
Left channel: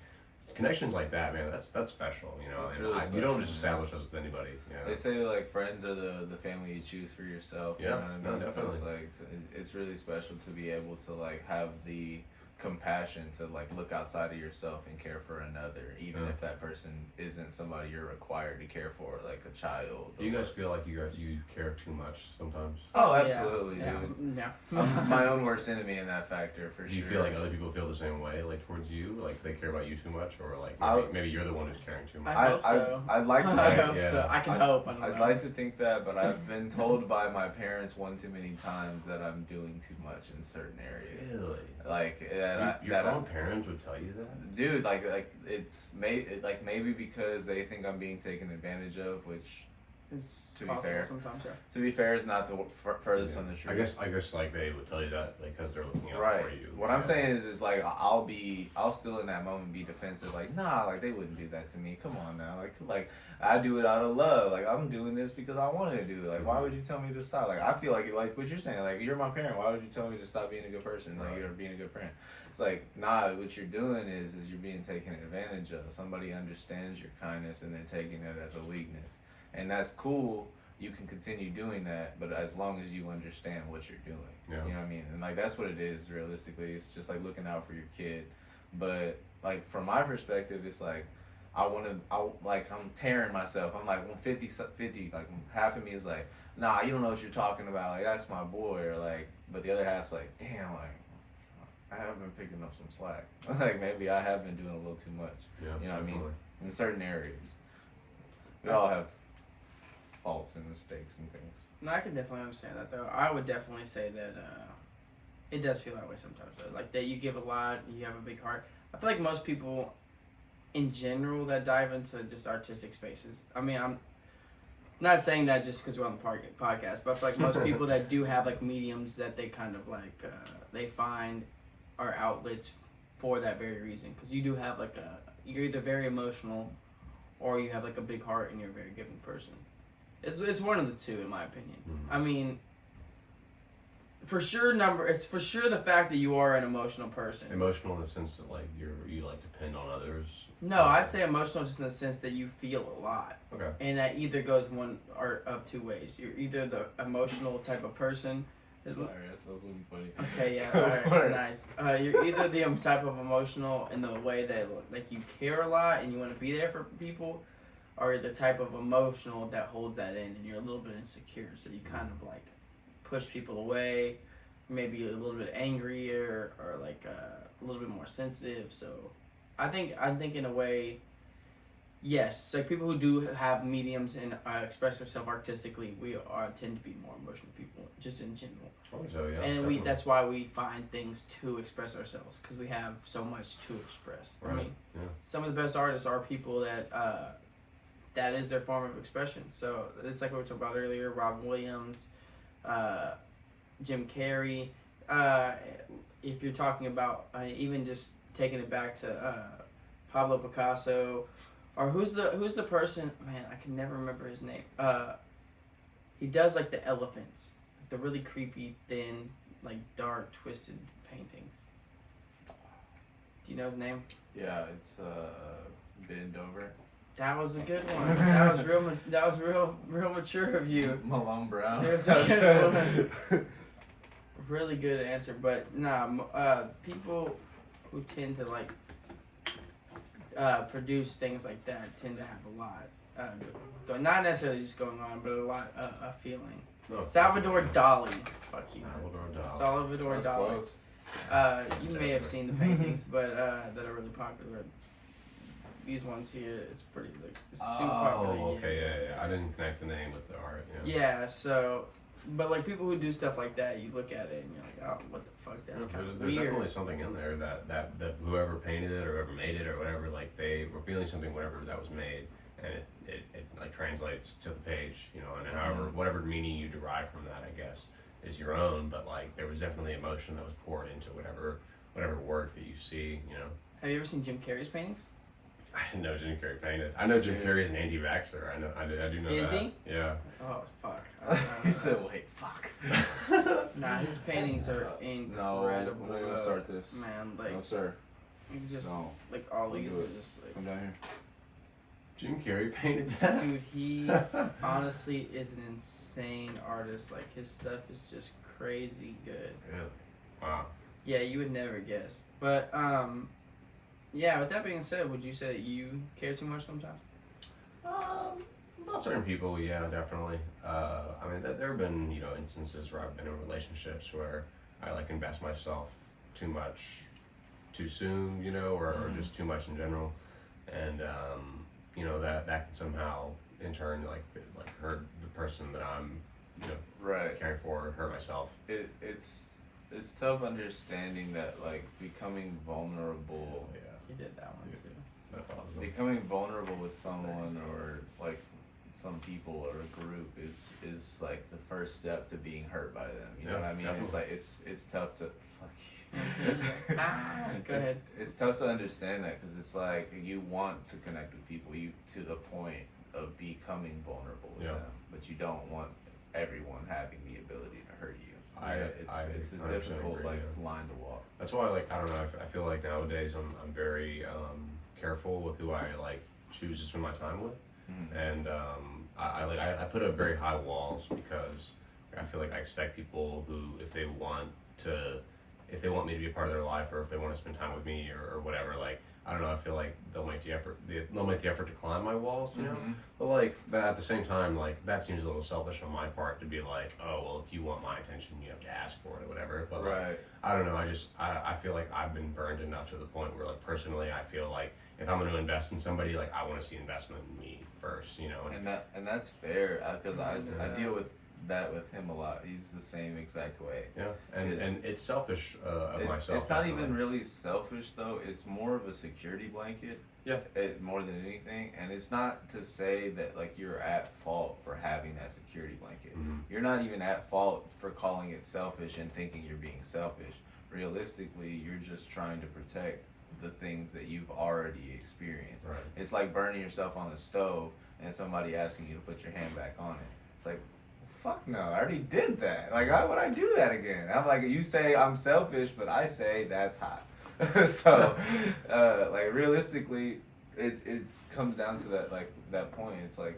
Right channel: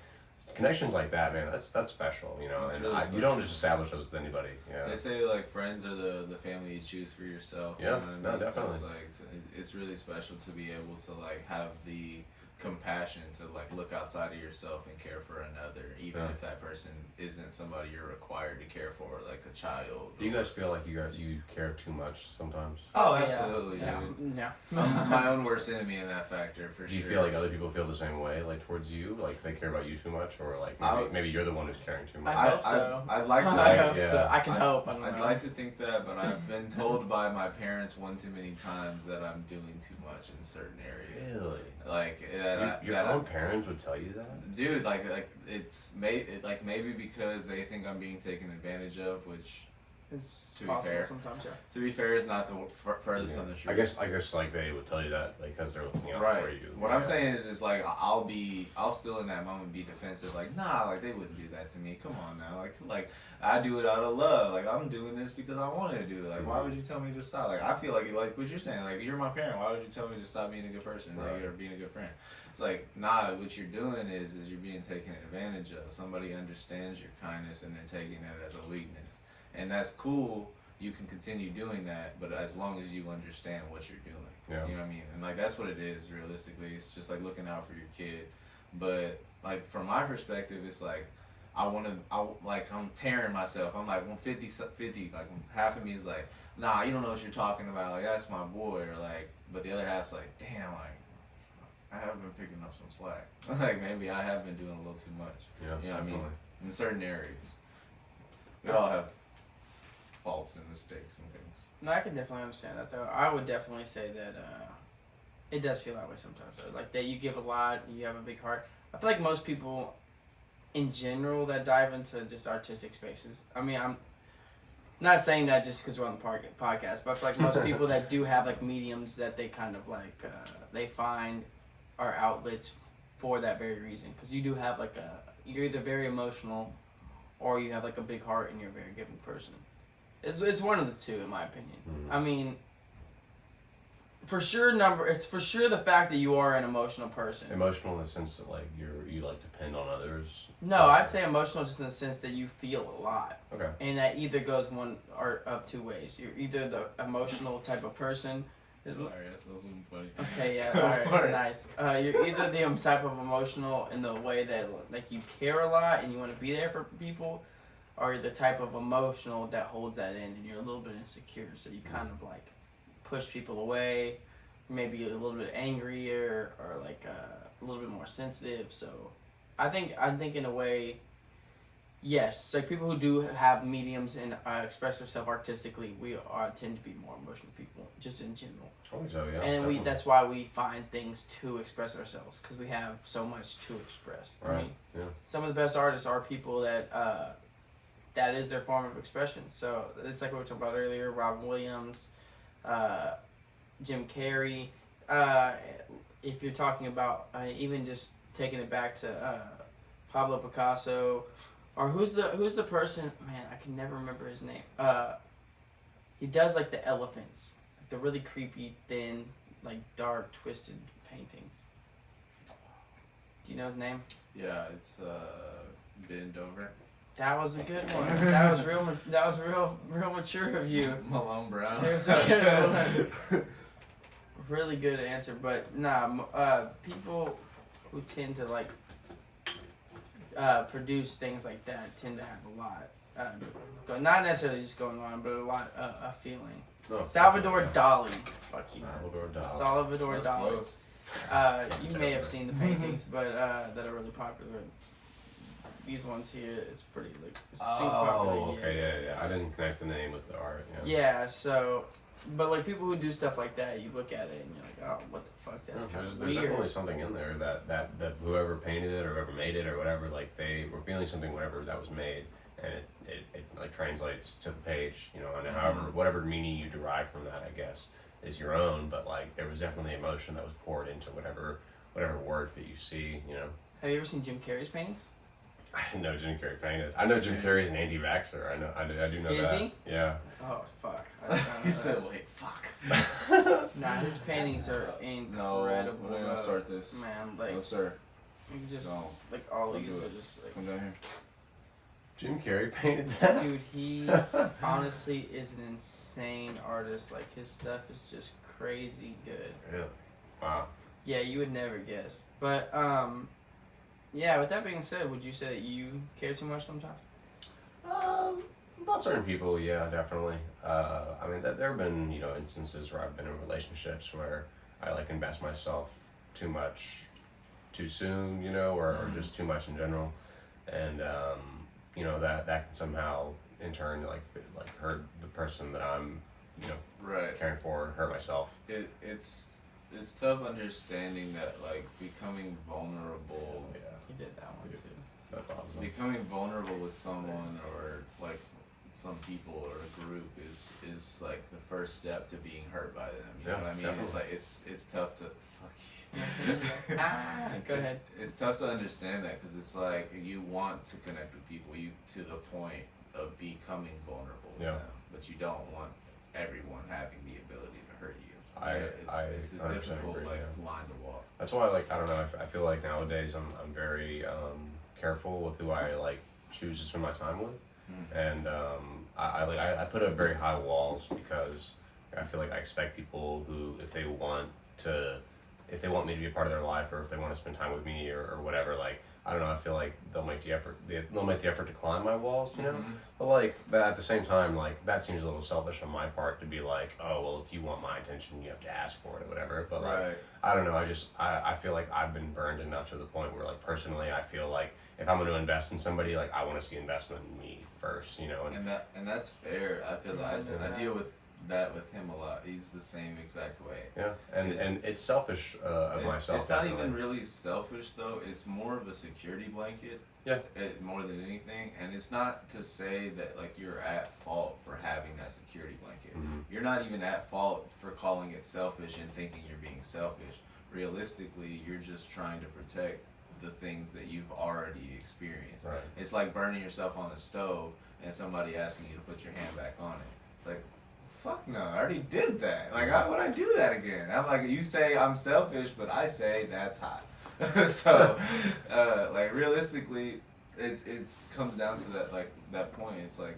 connections like that, man, that's special, you know. And really you don't just establish those with anybody. Yeah. They say like friends are the family you choose for yourself. Yeah, you know what I mean? no, definitely. So it's really special to be able to like have the compassion to like look outside of yourself and care for another, even Yeah. if that person isn't somebody you're required to care for, like a child. Do you or- guys feel like you care too much sometimes? Oh, Yeah. absolutely, Yeah. dude. Yeah. I'm my own worst enemy in that factor for Do you sure. feel like other people feel the same way, like towards you, like they care about you too much, or like I maybe, would- maybe you're the one who's caring too much? I hope so. I'd like to. I think- hope yeah. so. I can hope. I don't I'd know. like to think that, but I've been told by my parents one too many times that I'm doing too much in certain areas. Really? Like that. Your that own parents would tell you that? dude, it's maybe because they think I'm being taken advantage of, which It's to be possible fair. sometimes, yeah. to be fair is not the furthest on the truth. I guess like they would tell you that because they're looking out Right. for you. What I'm saying is like I'll still in that moment be defensive, like nah, like they wouldn't do that to me. Come on now, like I do it out of love. Like I'm doing this because I wanted to do it. Like why would you tell me to stop? Like I feel like what you're saying. Like you're my parent. Why would you tell me to stop being a good person? Like Right. you're being a good friend. It's like nah. What you're doing is you're being taken advantage of. Somebody understands your kindness and they're taking it as a weakness, and that's cool. You can continue doing that, but as long as you understand what you're doing. Yeah. You know what I mean? And like that's what it is realistically. It's just like looking out for your kid. But like from my perspective, it's like I'm tearing myself. I'm like 50, like half of me is like, nah, you don't know what you're talking about. Like that's my boy, or like, but the other half's like, damn, like I have been picking up some slack. Like maybe I have been doing a little too much. Yeah, You know what I mean? definitely. In certain areas, we all have faults and mistakes and things. No, I can definitely understand that though. I would definitely say that it does feel that way sometimes though. Like that you give a lot, you have a big heart. I feel like most people in general that dive into just artistic spaces. I mean, I'm not saying that just because we're on the podcast, but I feel like most people that do have like mediums that they kind of like they find are outlets for that very reason. Because you do have like you're either very emotional or you have like a big heart and you're a very giving person. It's one of the two in my opinion. Mhm. I mean, it's for sure the fact that you are an emotional person. Emotional in the sense that like you like depend on others. No, I'd say emotional just in the sense that you feel a lot. Okay. And that either goes one or of two ways. You're either the emotional type of person. Sorry, that wasn't funny. Okay, yeah, Go alright, for it. nice. You're either the type of emotional in the way that like you care a lot and you want to be there for people, or you're the type of emotional that holds that in and you're a little bit insecure, so you kind of like push people away, maybe a little bit angrier or like a little bit more sensitive. So I think in a way, yes, like people who do have mediums and express themselves artistically, we tend to be more emotional people, just in general. Probably so, yeah. And definitely. that's why we find things to express ourselves, because we have so much to express. I Right. mean, Yeah. some of the best artists are people that that is their form of expression. So it's like what we talked about earlier, Robin Williams, Jim Carrey. If you're talking about even just taking it back to Pablo Picasso, or who's the person? Man, I can never remember his name. He does like the elephants, the really creepy, thin, like dark, twisted paintings. Do you know his name? Yeah, it's Bend Over. That was a good one. That was real. That was real mature of you. Malone Brown. It was a good one. Really good answer, but nah. People who tend to like produce things like that tend to have a lot. Not necessarily just going on, but a lot of feeling. No, Salvador yeah. Dali. Fuck you. Salvador Dali. Salvador That's Dali. close. You may have seen the paintings, but that are really popular. These ones here, it's pretty like super popular. Oh, okay, yeah. I didn't connect the name with the art. Yeah. Yeah, so, but like people who do stuff like that, you look at it and you're like, oh, what the fuck? That's kind of There's weird. definitely something in there that whoever painted it or whoever made it or whatever, like they were feeling something whenever that was made, and it like translates to the page, you know, and however whatever meaning you derive from that, I guess, is your own. But like there was definitely emotion that was poured into whatever work that you see, you know. Have you ever seen Jim Carrey's paintings? I didn't know Jim Carrey painted. I know Jim Carrey's an anti-vaxxer. I do know Is that. he? Yeah. Oh fuck. He said, "Wait, fuck." Nah, his paintings are incredible. No, we're gonna start this. Man, like No, sir. you just No. like all Don't these do are it. just like. Come down here. Jim Carrey painted that. Dude, he honestly is an insane artist. Like his stuff is just crazy good. Yeah. Wow. Yeah, you would never guess. But yeah. With that being said, would you say that you care too much sometimes? About certain people, yeah, definitely. I mean, there have been instances where I've been in relationships where I like invest myself too much, too soon, or just too much in general, and that can somehow in turn like hurt the person that I'm Right. caring for, hurt myself. It's tough understanding that like becoming vulnerable. Yeah, You did that one too. that's awesome. Becoming vulnerable with someone or like some people or a group is like the first step to being hurt by them. You know Yeah, what I mean? definitely. It's like it's tough to Go ahead. It's tough to understand that because it's like you want to connect with people you to the point of becoming vulnerable with Yeah. them, but you don't want everyone having the ability to hurt you. It's a 100% difficult agree, like yeah. line to walk. That's why, I don't know. I feel like nowadays I'm very careful with who I choose to spend my time with, and I put up very high walls because I feel like I expect people who, if they want me to be a part of their life, or if they want to spend time with me, or whatever, I don't know. I feel like they'll make the effort. They'll make the effort to climb my walls, you know. But but at the same time, that seems a little selfish on my part to be like, oh well, if you want my attention, you have to ask for it or whatever. But Right. I don't know. I feel like I've been burned enough to the point where personally, I feel like if I'm going to invest in somebody, I want to see investment in me first, And that's fair because I Yeah. deal with that with him a lot. He's the same exact way. yeah, and it's selfish of myself. It's not definitely. even really selfish though. It's more of a security blanket. Yeah. More than anything, and it's not to say that you're at fault for having that security blanket. Mhm. You're not even at fault for calling it selfish and thinking you're being selfish. Realistically, you're just trying to protect the things that you've already experienced. Right. It's like burning yourself on the stove and somebody asking you to put your hand back on it. It's like, fuck no, I already did that. Why would I do that again? I'm like, you say I'm selfish, but I say that's hot. So, realistically, it comes down to that point. It's like,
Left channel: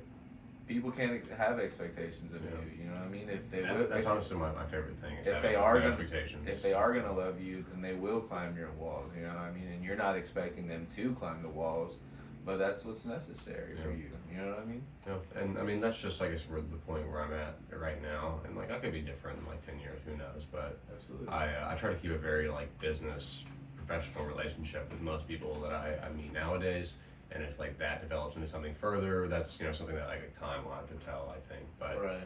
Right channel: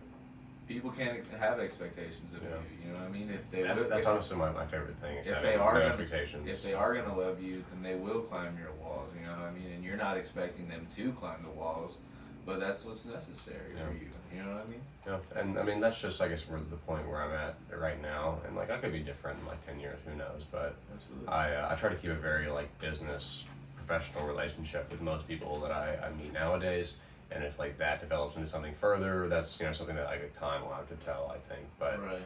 people can't have expectations of Yeah. you. You know what I mean? If they That's honestly my favorite thing. Is if having they are no gonna- expectations. if they are gonna love you, then they will climb your walls. You know what I mean? And you're not expecting them to climb the walls, but that's what's necessary for Yeah. you. You know what I mean? Yeah, and I mean that's just I guess we're the point where I'm at right now, and I could be different in 10 years, who knows? But Absolutely. I try to keep a very business professional relationship with most people that I meet nowadays, and if that develops into something further, that's something that time will have to tell, I think. But Right.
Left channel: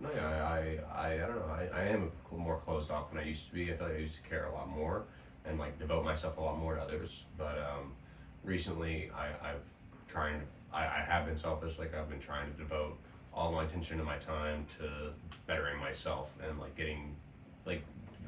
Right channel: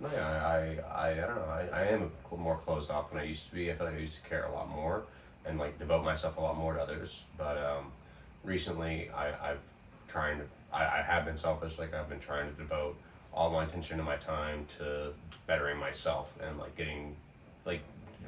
no, yeah, I don't know. I am more closed off than I used to be. I feel like I used to care a lot more and devote myself a lot more to others. But recently, I have been selfish. I've been trying to devote all my attention and my time to bettering myself and getting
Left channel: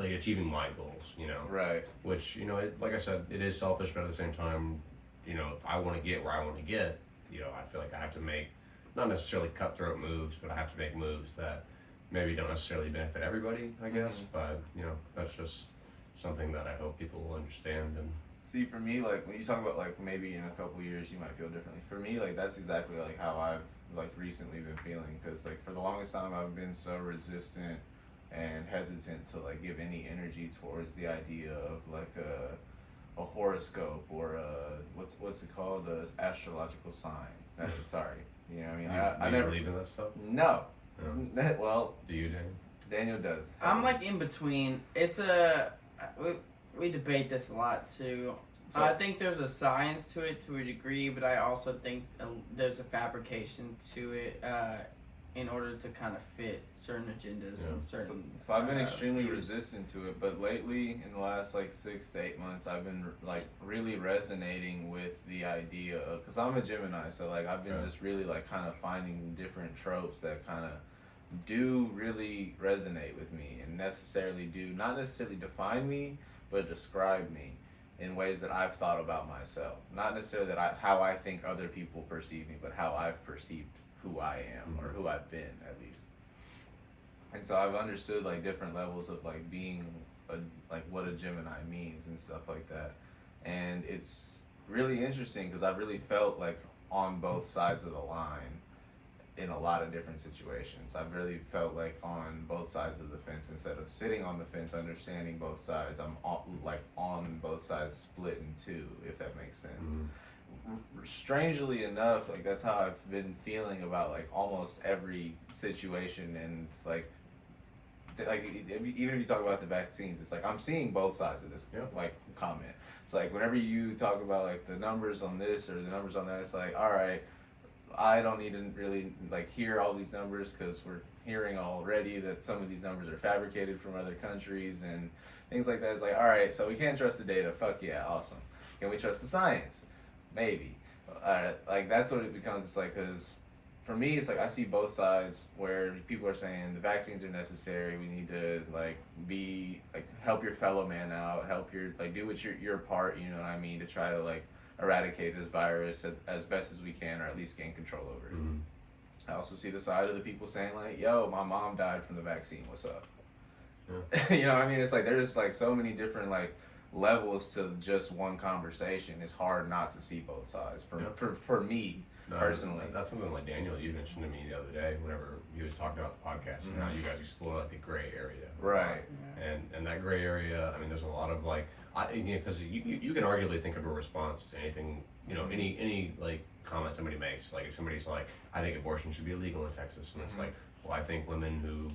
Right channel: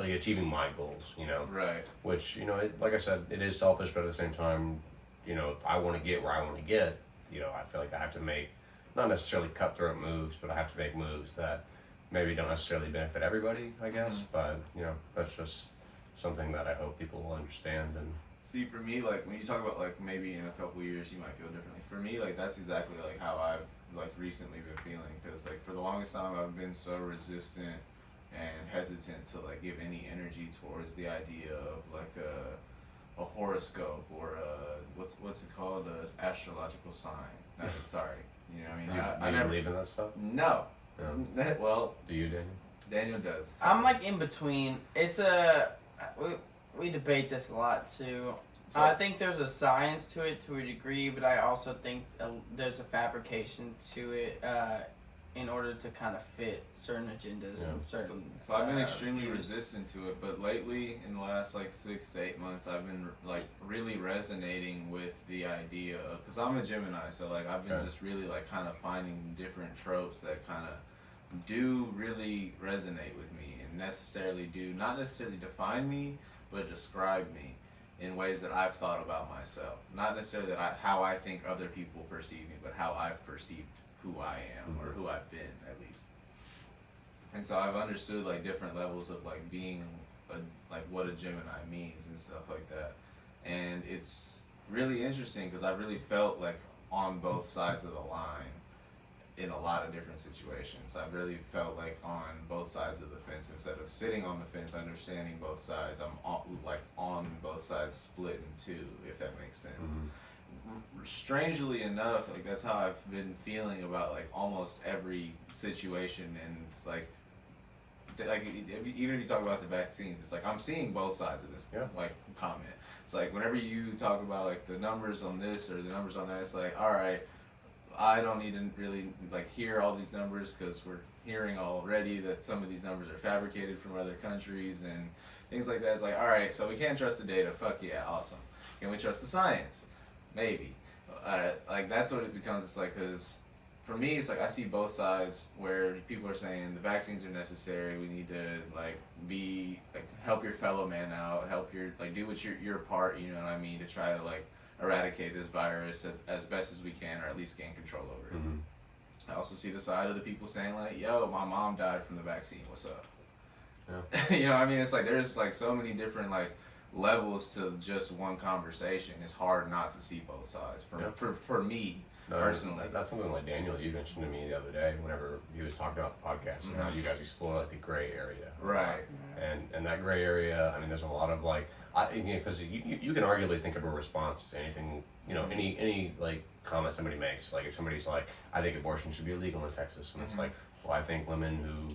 achieving my goals. Right. Which like I said, it is selfish, but at the same time, if I want to get where I want to get, I feel like I have to make not necessarily cutthroat moves, but I have to make moves that maybe don't necessarily benefit everybody, I guess. But that's just something that I hope people will understand. And See, for me, when you talk about maybe in a couple years you might feel differently. For me, that's exactly how I've recently been feeling. Because for the longest time I've been so resistant and hesitant to give any energy towards the idea of a horoscope or what's it called, a astrological sign. Sorry, you know what I mean? do you never believe in that stuff? No. Yeah. Well, Do you, Daniel? Daniel does. I'm in between. It's we debate this a lot too. So- I think there's a science to it to a degree, but I also think there's a fabrication to it in order to kind of fit certain agendas and certain. So I've been extremely views. resistant to it, but lately, in the last 6 to 8 months, I've been really resonating with the idea of, because I'm a Gemini, so I've been Okay. just really kind of finding different tropes that kind of do really resonate with me and not necessarily define me, but describe me in ways that I've thought about myself. Not necessarily how I think other people perceive me, but how I've perceived who I am or who I've been at least. And so I've understood different levels of being what a Gemini means and stuff like that. And it's really interesting because I really felt on both sides of the line. in a lot of different situations. I've really felt like on both sides of the fence instead of sitting on the fence, understanding both sides. I'm on both sides, split in two, if that makes sense. Strangely enough, like that's how I've been feeling about like almost every situation, and like even if you talk about the vaccines, it's like I'm seeing both sides of this like comment. It's like whenever you talk about like the numbers on this or the numbers on that, it's like, all right, I don't need to really like hear all these numbers because we're hearing already that some of these numbers are fabricated from other countries and things like that. It's like, all right, so we can't trust the data. Fuck yeah, awesome. Can we trust the science? Maybe. Like that's what it becomes. It's like, because for me, it's like I see both sides where people are saying the vaccines are necessary. We need to like help your fellow man out, help your like do what your part. You know what I mean, to try to like eradicate this virus as best as we can, or at least gain control over it. I also see the side of the people saying like, yo, my mom died from the vaccine. What's up? Yeah. You know what I mean? It's like there's like so many different like levels to just one conversation. It's hard not to see both sides for me. Personally, that's something like Daniel, you mentioned to me the other day whenever he was talking about the podcast, and how you guys explore like the gray area, right? And that gray area, I mean, there's a lot of like, because you can arguably think of a response to anything, you know, any like comment somebody makes. Like if somebody's like, I think abortion should be illegal in Texas, and it's like, well, I think women who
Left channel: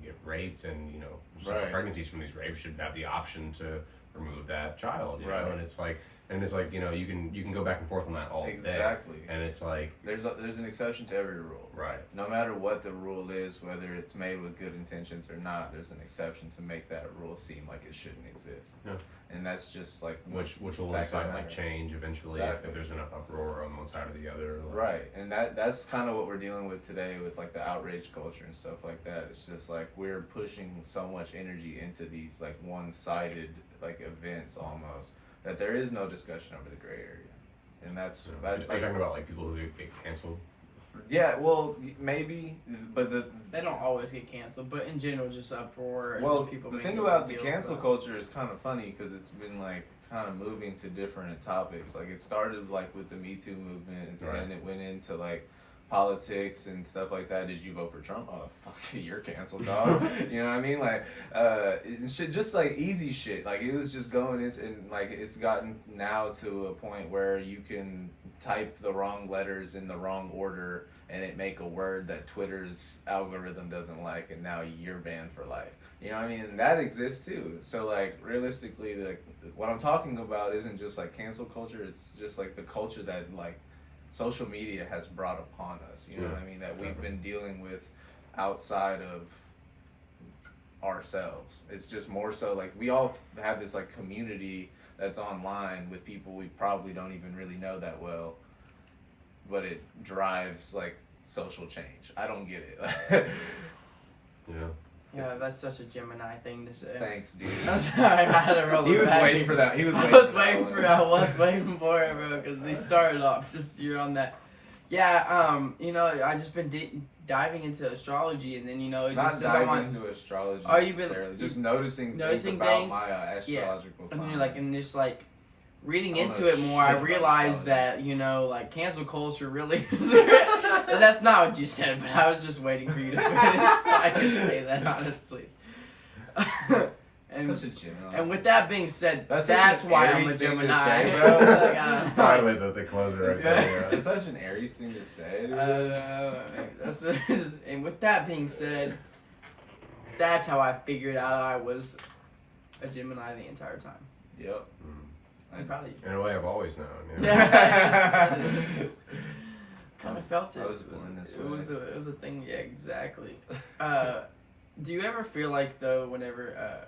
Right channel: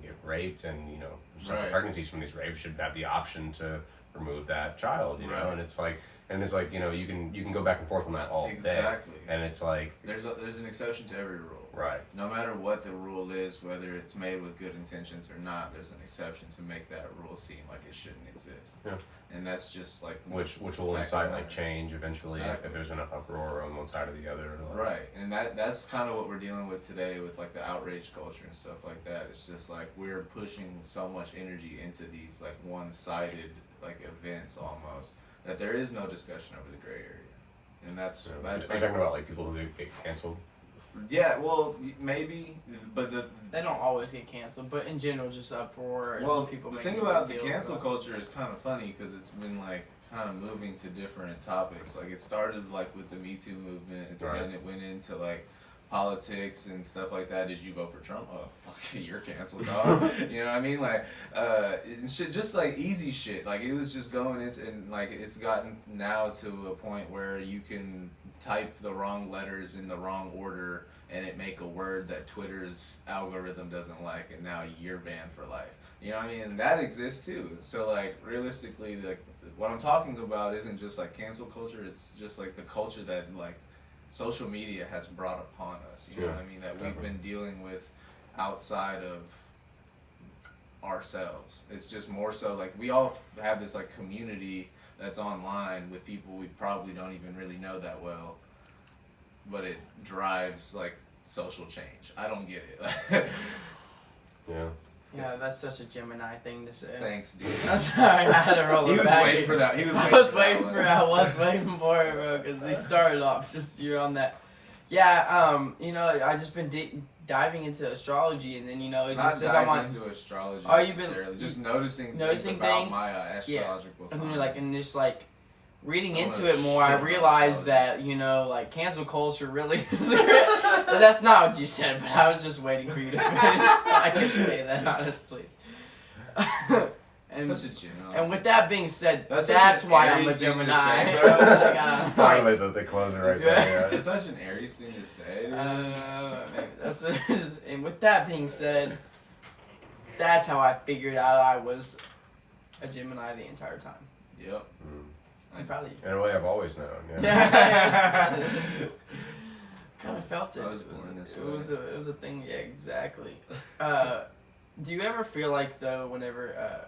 get raped and start pregnancies from these rapes should have the option to remove that child, you know, and it's like. And it's like, you can go back and forth on that all day. And it's like there's an exception to every rule. Right. No matter what the rule is, whether it's made with good intentions or not, there's an exception to make that rule seem like it shouldn't exist. Yeah. And that's just like which will incite like change eventually if there's enough uproar on one side or the other. Like. Right. And that's kind of what we're dealing with today with like the outrage culture and stuff like that. It's just like we're pushing so much energy into these like one-sided like events almost, that there is no discussion over the gray area, and that's. Are you talking about like people who get canceled? Yeah, well, maybe, but they don't always get canceled, but in general, just uproar. Well, just people the thing about the cancel culture is kind of funny because it's been like kind of moving to different topics. Like it started like with the Me Too movement, and then it went into like politics and stuff like that. Did you vote for Trump? Oh fuck, you're canceled, dog. You know what I mean? Like shit, just like easy shit. Like it was just going into, and like it's gotten now to a point where you can type the wrong letters in the wrong order and it make a word that Twitter's algorithm doesn't like, and now you're banned for life. You know what I mean? And that exists too. So like realistically, like what I'm talking about isn't just like cancel culture. It's just like the culture that like social media has brought upon us, you know what I mean, that we've been dealing with outside of ourselves. It's just more so like we all have this like community that's online with people we probably don't even really know that well, but it drives like social change. I don't get it. Yeah, that's such a Gemini thing to say. Thanks, dude. I'm sorry, I had to roll it back. Waiting for that. I was waiting for it, bro, because they started off just, you're on that. Yeah, I just been diving into astrology, and then, it just says I want... Not diving into astrology necessarily, just noticing things about my astrological sign. And just, like, reading into it more, I realized that, like, cancel culture really is that's not what you said, but I was just waiting for you to finish so I could say that, honestly. Such a Gemini. And with that being said, that's why I'm a Gemini. Finally, they close it right there. It's such an Aries thing to say. And with that being said, that's how I figured out I was a Gemini the entire time. Yep. I'm proud of you. In a way, I've always known. Kind of felt it. It was a thing. Yeah, exactly. Do you ever feel like though, whenever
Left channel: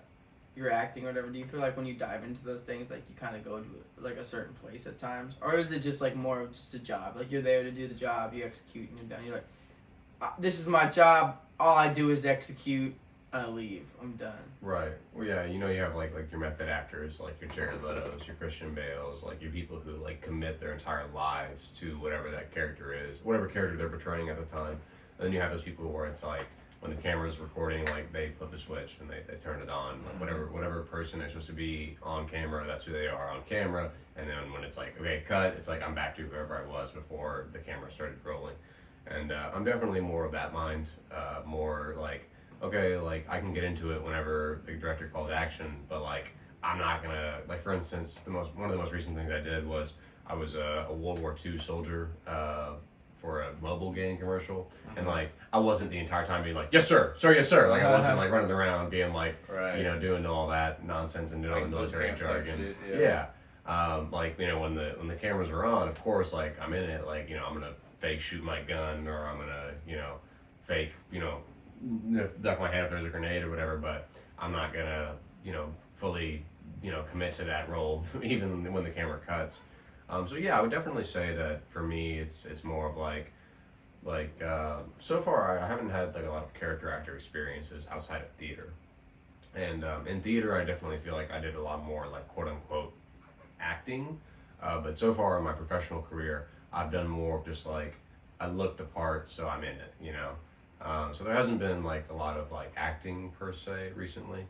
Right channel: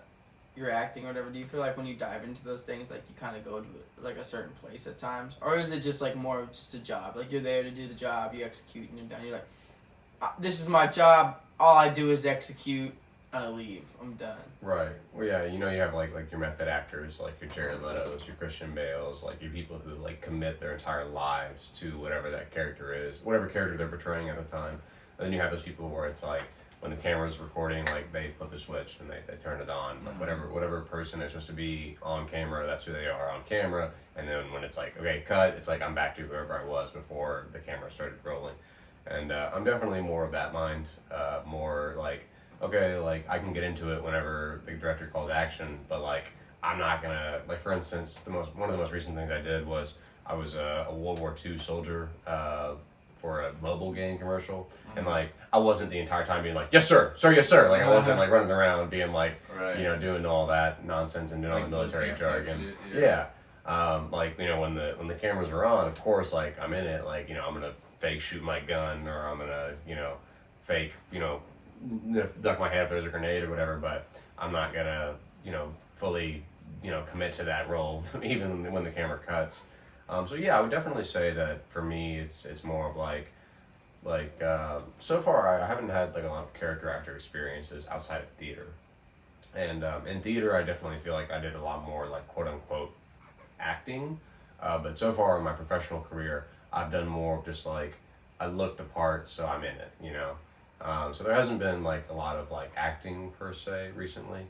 you're acting or whatever, do you feel like when you dive into those things, like you kind of go to like a certain place at times, or is it just like more of just a job? Like you're there to do the job, you execute, and you're done. You're like, this is my job. All I do is execute. I leave. I'm done. Right. Well, yeah. You have like your method actors, like your Jared Leto's, your Christian Bale's, like your people who like commit their entire lives to whatever that character is, whatever character they're portraying at the time. And then you have those people where it's like when the camera's recording, like they flip the switch and they turn it on. Like whatever person is supposed to be on camera, that's who they are on camera. And then when it's like, okay, cut, it's like I'm back to whoever I was before the camera started rolling. And I'm definitely more of that mind, more like, okay, like I can get into it whenever the director calls action, but like I'm not gonna, like for instance, one of the most recent things I did was I was a World War II soldier for a mobile game commercial, and like I wasn't the entire time being like yes sir, yes sir, like I wasn't like running around being like Right. you know doing all that nonsense and doing all Like the military boot camp type jargon. shit, Yeah. Like you know when the cameras are on, of course like I'm in it, like you know I'm gonna fake shoot my gun or I'm gonna you know fake you know duck my head if there's a grenade or whatever, but I'm not gonna you know fully you know commit to that role even when the camera cuts. So yeah, I would definitely say that for me it's more of like so far I haven't had like a lot of character actor experiences outside of theater, and in theater I definitely feel like I did a lot more like quote unquote acting, but so far in my professional career I've done more of just like I look the part so I'm in it, you know. So there hasn't been like a lot of like acting per se recently.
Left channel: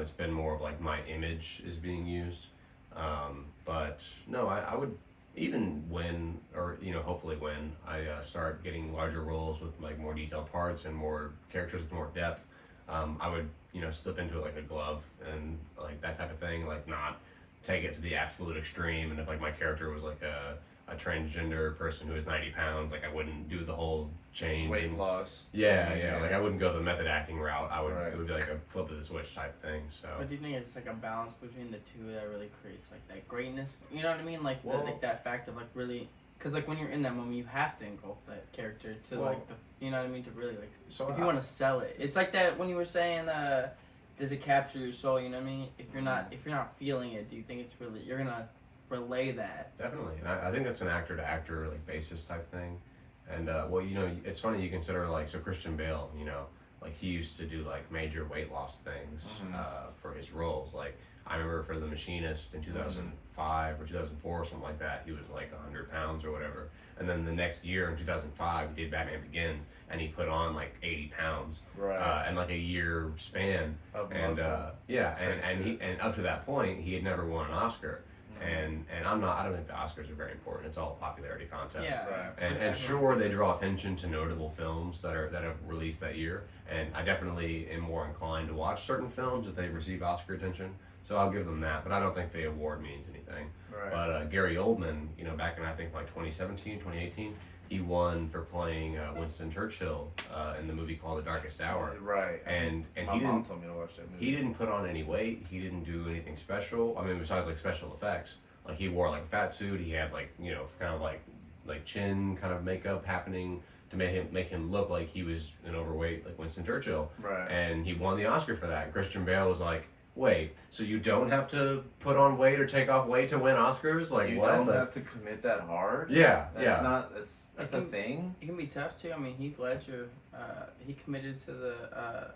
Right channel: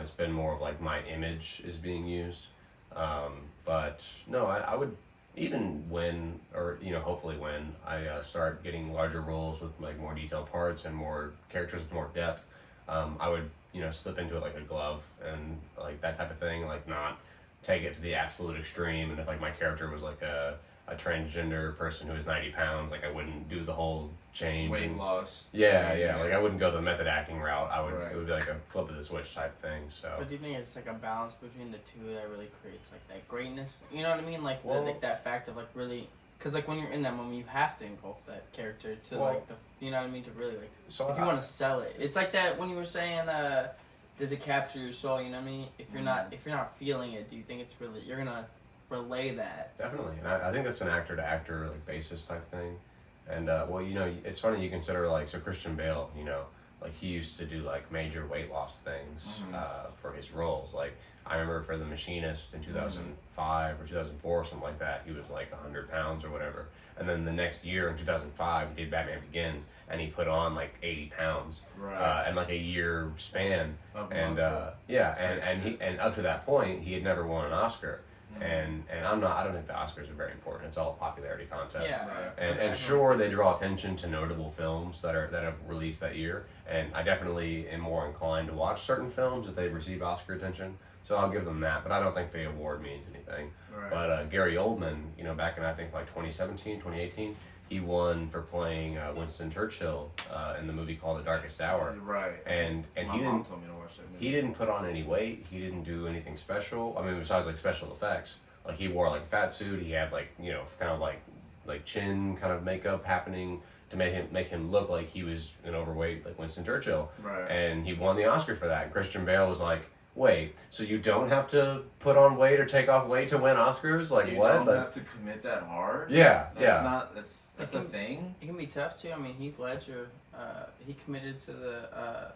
It's been more of like my image is being used. But no, I would even when or you know hopefully when I start getting larger roles with like more detailed parts and more characters with more depth, I would you know slip into it like a glove and like that type of thing, like not take it to the absolute extreme. And if like my character was like a transgender person who was 90 pounds, like I wouldn't do the whole change Weight and, loss. yeah, like I wouldn't go the method acting route. I would Right. it would be like a flip of the switch type thing. So But do you think it's like a balance between the two that really creates like that greatness? You know what I mean? Like Well- like that fact of like really, because like when you're in that moment, you have to engulf that character to Well- like the you know what I mean to really like so if you want to sell it. It's like that when you were saying does it capture your soul? You know what I mean? If you're not feeling it, do you think it's really you're gonna relay that? Definitely, and I think that's an actor to actor like basis type thing. And well, you know, it's funny you consider like so Christian Bale, you know, like he used to do like major weight loss things for his roles. Like I remember for The Machinist in 2005 or 2004 or something like that, he was like 100 pounds or whatever. And then the next year in 2005, he did Batman Begins, and he put on like 80 pounds, Right. in like a year span. Of And muscle. yeah, type and shit. and up to that point, he had never won an Oscar. And I don't think the Oscars are very important. It's all a popularity contest. Yeah. Right. And sure, they draw attention to notable films that have released that year, and I definitely am more inclined to watch certain films if they receive Oscar attention. So I'll give them that, but I don't think the award means anything. Right. But Gary Oldman, you know, back in I think like 2017, 2018, he won for playing Winston Churchill in the movie called The Darkest Hour. Right. And My he mom didn't told me to watch that movie. he didn't put on any weight. He didn't do anything special. I mean, besides like special effects, like he wore like a fat suit. He had like you know kind of like chin kind of makeup happening to make him look like he was an overweight like Winston Churchill. Right. And he won the Oscar for that. And Christian Bale was like, "Wait, so you don't have to put on weight or take off weight to win Oscars? Like you what?" don't Like- have to commit that hard. yeah, That's yeah. not. That's a can- thing. It can be tough too. I mean, Heath Ledger, he committed to the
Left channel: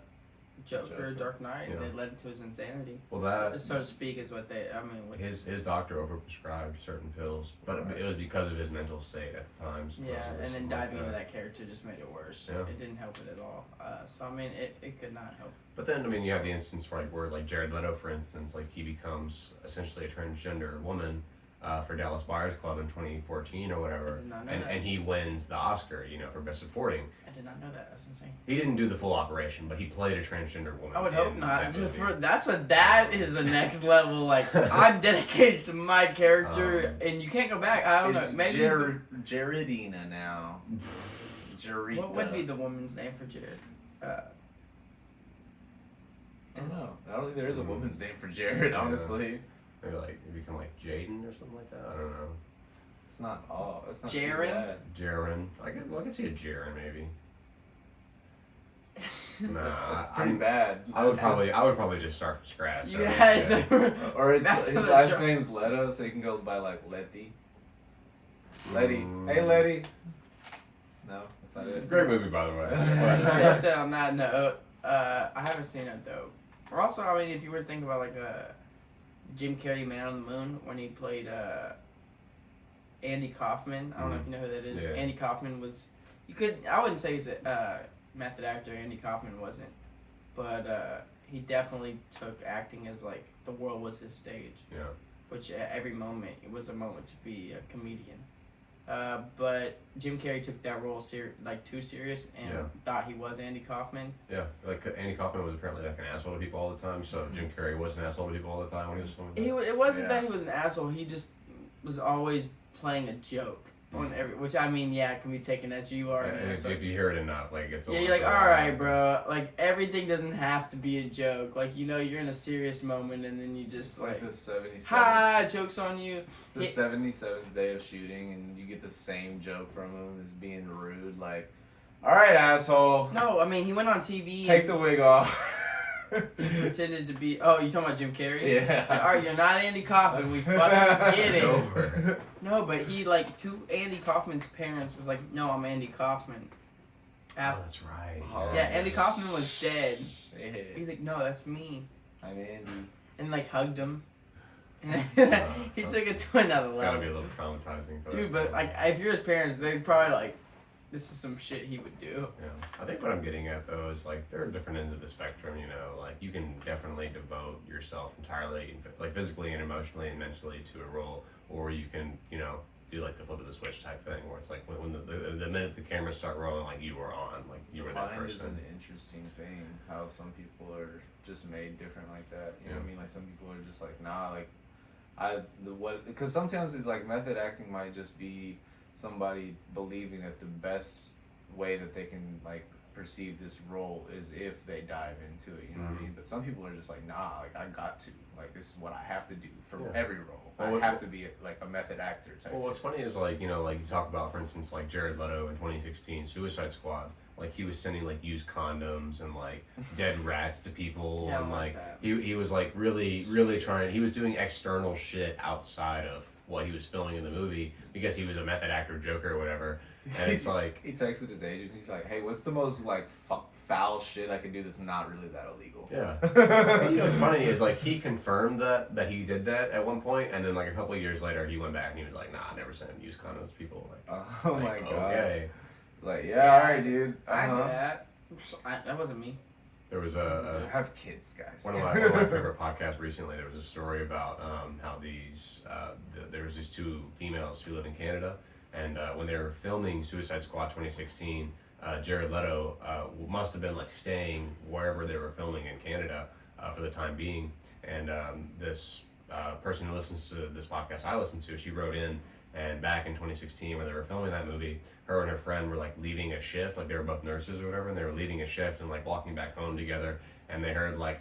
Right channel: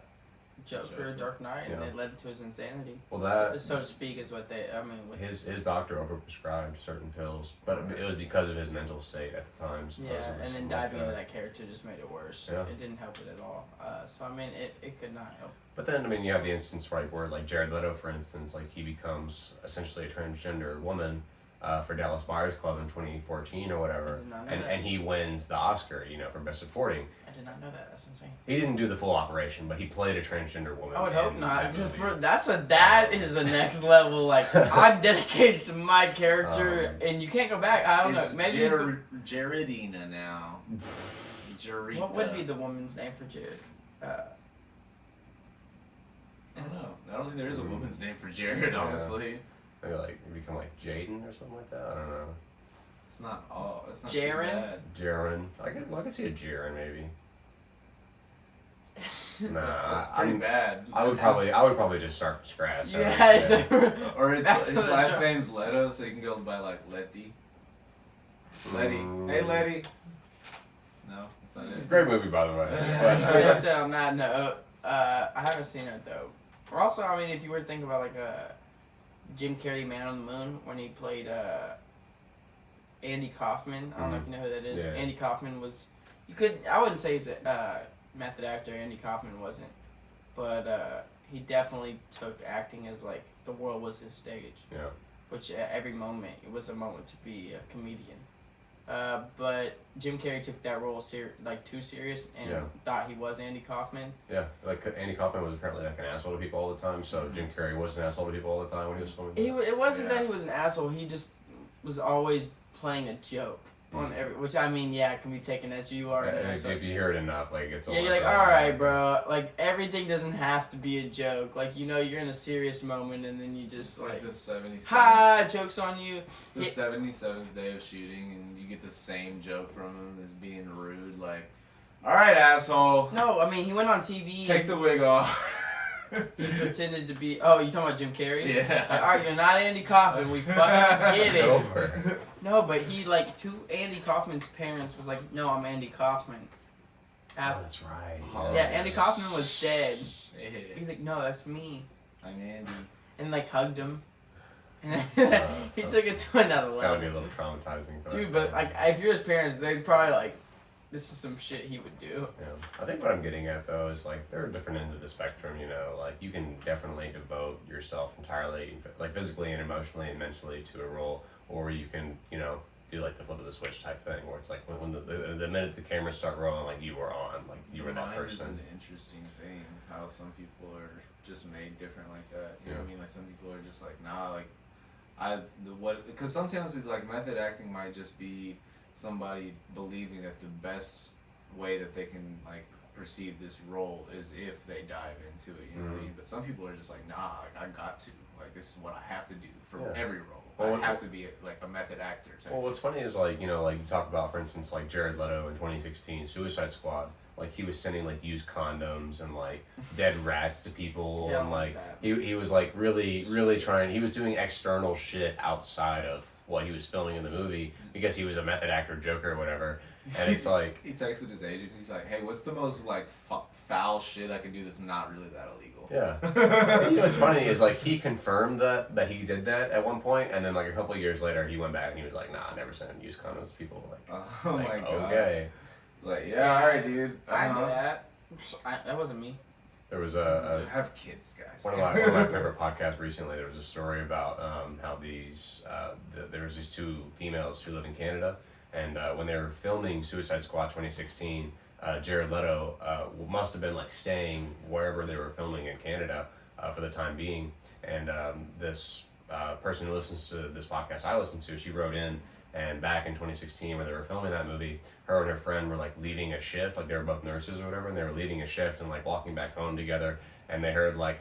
Joker, Dark Knight, and Yeah. it led to his insanity. Well, that- so to speak, is what they. I mean, with, His doctor overprescribed certain pills, but it was because of his mental state at the time. yeah, supposedly, and then something diving like into that. that character just made it worse. Yeah. It didn't help it at all. So I mean, it could not help. But then, I mean, you have the instance right where, like Jared Leto, for instance, like he becomes essentially a transgender woman for Dallas Buyers Club in 2014 or whatever, I did not know and that. and he wins the Oscar, you know, for best supporting. I did not know that. That's insane. He didn't do the full operation, but he played a transgender woman. I would in hope not. that Just movie. for that is a next level. Like I'm dedicated to my character, and you can't go back. I don't It's know. Maybe Jaredina now. Jarita. what would be the woman's name for Jared? I don't know. I don't think there is a woman's name for Jared. Yeah. Honestly, Maybe like it become like Jaden or something like that. I don't know. it's not all. It's not too Jaren? bad. Jaren. I could see a Jaren maybe. It's Nah, like- That's pretty bad. I would probably just start from scratch. you I think, guys yeah. are. Or it's, That's his what last jo- name's Leto, so he can go by like Letty. Letty. Mm. Hey, Letty. No, that's not it. Great movie, by the way. Yeah, But- so on that note, I haven't seen it though. Or also, I mean, if you were to think about like Jim Carrey, Man on the Moon, when he played Andy Kaufman. I don't know if you know who that is. Yeah. Andy Kaufman was. I wouldn't say he's a method actor. Andy Kaufman wasn't, but he definitely took acting as like the world was his stage. Yeah. Which at every moment it was a moment to be a comedian. But Jim Carrey took that role too serious and Yeah. thought he was Andy Kaufman. Yeah, like Andy Kaufman was apparently like an asshole to people all the time, so Jim Carrey was an asshole to people all the time when he was filming. It wasn't Yeah. that he was an asshole. He just was always playing a joke on which I mean, yeah, it can be taken as you are. And an if asshole. you hear it enough, like it's Yeah, you're like, all right, bro. Like everything doesn't have to be a joke. Like you're in a serious moment, and then you just It's like like, the 77th. ha, jokes on you. It's the 77th day of shooting, and you get the same joke from him as being rude. Like, all right, asshole, No, I mean he went on TV take and the wig off. he pretended to be. Oh, you talking about Jim Carrey? Yeah. Like, all right, you're not Andy Kaufman. We fucking get It's it. over. No, but he like to Andy Kaufman's parents was like, no, I'm Andy Kaufman. Oh, that's right. Yeah, Andy Kaufman was dead. Shit. He's like, no, that's me, I'm Andy. and like hugged him. And he took that's- it to another It's gotta be level. a little traumatizing for Dude, that but kid. like if you're his parents, they'd probably like, this is some shit he would do. Yeah, I think what I'm getting at though is like there are different ends of the spectrum. You know, like you can definitely devote yourself entirely, like physically and emotionally and mentally, to a role, or you can, you know, do like the flip of the switch type thing, where it's like when the minute the cameras start rolling, like you were on, like you were that Mind is person. an interesting thing. How some people are just made different like that. You know what I mean? Like some people are just like, nah, like because sometimes it's like method acting might just be somebody believing that the best way that they can like perceive this role is if they dive into it. You know what I mean? But some people are just like, nah, like I got to, like this is what I have to do for Yeah. every role. Well, I have to be like a method actor type. Well, what's funny is like, you know, like you talk about, for instance, like Jared Leto in 2016, Suicide Squad. Like he was sending like used condoms and like dead rats to people, Yeah, I and like like that. he was like really trying. He was doing external shit outside of what he was filming in the movie because he was a method actor, Joker, or whatever. And it's like, He texted his agent. He's like, "Hey, what's the most like foul shit I can do that's not really that illegal?" yeah. You know, what's funny is like he confirmed that he did that at one point, and then like a couple of years later, he went back and he was like, "Nah, I never sent used condoms to people." Like, Oh like, my god. okay. Like, yeah, all right, dude. I Uh-huh. do that. That wasn't me. There was a Have kids, guys. one of my favorite podcasts recently. There was a story about how there was these two females who live in Canada, and when they were filming Suicide Squad 2016, Jared Leto must have been like staying wherever they were filming in Canada for the time being, and this person who listens to this podcast I listen to, she wrote in. And back in 2016, when they were filming that movie, her and her friend were like leaving a shift, like they were both nurses or whatever, and they were leaving a shift and like walking back home together, and they heard like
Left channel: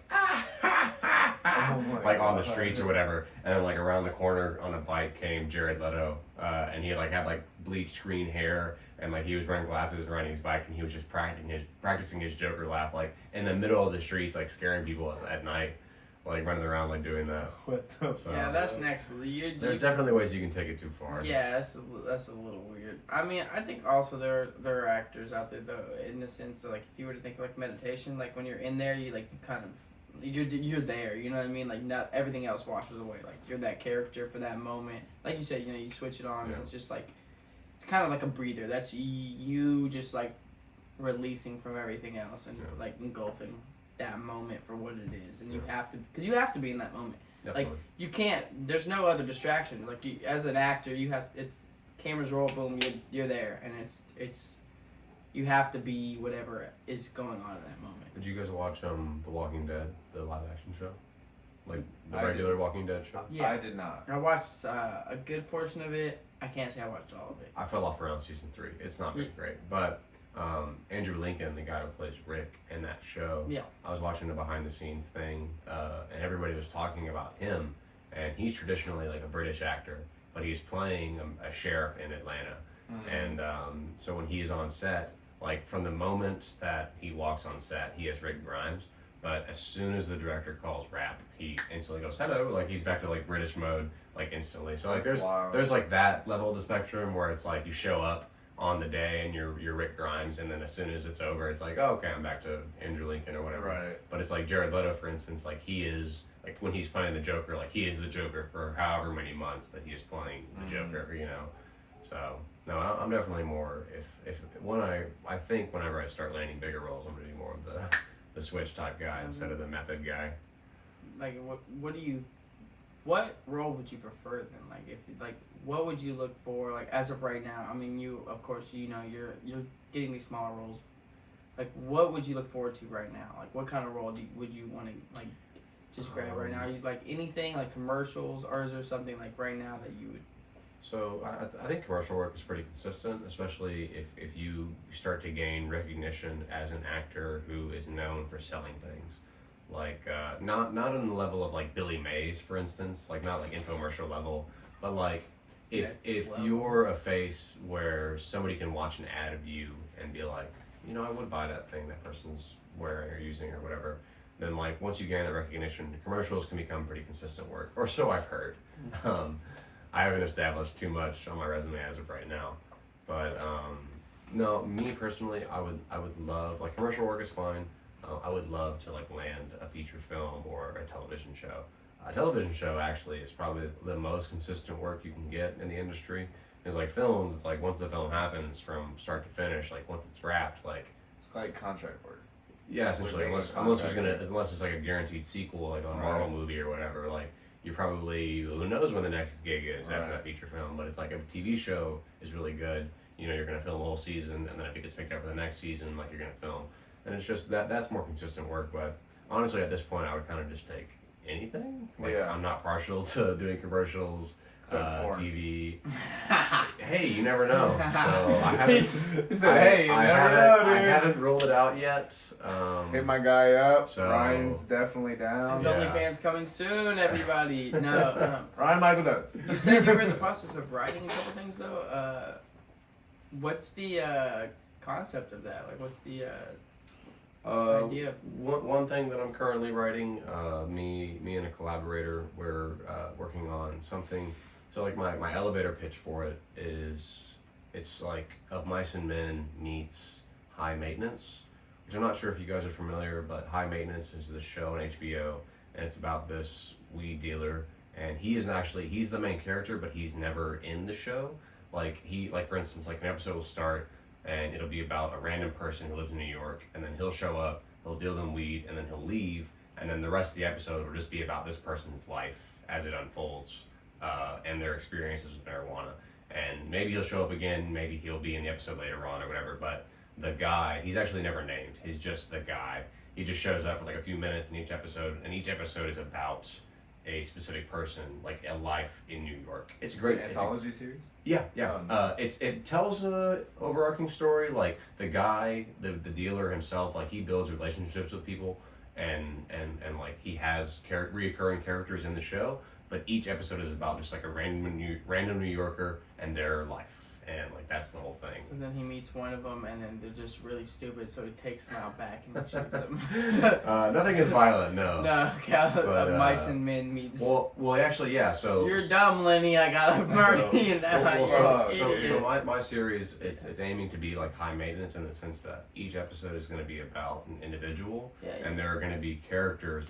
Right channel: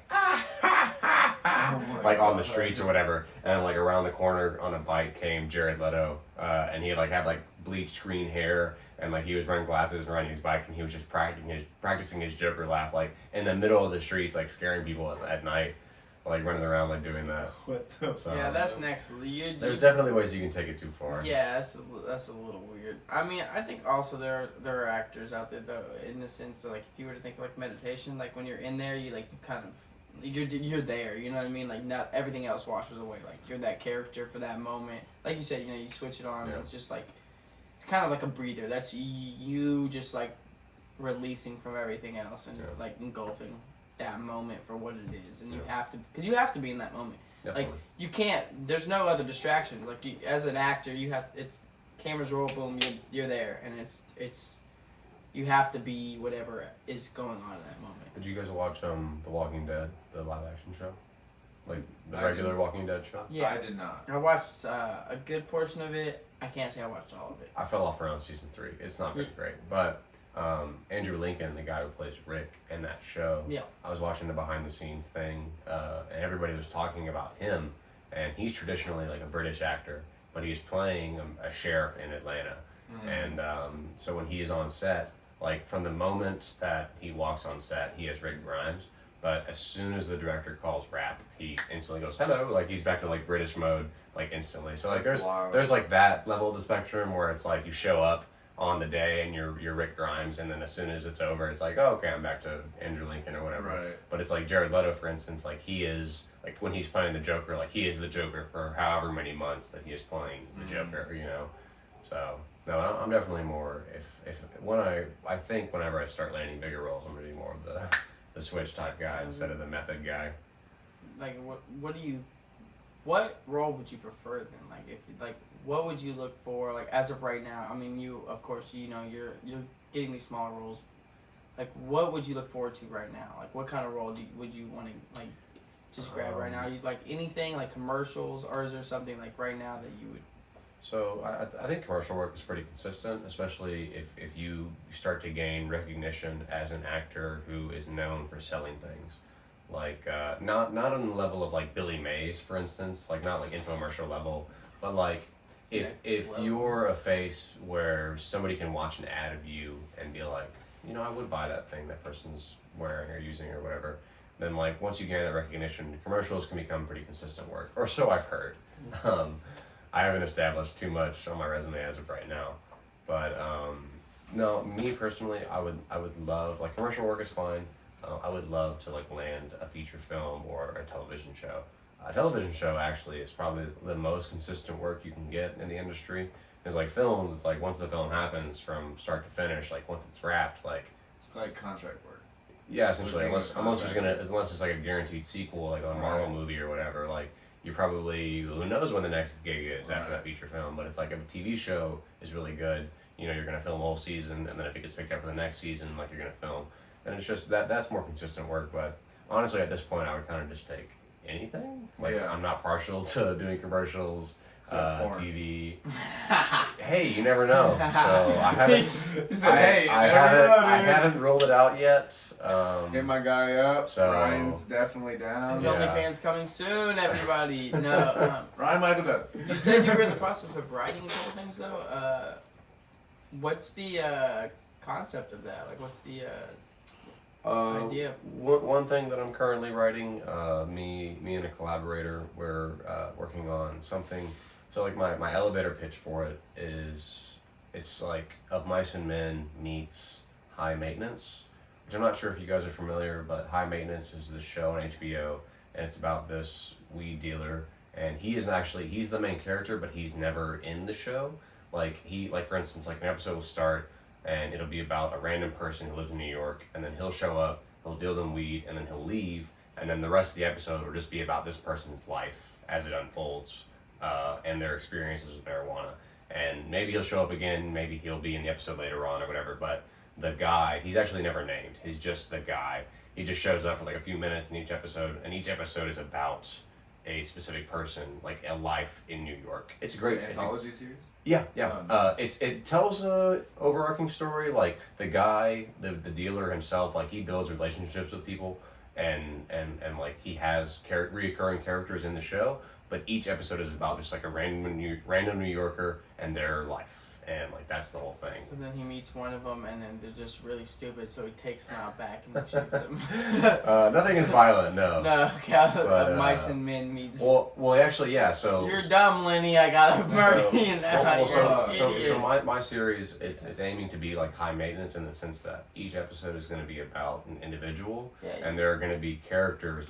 like on the streets or whatever, and like around the corner on a bike came Jared Leto, and he like had like bleached green hair, and like he was wearing glasses and riding his bike, and he was just practicing his Joker laugh, like in the middle of the streets, like scaring people at night, like running around like doing that. What the? So Yeah, that's next. there's definitely ways you can take it too far. Yeah, that's a little weird. I mean, I think also there are actors out there though, in the sense that like if you were to think like meditation, like when you're in there, you like kind of you're there. You know what I mean? Like not everything else washes away. Like you're that character for that moment. Like you said, you know, you switch it on. Yeah. And it's just like it's kind of like a breather. That's you just like releasing from everything else and Yeah. like engulfing that moment for what it is. And you Yeah. have to, because you have to be in that moment. Definitely. You can't. There's no other distraction. Like you, as an actor, you have. It's cameras roll, boom, you're there, and it's. You have to be whatever is going on in that moment. Did you guys watch The Walking Dead, the live action show? Like the I regular Walking Dead show? Yeah, I did not. I watched a good portion of it. I can't say I watched all of it. I fell off around season 3. It's not been great, but Andrew Lincoln, the guy who plays Rick in that show, Yeah. I was watching the behind the scenes thing, and everybody was talking about him, and he's traditionally like a British actor, but he's playing a sheriff in Atlanta, and so when he is on set, like from the moment that he walks on set, he has Rick Grimes. But as soon as the director calls rap, he instantly goes hello, like he's back to like British mode, like instantly. So like That's wild. there's like that level of the spectrum where it's like you show up on the day and you're Rick Grimes, and then as soon as it's over, it's like, oh, okay, I'm back to Andrew Lincoln or whatever. Right. But it's like Jared Leto, for instance, like he is like when he's playing the Joker, like he is the Joker for however many months that he is playing the Joker, you know. So no, I'm definitely more if when I think whenever I start landing bigger roles, I'm gonna be more of the switch type guy instead of the method guy. Like what do you What role would you prefer then? Like, if like, what would you look for? Like, as of right now, I mean, you of course you know you're getting these smaller roles. Like, what would you look forward to right now? Like, what kind of role would you want to like just grab right now? You like anything like commercials, or is there something like right now that you would? So I think commercial work is pretty consistent, especially if you start to gain recognition as an actor who is known for selling things. Like not on the level of like Billy Mays, for instance, like not like infomercial level, but like if level. you're a face where somebody can watch an ad of you and be like, you know, I would buy that thing that person's wearing or using or whatever, then like once you gain that recognition, commercials can become pretty consistent work, or so I've heard. I haven't established too much on my resume as of right now, but no, me personally, I would love, like, commercial work is fine. I would love to like land a feature film or a television show. A television show actually is probably the most consistent work you can get in the industry. Because like films, it's like once the film happens from start to finish, like once it's wrapped, like It's like contract work. yeah, It's essentially, like unless it's like a guaranteed sequel, like a Marvel movie or whatever, like you probably, who knows when the next gig is after that feature film. But it's like if a TV show is really good, you know, you're gonna film the whole season, and then if it gets picked up for the next season, like you're gonna film. And it's just that's more consistent work. But honestly, at this point, I would kind of just take anything. Like Yeah. I'm not partial to doing commercials, Except porn. TV. Hey, you never know. So I haven't. He said, "Hey, you I never haven't, know, I dude." haven't rolled it out yet. Hit my guy up. So- Ryan's definitely down. His Yeah. OnlyFans coming soon, everybody. No, Ryan Michael does. you said you were in the process of writing a couple things though. What's the concept of that? Like, what's the idea? One thing that I'm currently writing, me and a collaborator, we're working on something. So like my elevator pitch for it is, it's like Of Mice and Men meets High Maintenance, which I'm not sure if you guys are familiar, but High Maintenance is this show on HBO, and it's about this weed dealer, and he's the main character, but he's never in the show. Like for instance, like an episode will start and it'll be about a random person who lives in New York, and then he'll show up, he'll deal them weed, and then he'll leave, and then the rest of the episode will just be about this person's life as it unfolds, and their experiences with marijuana. And maybe he'll show up again, maybe he'll be in the episode later on or whatever, but the guy, he's actually never named, he's just the guy. He just shows up for like a few minutes in each episode, and each episode is about a specific person, like a life in New York. It's great. It's an anthology series. Yeah. Oh, nice. It tells a overarching story. Like the guy, the dealer himself, like he builds relationships with people, and like he has reoccurring characters in the show. But each episode is about just like a random New Yorker and their life, and like that's the whole thing. So then he meets one of them, and then they're just really stupid. So he takes them out back and shoots them. Nothing is violent. No. No, Of But, Mice and Men meets. Well, actually, yeah. So You're dumb, Lenny. I gotta murder you now. So my series, it's aiming to be like high maintenance in the sense that each episode is going to be about an individual, and there are going to be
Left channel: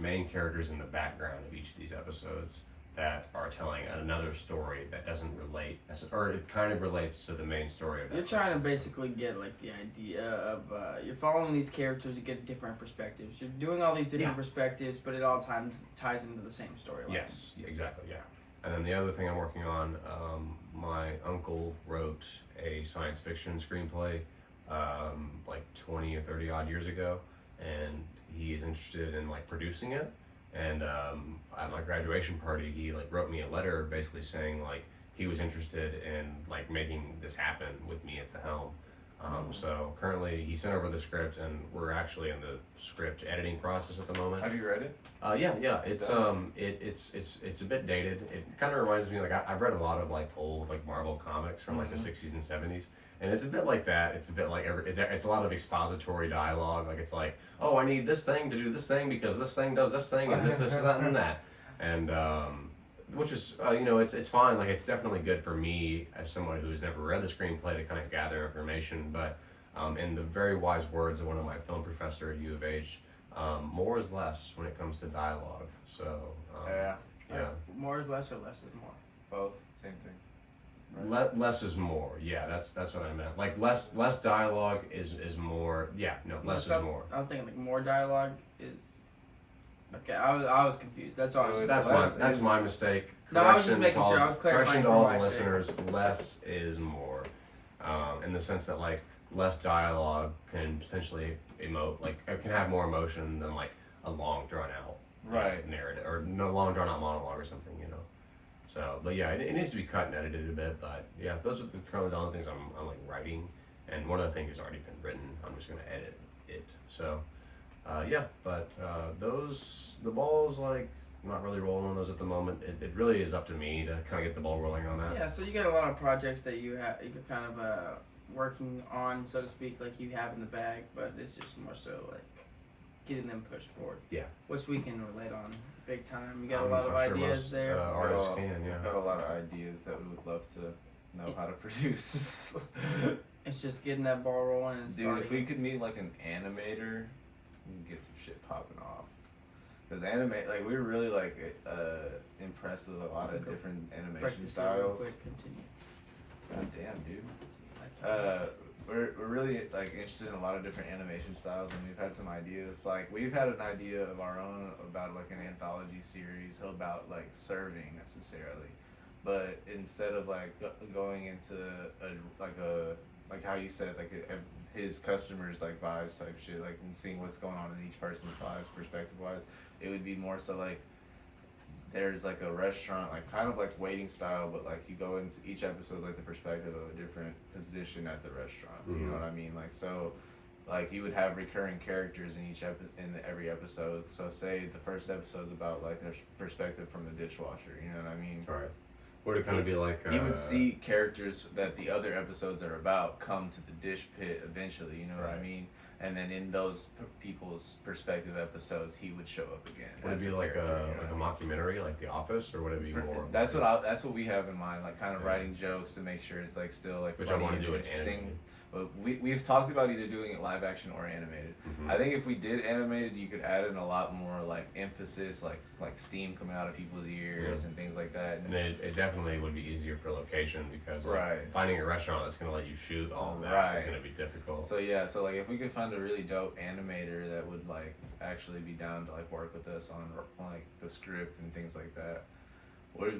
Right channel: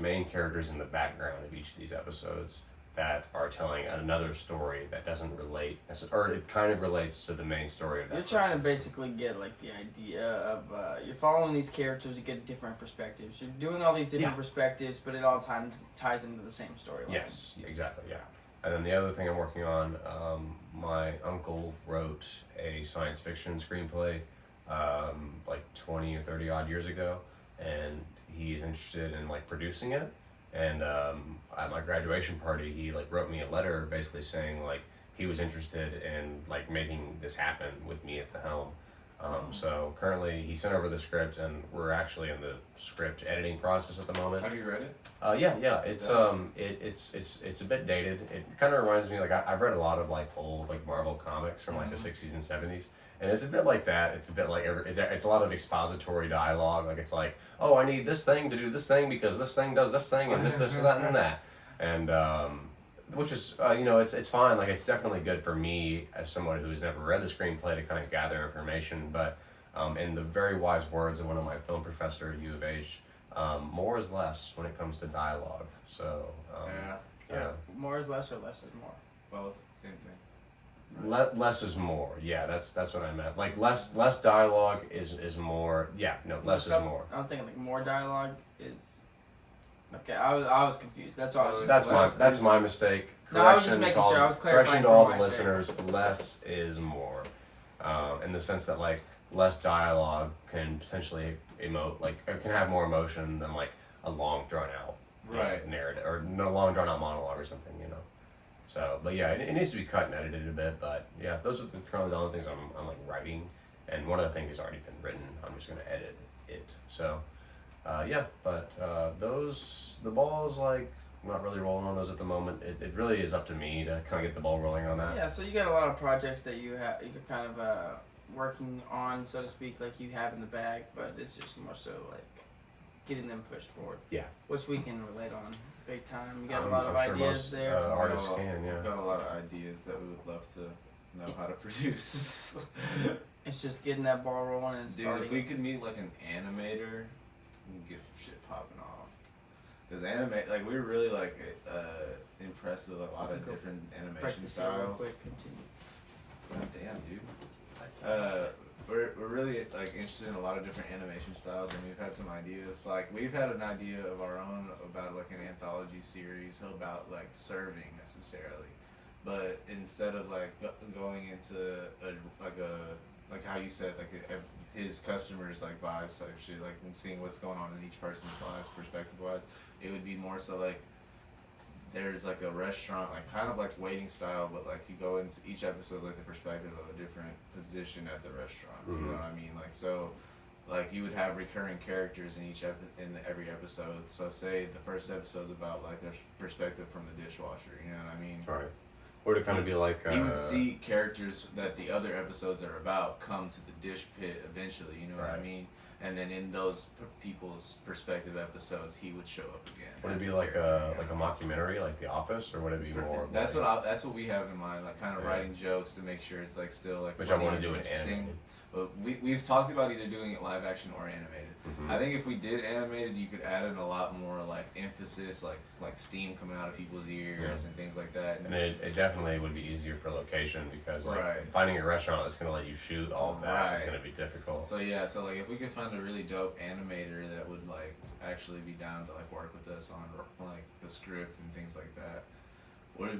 main characters in the background of each of these episodes that are telling another story that doesn't relate, or it kind of relates to the main story of that. You're trying to basically get like the idea of you're following these characters to get different perspectives. You're doing all these different perspectives, but it all ties into the same storyline. Yes, exactly, yeah. And then the other thing I'm working on, my uncle wrote a science fiction screenplay like 20 or 30 odd years ago, and he's interested in like producing it. And at my graduation party, he like wrote me a letter basically saying like he was interested in like making this happen with me at the helm. So currently he sent over the script, and we're actually in the script editing process at the moment. Have you read it? Yeah. It's it's a bit dated. It kind of reminds me, like I've read a lot of like old like Marvel comics from like the 60s and 70s. And it's a bit like that. It's a bit like it's a lot of expository dialogue. Like it's like, oh, I need this thing to do this thing because this thing does this thing and this that and that, and which is it's fine. Like it's definitely good for me as someone who's never read the screenplay to kind of gather information. But in the very wise words of one of my film professor at U of H, more is less when it comes to dialogue. So yeah. More is less, or less is more. Both. Same thing. Less is more. Yeah, that's what I meant. Like less dialogue is more. Yeah, no, less is more. I was thinking like more dialogue is Okay, I was confused. That's all. I was just That's my mistake. No, I was just Correction making to sure. all- I was clarifying correction to for all my the sake. listeners. Less is more, in the sense that like less dialogue can potentially emote, like can have more emotion than like a long drawn out Right. narrative or no long drawn out monologue or something, you know. So, but yeah, it needs to be cut and edited a bit. But yeah, those are currently the only things I'm like writing, and one of the things has already been written. I'm just gonna edit it. So, yeah, but the ball is like not really rolling on those at the moment. It really is up to me to kind of get the ball rolling on that. Yeah, so you got a lot of projects that you're kind of working on, so to speak, like you have in the bag, but it's just more so like getting them pushed forward. Yeah. Which we can relate on big time. You got a lot of I'm sure ideas most, there. artists can, yeah. We've got a lot of ideas that we would love to know how to produce. It's just getting that ball rolling and Dude, starting. if we could meet like an animator, we could get some shit popping off. Cause like we were really like impressed with a lot of different Break animation this here real styles. quick. Continue. God damn, dude. We're really like interested in a lot of different animation styles, and we've had some ideas. Like we've had an idea of our own about like an anthology series about like serving necessarily, but instead of like going into like how you said like his customers like vibes type shit, like and seeing what's going on in each person's lives perspective wise, it would be more so like there's like a restaurant, like kind of like waiting style, but like you go into each episode like the perspective of a different position at the restaurant. You know what I mean? Like so, like you would have recurring characters in every episode. So say the first episode's about like their perspective from the dishwasher. You know what I mean? Right. Or to kind of be like. You would see characters that the other episodes are about come to the dish pit eventually. You know what I mean? And then in those people's perspective episodes, he would show up again. Would it as be a like character, a like a mockumentary, like The Office, or would it be more? That's what we have in mind, like kind of writing jokes to make sure it's like still like Which funny I want to and do it interesting. animated. But we've talked about either doing it live action or animated. I think if we did animated, you could add in a lot more like emphasis, like steam coming out of people's ears and things like that. And it definitely would be easier for location because like, finding a restaurant that's gonna let you shoot all of that is gonna be difficult. So yeah, so like if we could find a really dope animator that would like actually be down to like work with us on like the script and things like that. We're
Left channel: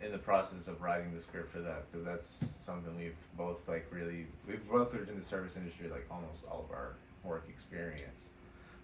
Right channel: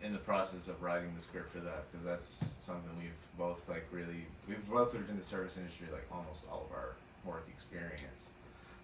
in the process of writing the script for that because that's something we've both worked in the service industry like almost all of our work experience.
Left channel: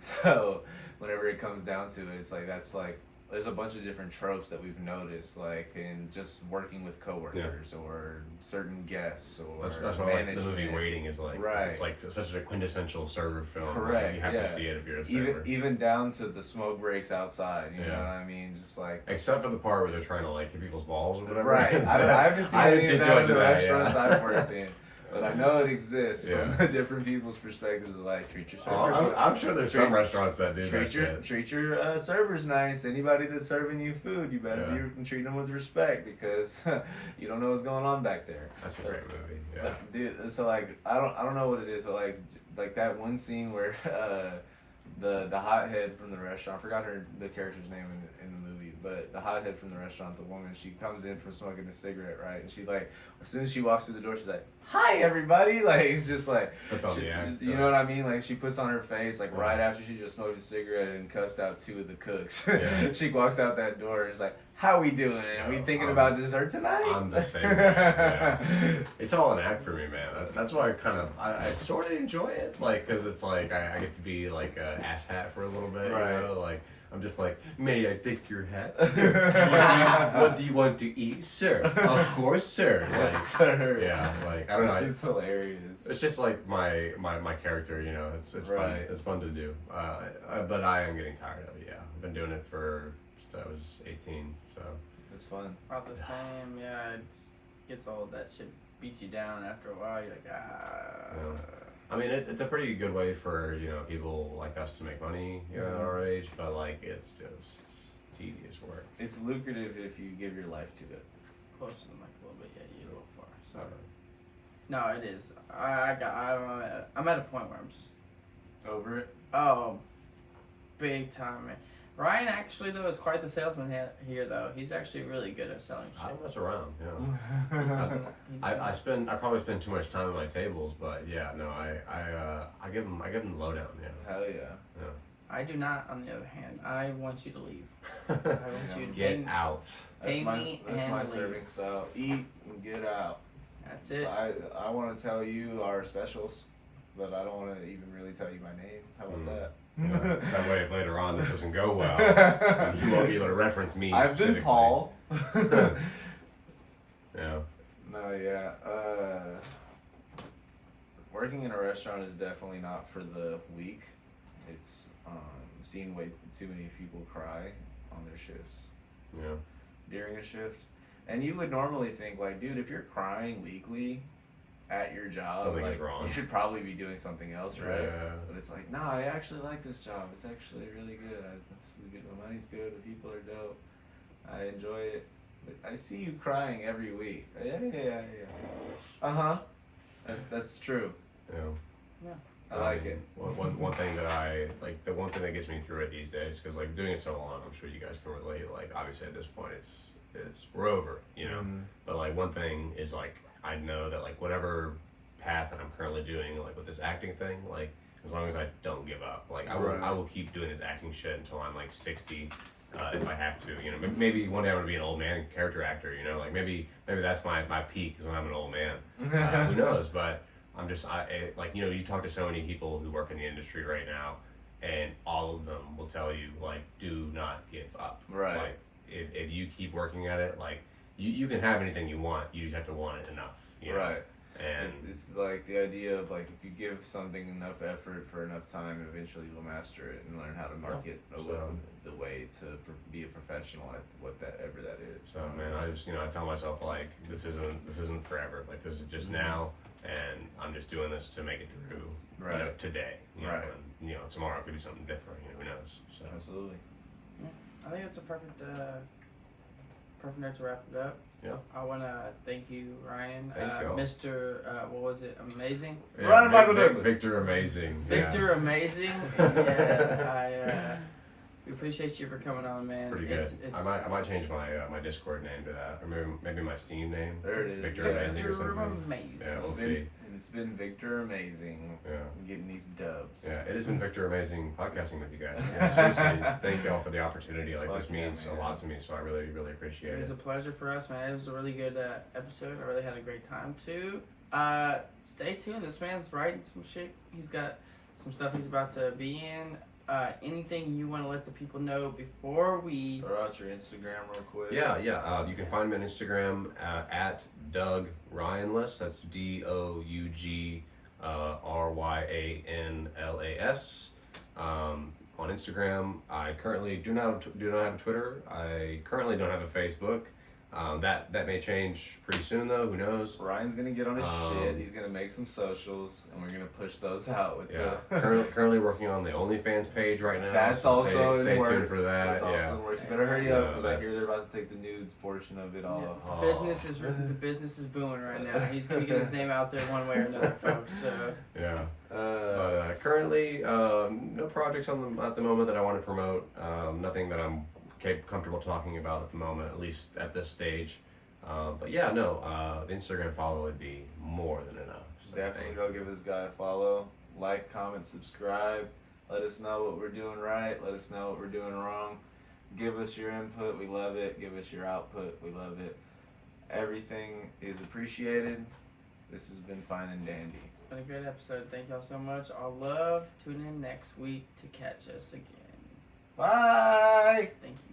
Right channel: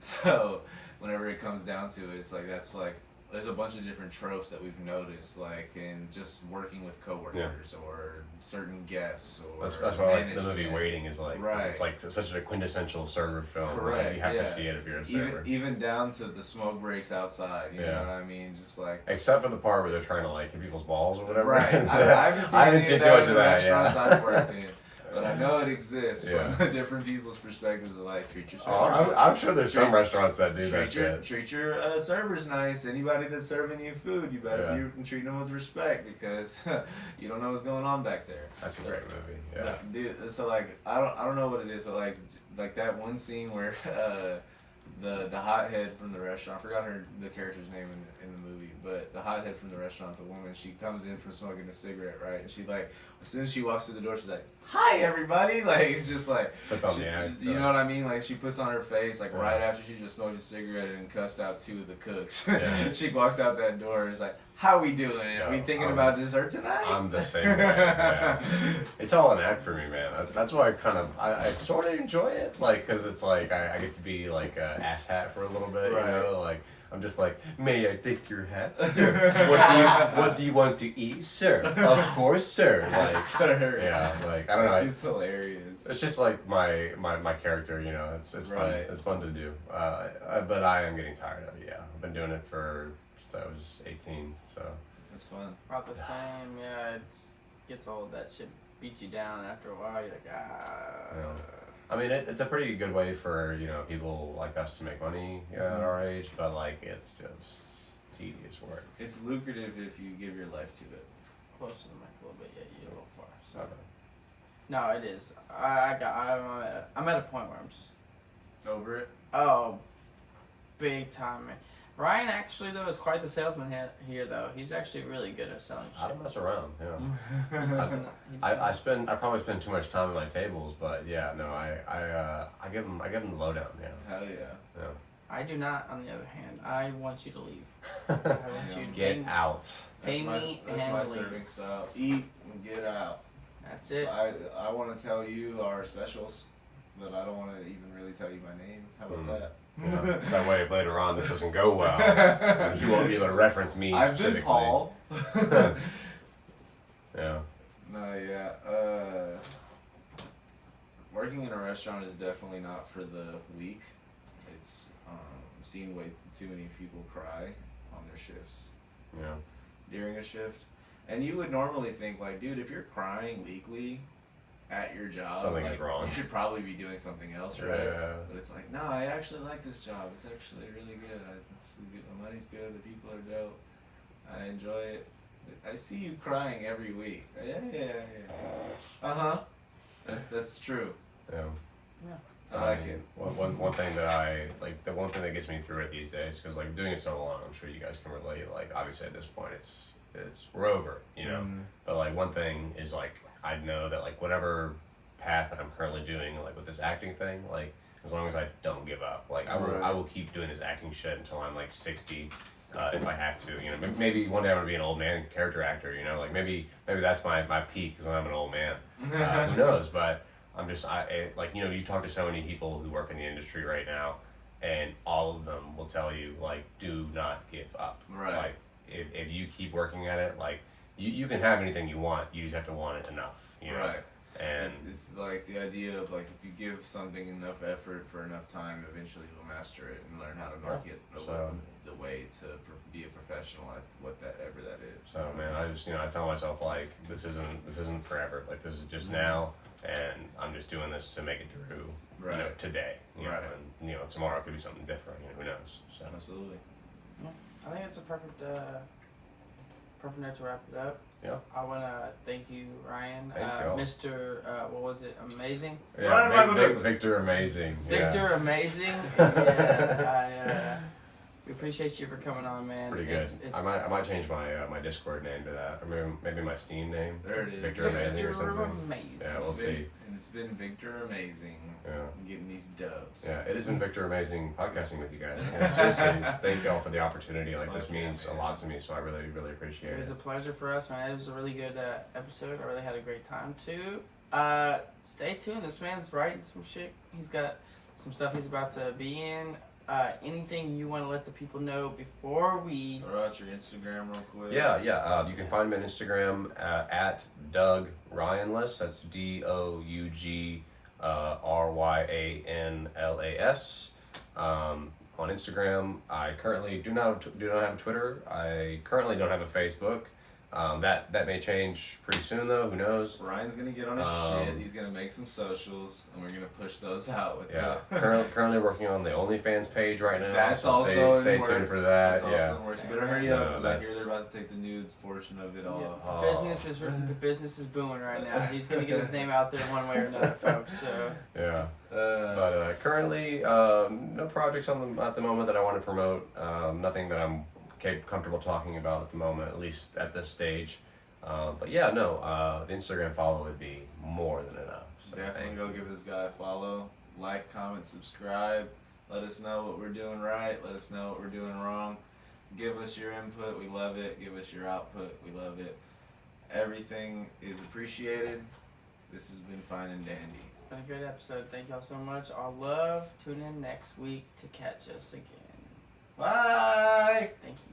So whenever it comes down to it, it's like that's like there's a bunch of different tropes that we've noticed like in just working with coworkers or certain guests or that's why like, the movie Waiting is like it's like such a quintessential server film. Correct. Like, you have to see it if you're a server. Even down to the smoke breaks outside. You know what I mean? Just like except for the part where they're trying to like hit people's balls or whatever. Right. I haven't seen too much of that. Restaurants I've worked in. But I know it exists from the different people's perspectives of like treat your servers. I'm sure there's some restaurants that do that shit. Treat your servers nice. Anybody that's serving you food, you better be treating them with respect because you don't know what's going on back there. That's a great movie. Yeah. Dude, so like I don't know what it is, but like that one scene where the hothead from the restaurant, I forgot the character's name in the movie, but the hothead from the restaurant, the woman, she comes in from smoking a cigarette, right? And she like, as soon as she walks through the door, she's like, "Hi, everybody!" Like it's just like, puts on the act, you know what I mean? Like she puts on her face, like right after she just smoked a cigarette and cussed out 2 of the cooks. She walks out that door and is like, "How we doing? Are we thinking about dessert tonight?" I'm the same way. Yeah. It's all an act for me, man. That's why I sort of enjoy it, like, cause it's like I get to be like a ass hat for a little bit, you know, like. I'm just like, may I take your hat, sir? What do you want to eat, sir? Of course, sir. Like, sir. Yeah, like I don't know. She's hilarious. It's just like my character, you know. It's fun. It's fun to do. But I am getting tired of it. Yeah, I've been doing it since I was 18. So it's fun. About the same. Yeah, it gets old. That shit beats you down after a while. You're like Yeah. I mean, it's a pretty good way for, you know, people like us to make money at our age, but like it's just tedious work. It's lucrative if you give your life to it. Close to the mic a little bit, yeah, you go far. So. Okay. No, it is. I'm at a point where I'm just over it. Oh, big time, man. Ryan actually though is quite the salesman here though. He's actually really good at selling shit. I don't mess around. Yeah. I probably spend too much time at my tables, but yeah, no, I give him the lowdown. Yeah. Hell yeah. Yeah. I do not, on the other hand. I want you to leave. I want you to Get out. pay That's me my and leave. serving style. Eat and get out. That's it. So I want to tell you our specials, but I don't want to even really tell you my name. How about that? Yeah. That way, if later on this doesn't go well, you won't be able to reference me. I've been specifically. Paul. Yeah. No, yeah. Working in a restaurant is definitely not for the weak. It's seen way too many people cry on their shifts Yeah. during a shift, and you would normally think like, dude, if you're crying weekly at your job, Something is like, wrong. you should probably be doing something else, right? Yeah. But it's like, no, I actually like this job. It's actually really good. The money's good. The people are dope. I enjoy it. But I see you crying every week. Yeah. Uh-huh. That's true. Yeah. I like it. One thing that I like, the one thing that gets me through it these days, because like doing it so long, I'm sure you guys can relate. Like obviously at this point, it's we're over, you know. But like one thing is like I know that like whatever path that I'm currently doing, like with this acting thing, like as long as I don't give up, like I will keep doing this acting shit until I'm like 60. If I have to, you know, maybe one day I'm gonna be an old man character actor, you know, like maybe that's my peak is when I'm an old man. Who knows? But I'm just like, you know, you talk to so many people who work in the industry right now, and all of them will tell you like, do not give up. Right. Like if you keep working at it, like you can have anything you want, you just have to want it enough. You know? Right. And it's like the idea of like if you give something enough effort for enough time, eventually you'll master it and learn how to market the way to be a professional at whatever that is. So man, I just I tell myself like this isn't forever. Like this is just now, and I'm just doing this to make it through today. You know, and tomorrow could be something different. Who knows? So Absolutely. Yeah, I think it's a perfect note to wrap it up. Yeah. I want to thank you, Ryan. Thank y'all. Mr. What was it? Amazing. Ryan Michael Douglas. Victor Amazing. Victor Amazing. Yeah, we appreciate you for coming on, man. Pretty good. It's I might change my my Discord name to that, or maybe my Steam name. There it is. Victor Amazing or something. Amazing. Yeah, we'll see. It's been Victor Amazing. Yeah. Getting these dubs. Yeah, it has been Victor Amazing podcasting with you guys. Yeah, seriously, thank y'all for the opportunity. Like this means a lot to me, so I really, really appreciate it. It was a pleasure for us, man. It was a really good episode. I really had a great time too. Stay tuned. This man's writing some shit. He's got some stuff he's about to be in. Anything you want to let the people know before we Throw out your Instagram real quick. Yeah. You can find me on Instagram at Doug Ryanless. That's DOUG RYANLAS. On Instagram, I currently do not have Twitter. I currently don't have a Facebook. That may change pretty soon though. Who knows? Ryan's gonna get on his shit. He's gonna make some socials, and we're gonna push those out with Yeah. the. currently working on the OnlyFans page right now. That's so also stay in tuned works. for that. That's also Yeah. in works. You better hurry up, because I that's- hear they're about to take the nudes portion of it off. Oh. the business is booming right now. He's gonna get his name out there one way or another, folks. So Yeah. Uh, But currently, no projects at the moment that I want to promote. Nothing that I'm comfortable talking about at the moment, at least at this stage. But yeah, no, the Instagram follow would be more than enough. So definitely go give this guy a follow. Like, comment, subscribe. Let us know what we're doing right. Let us know what we're doing wrong. Give us your input. We love it. Give us your output. We love it. Everything is appreciated. This has been Fine and Dandy. it's been a great episode. Thank y'all so much. All love. Tune in next week to catch us again. Bye! Thank you.